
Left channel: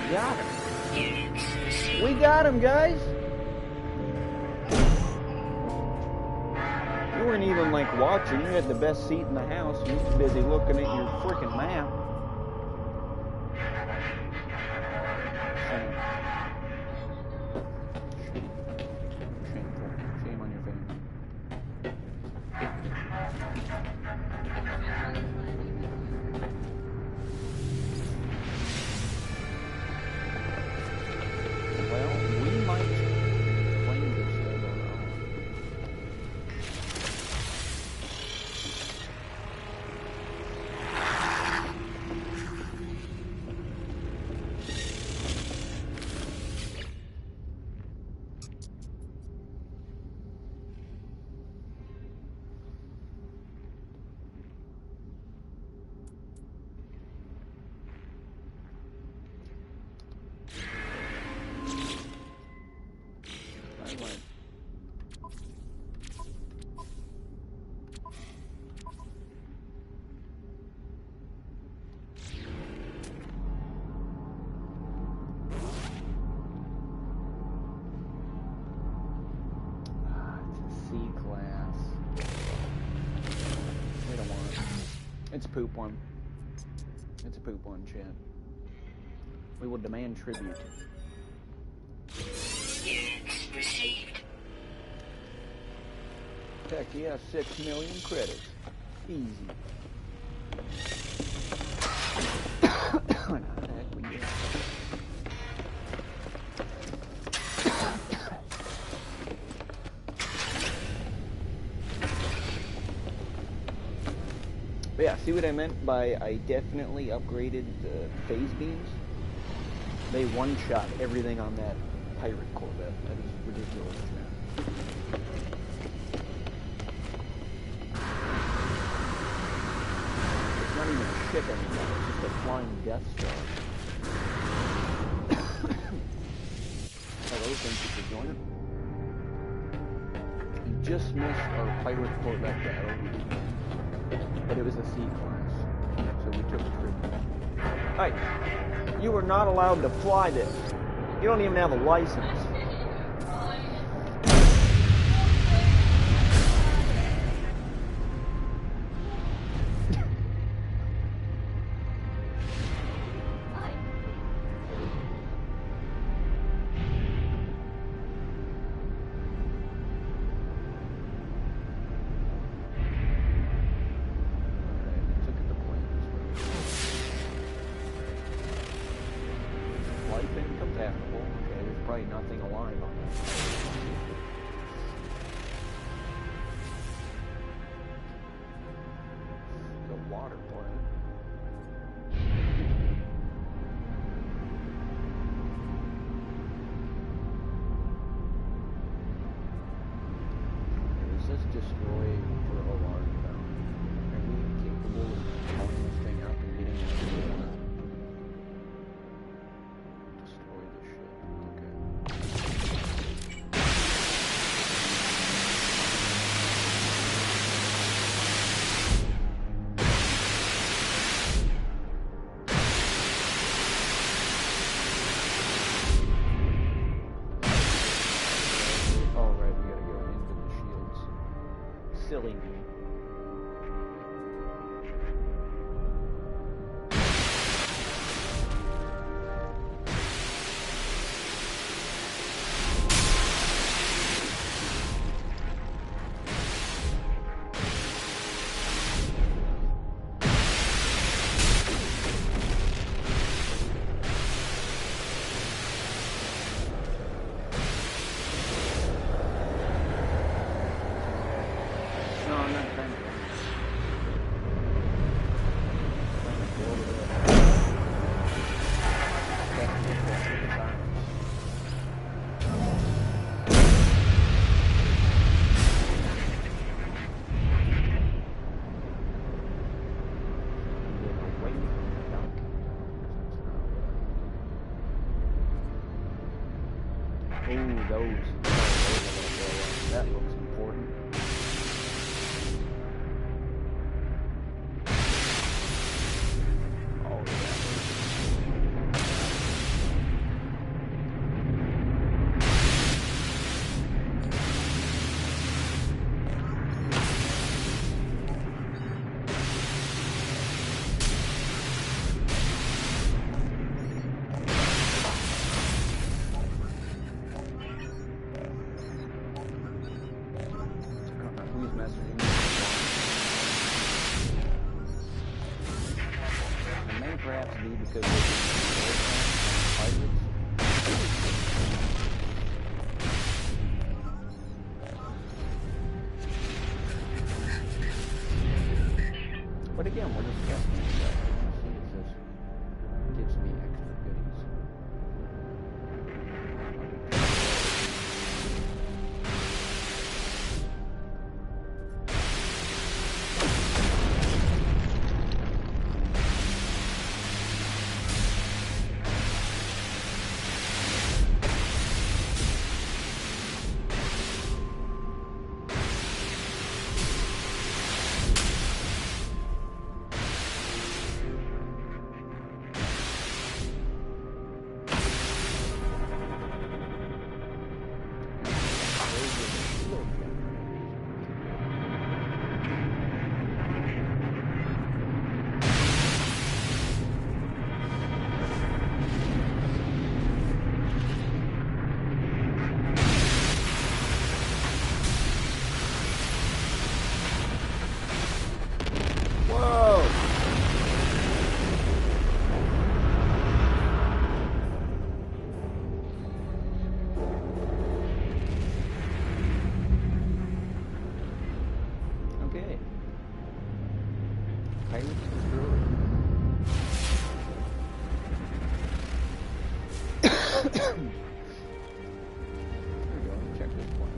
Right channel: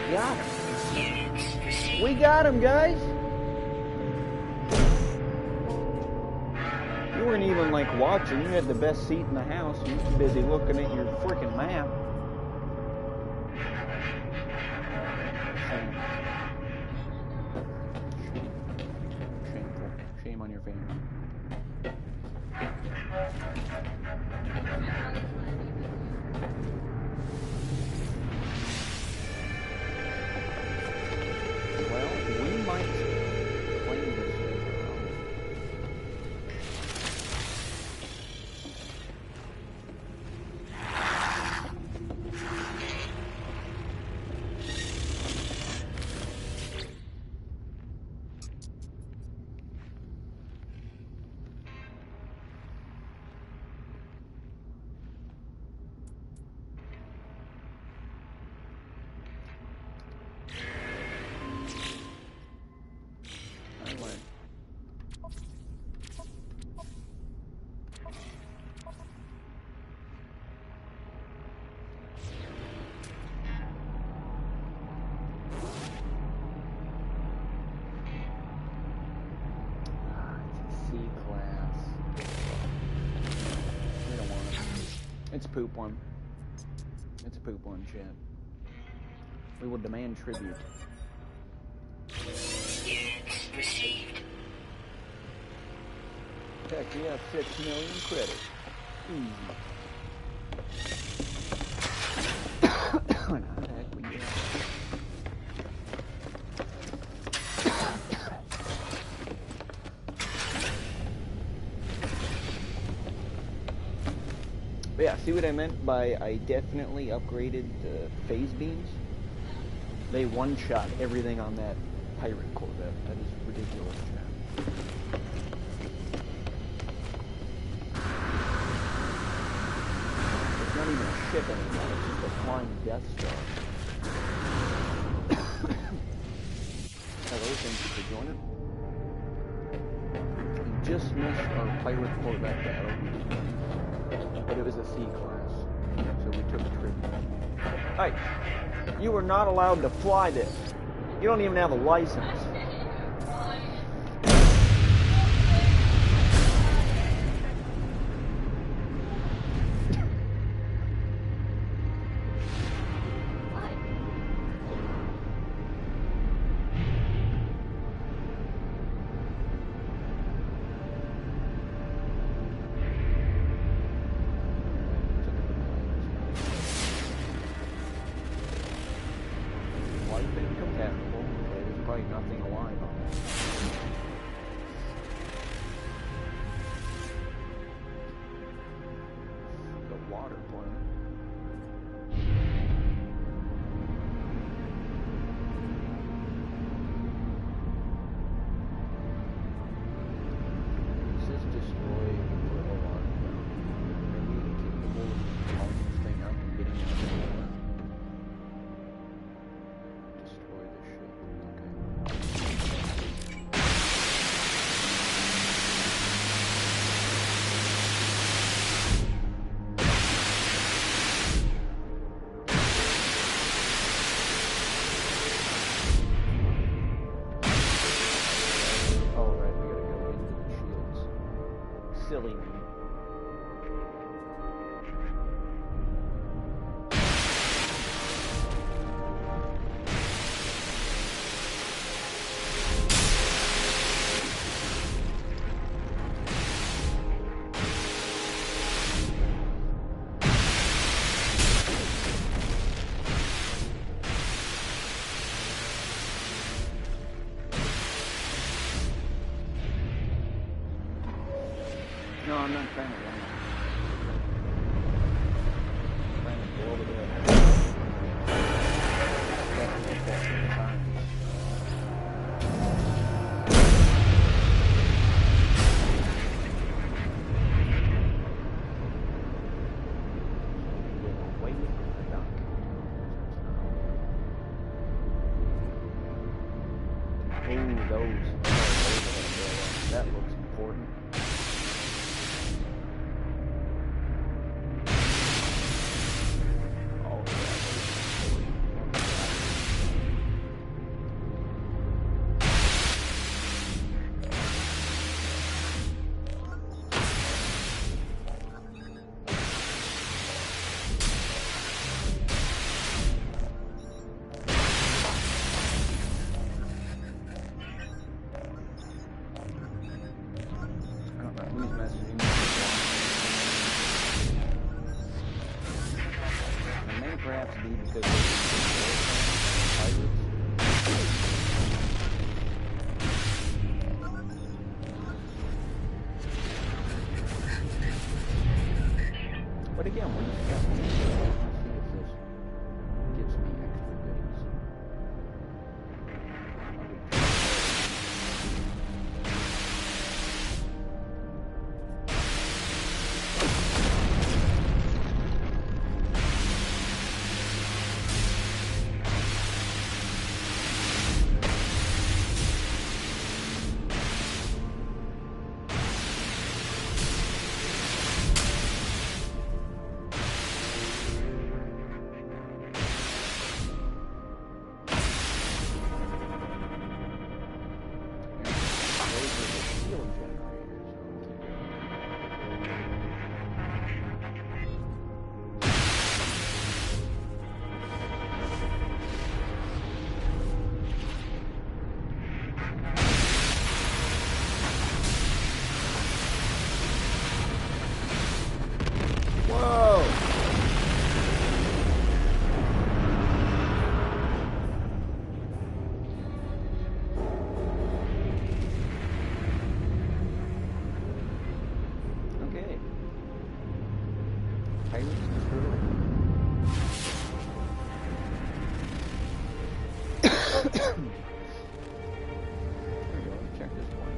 We got him. We got him, guys. You weren't even like watching. You had the best seat in the house. You were too busy looking at your freaking map. Shameful. Shame on your family. Well, we might claim this as our own. C-class. We don't want it. It's a poop one. It's a poop one, chat. We will demand tribute. Heck yeah, 6 million credits. Easy. How the heck we get? But yeah, see what I meant by I definitely upgraded the phase beams? They one-shot everything on that pirate Corvette. That is ridiculous, man. It's not even a ship anymore, it's just a flying Death Star. Hello, thank you for joining. You just missed our pirate Corvette battle. But it was a C-class, so we took a trip. Hey, you are not allowed to fly this. You don't even have a license. Incompatible. Okay, there's probably nothing alive on that. The water planet. It says destroy for a large bounty. Are we capable of blowing this thing up and getting it out of the water? Silly me. No, I'm not trying to run. I'm trying to go over there. Get away from the dock. Ooh, those are gonna blow up. That looks important. because they can pirates. But again, we're just testing it, so I want to see if this gives me extra goodies. Okay. Pirates destroyed. There we go. Let's check this one.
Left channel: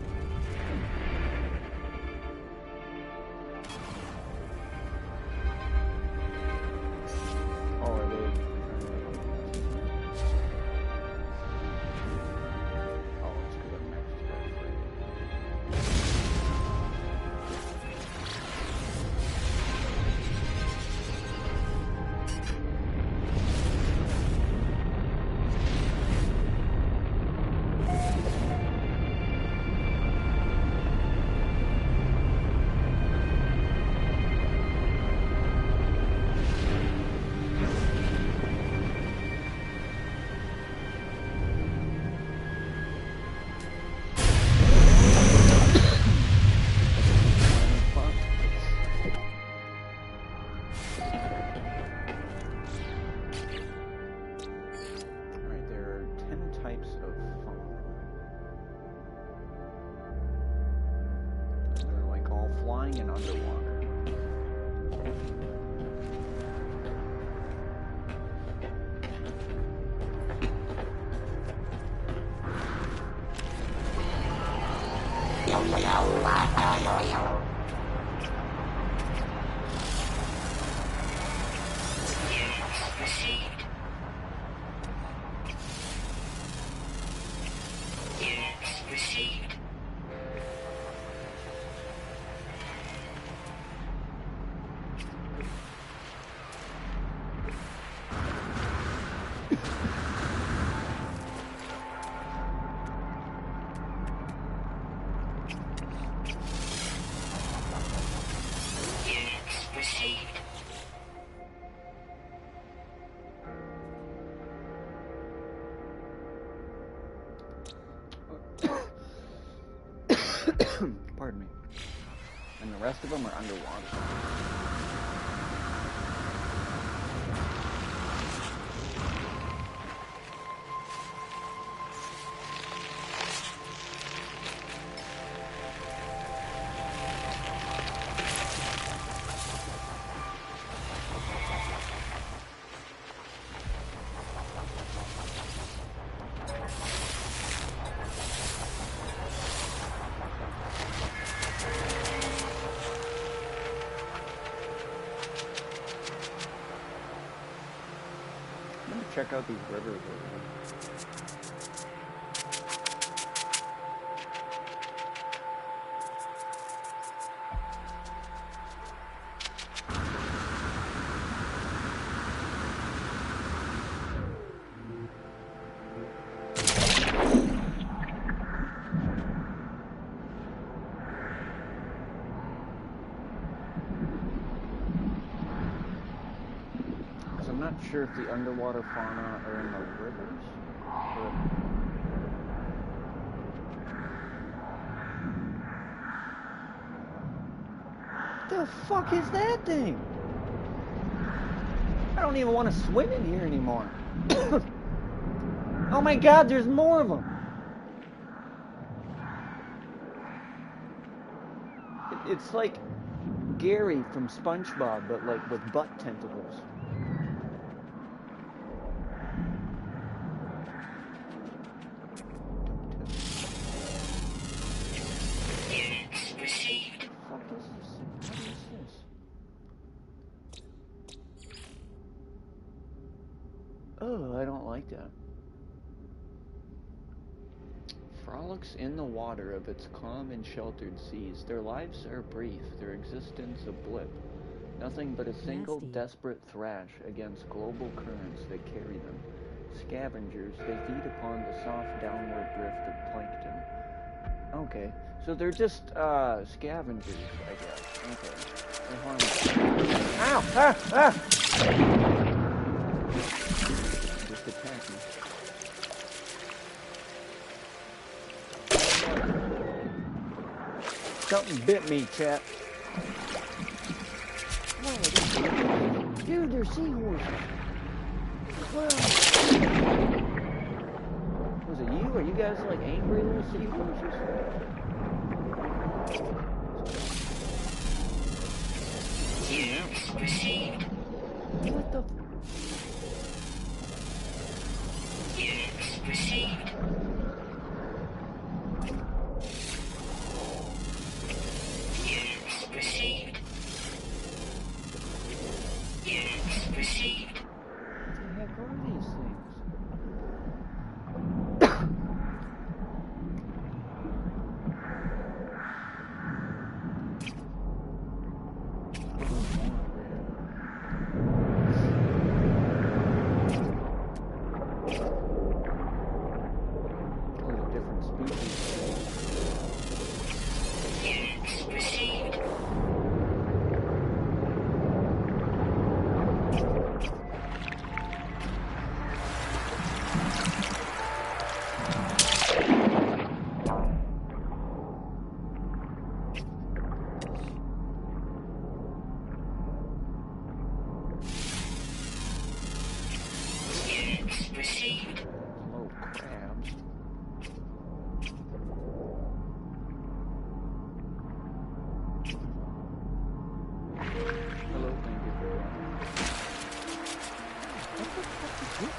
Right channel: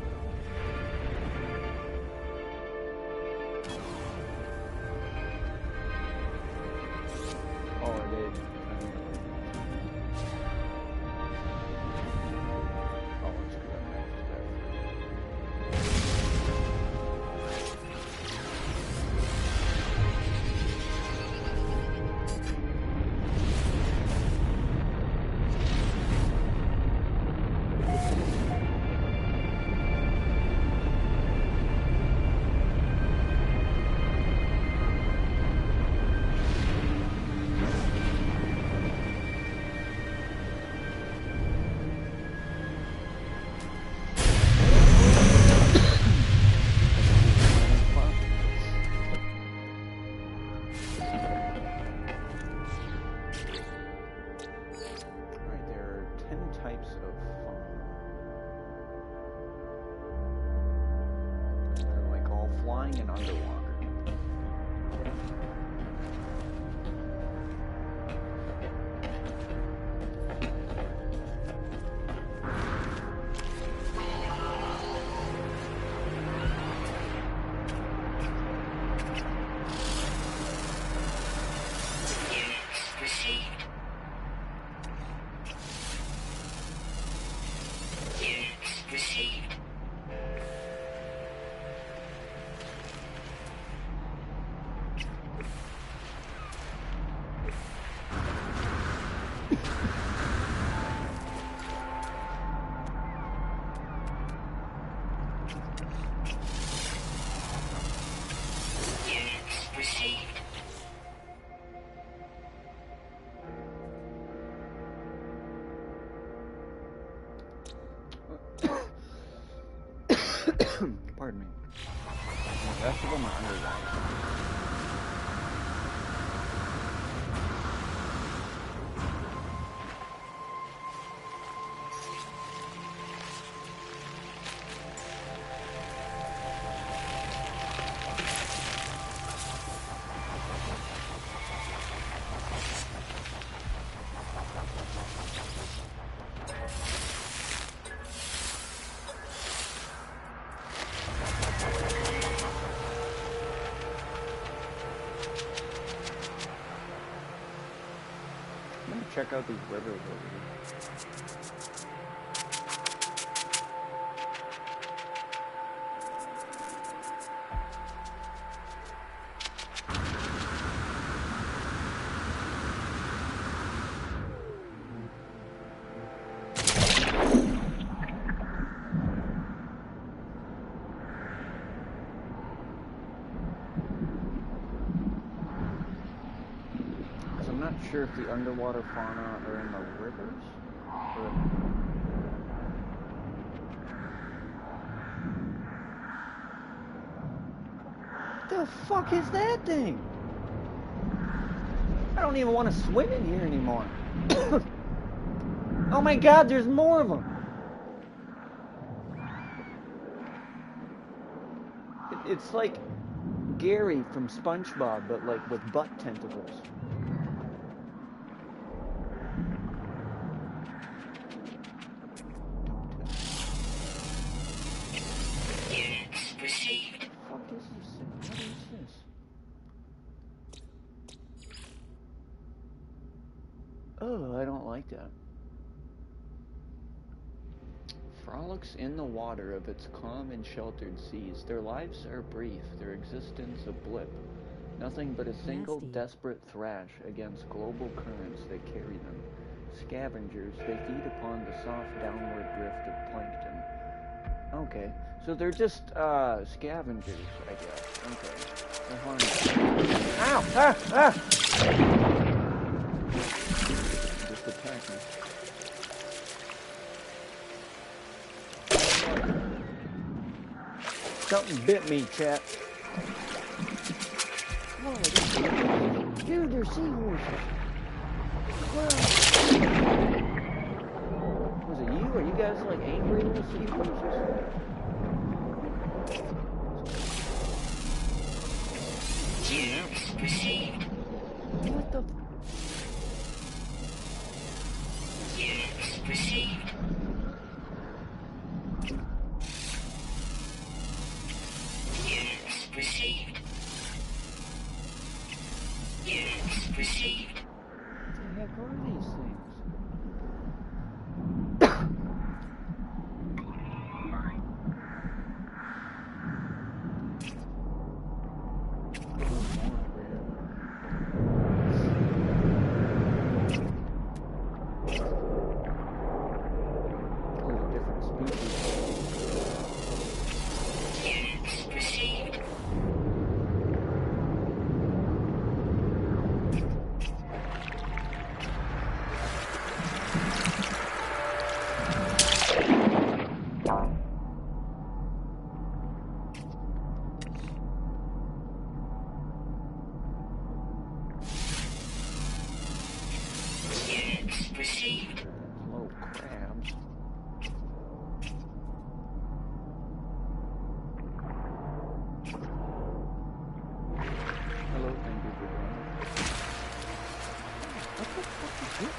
Oh, are they? Oh, it's because I'm next to that frigate. Alright, there are 10 types of fauna. They're like all flying and underwater. Units received. Units received. Units received. Pardon me. And the rest of them are underwater. I'm gonna check out these rivers over here. I'm not sure if the underwater fauna are in the rivers. Or... The fuck is that thing? I don't even want to swim in here anymore. Oh my god, there's more of them. It's like Gary from SpongeBob, but like with butt tentacles. Units received. What the fuck is this thing? What is this? Oh, I don't like that. Frolics in the water of its calm and sheltered seas. Their lives are brief, their existence a blip. Nothing but a single Nasty. desperate thrash against global currents that carry them. Scavengers, they feed upon the soft downward drift of plankton. Okay, so they're just scavengers, I guess. Okay, they're harmless. Ow! Ah! Ah! Just attack me. Something bit me, chat. Whoa, dude, they're seahorses. Wow. Was it you? Are you guys like angry little seahorses? Units received. What the? Units received. Units received. Units received. What the heck are these things? Oh, they're different species. Units received. Units received. Little crabs. Hello, thank you for joining. What the fuck is this?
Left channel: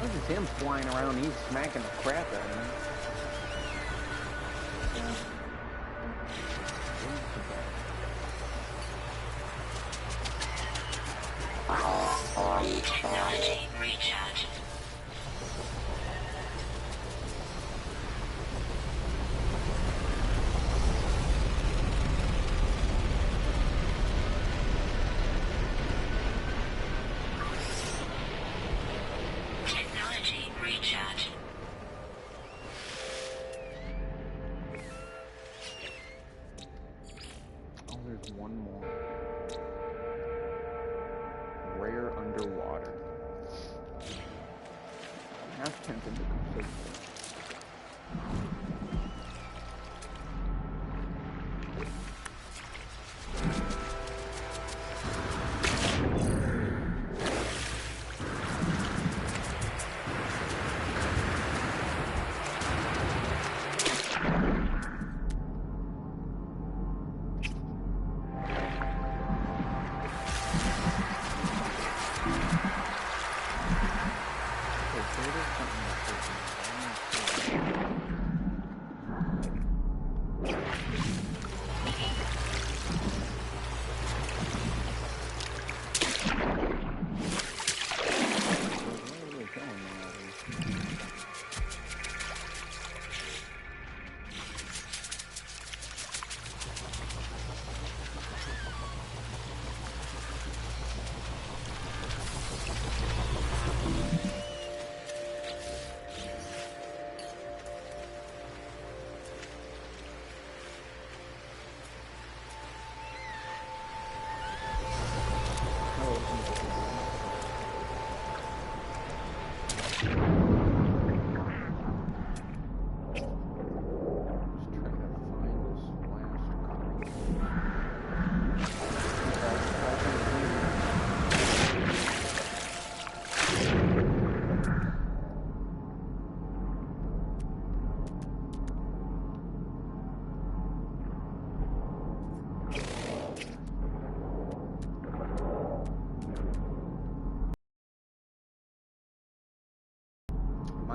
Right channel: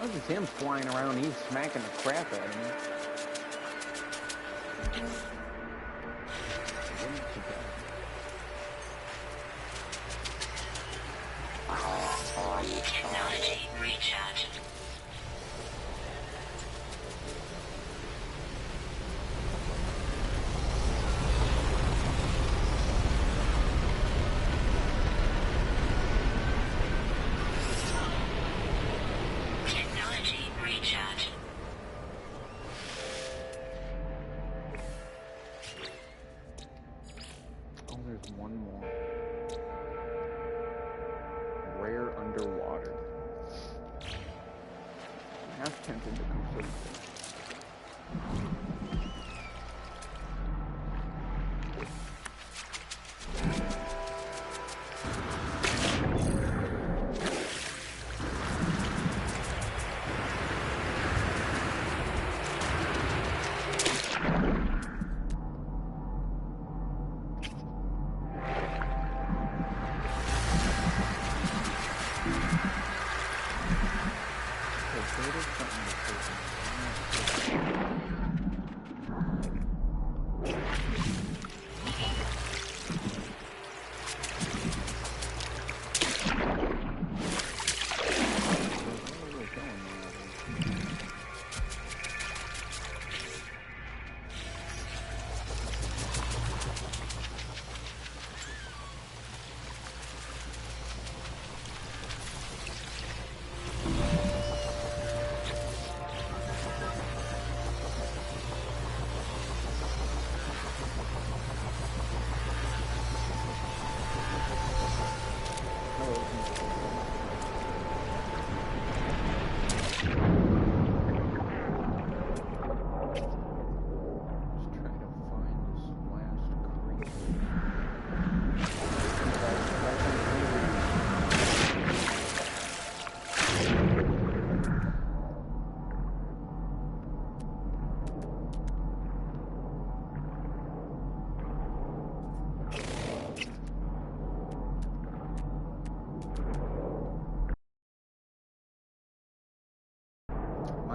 That's just him flying around. He's smacking the crap out of me. Technology recharge. Technology recharge. Oh, there's one more. Rare underwater. I'm half tempted to complete this.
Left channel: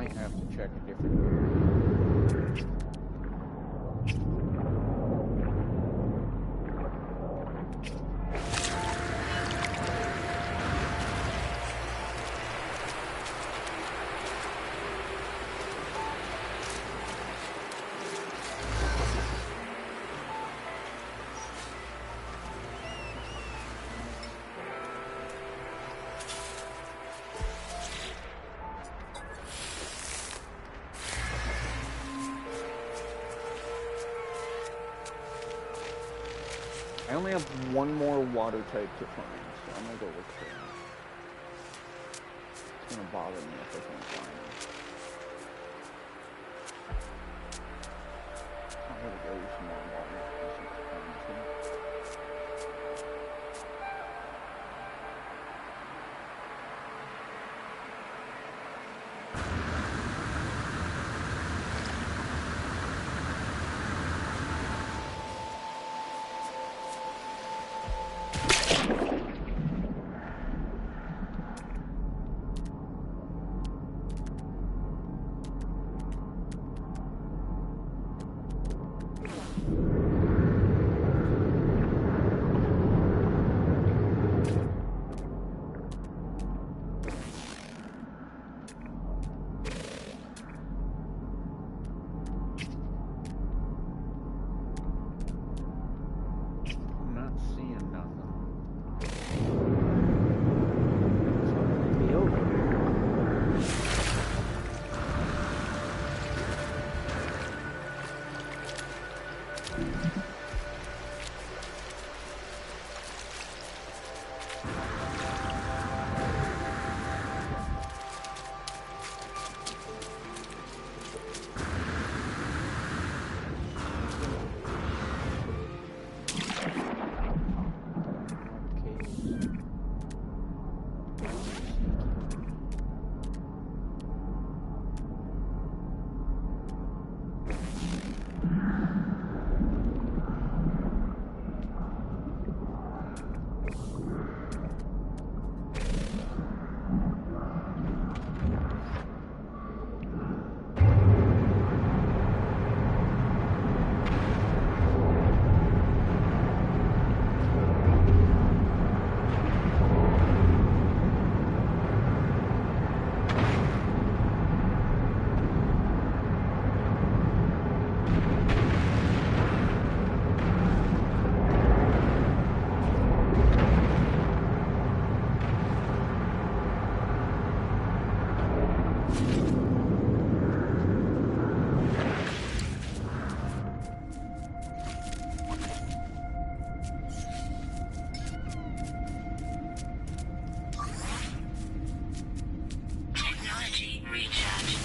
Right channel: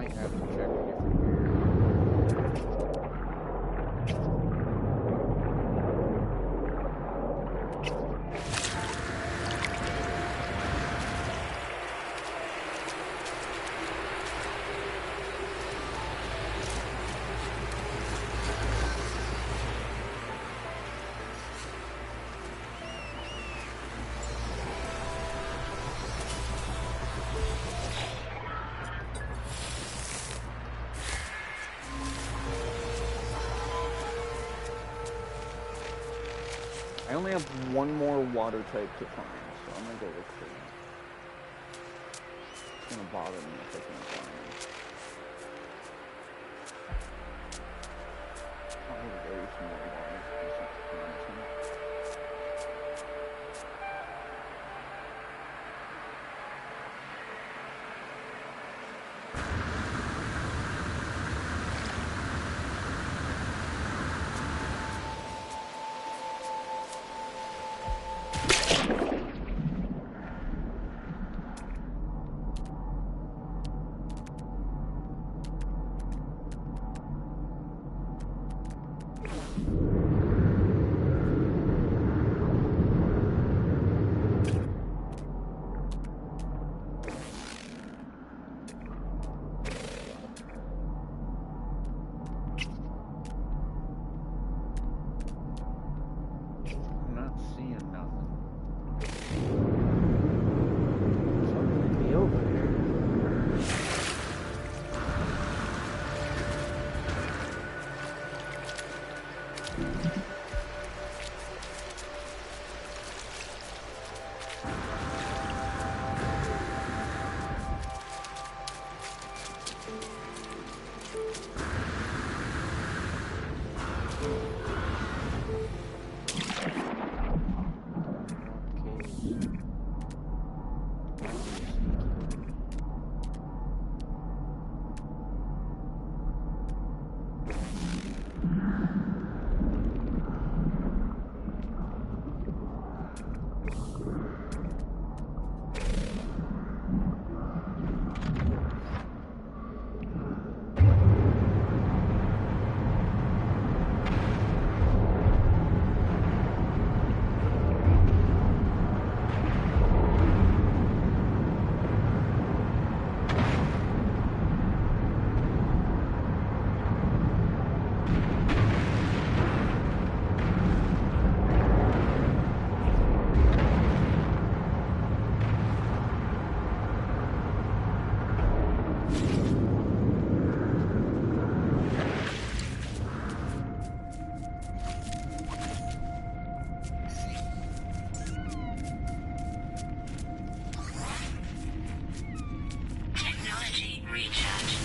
might have to check a different area. I only have one more water type to find, so I'm gonna go look for that. It's gonna bother me if I can't find it. Oh, here we go, here's some more water. This looks promising. I'm not seeing nothing. Something could be over there. Technology recharge.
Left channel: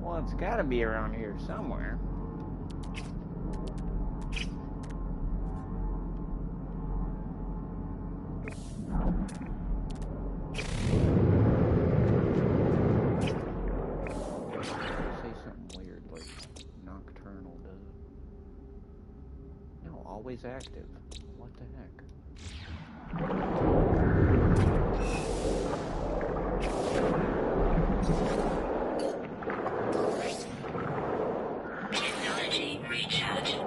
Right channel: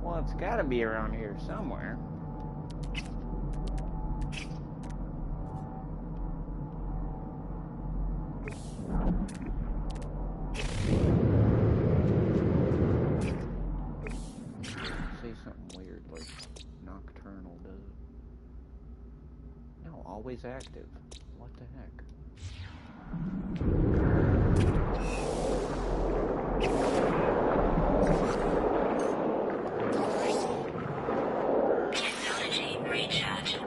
Well, it's gotta be around here somewhere. Say something weird like nocturnal does. No, always active. What the heck? Technology recharge.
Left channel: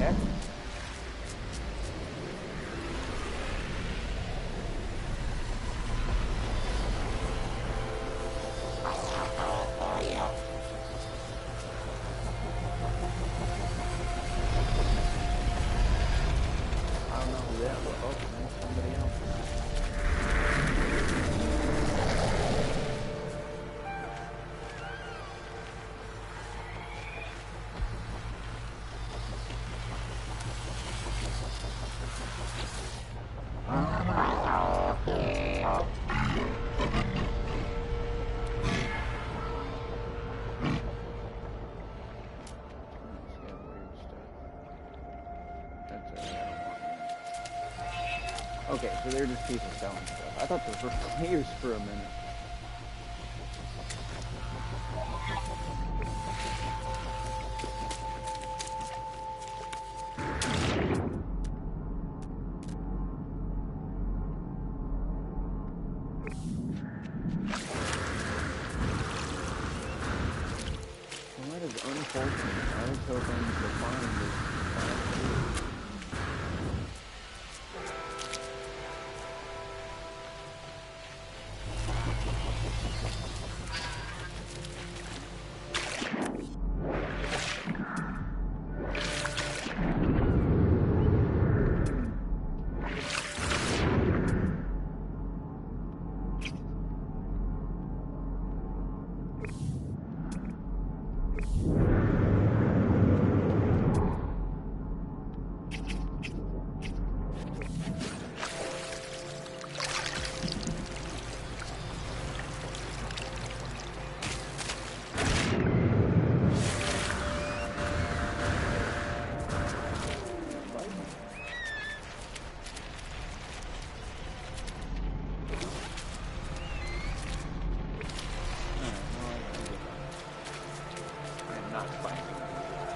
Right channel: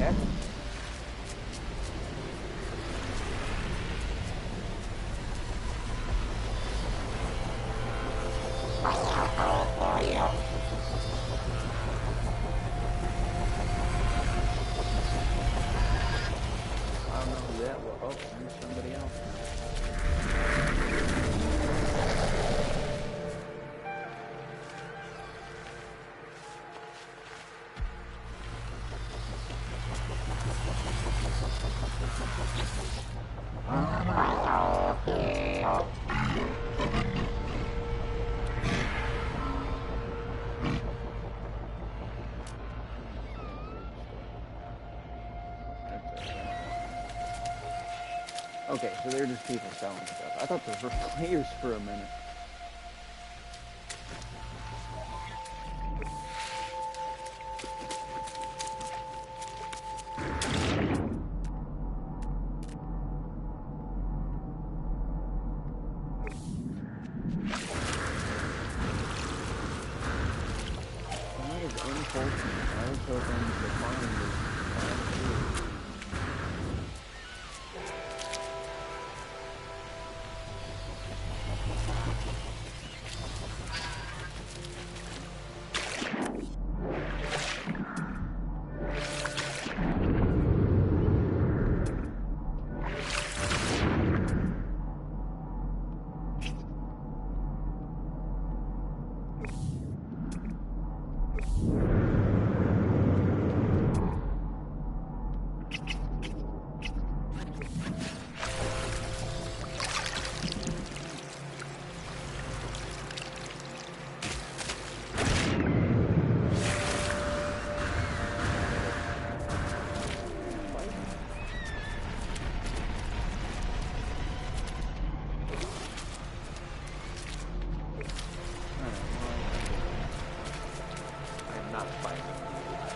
heck? I don't know who that was. Oh, there's somebody else now. Okay, so they're just people selling stuff. I thought those were players for a minute. Well, that is unfortunate. I was hoping to find this. Not finding these guys.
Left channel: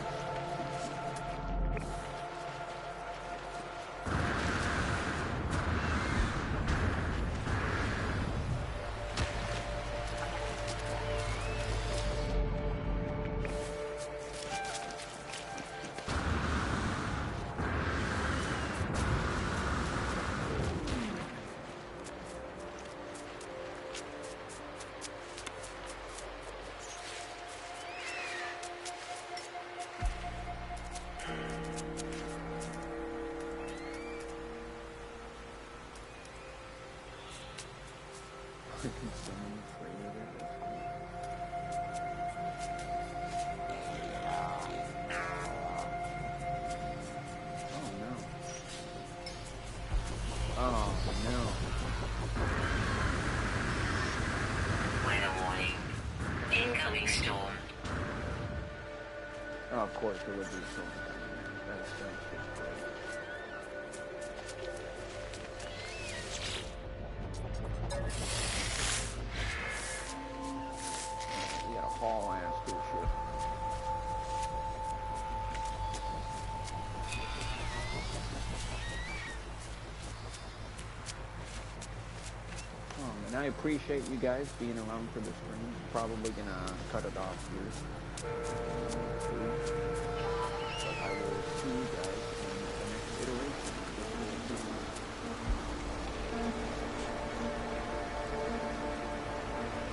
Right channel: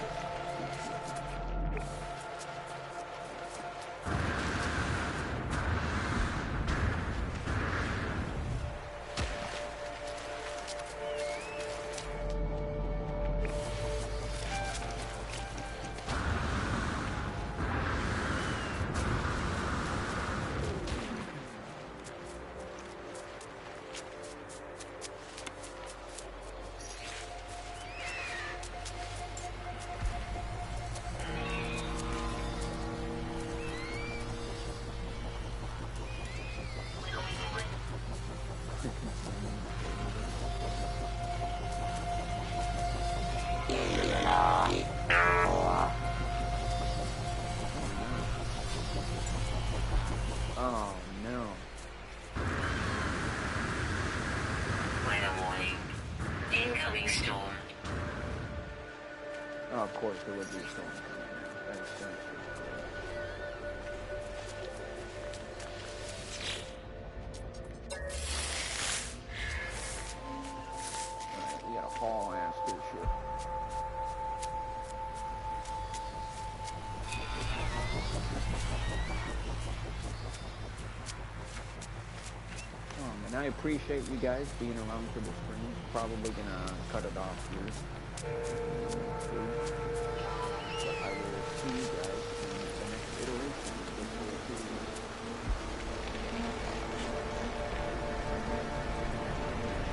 Oh no. Weather warning. Incoming storm. Oh, of course there would be a storm coming now. That's just great. We gotta haul ass to the ship. And I appreciate you guys being around for the stream. Probably gonna cut it off here.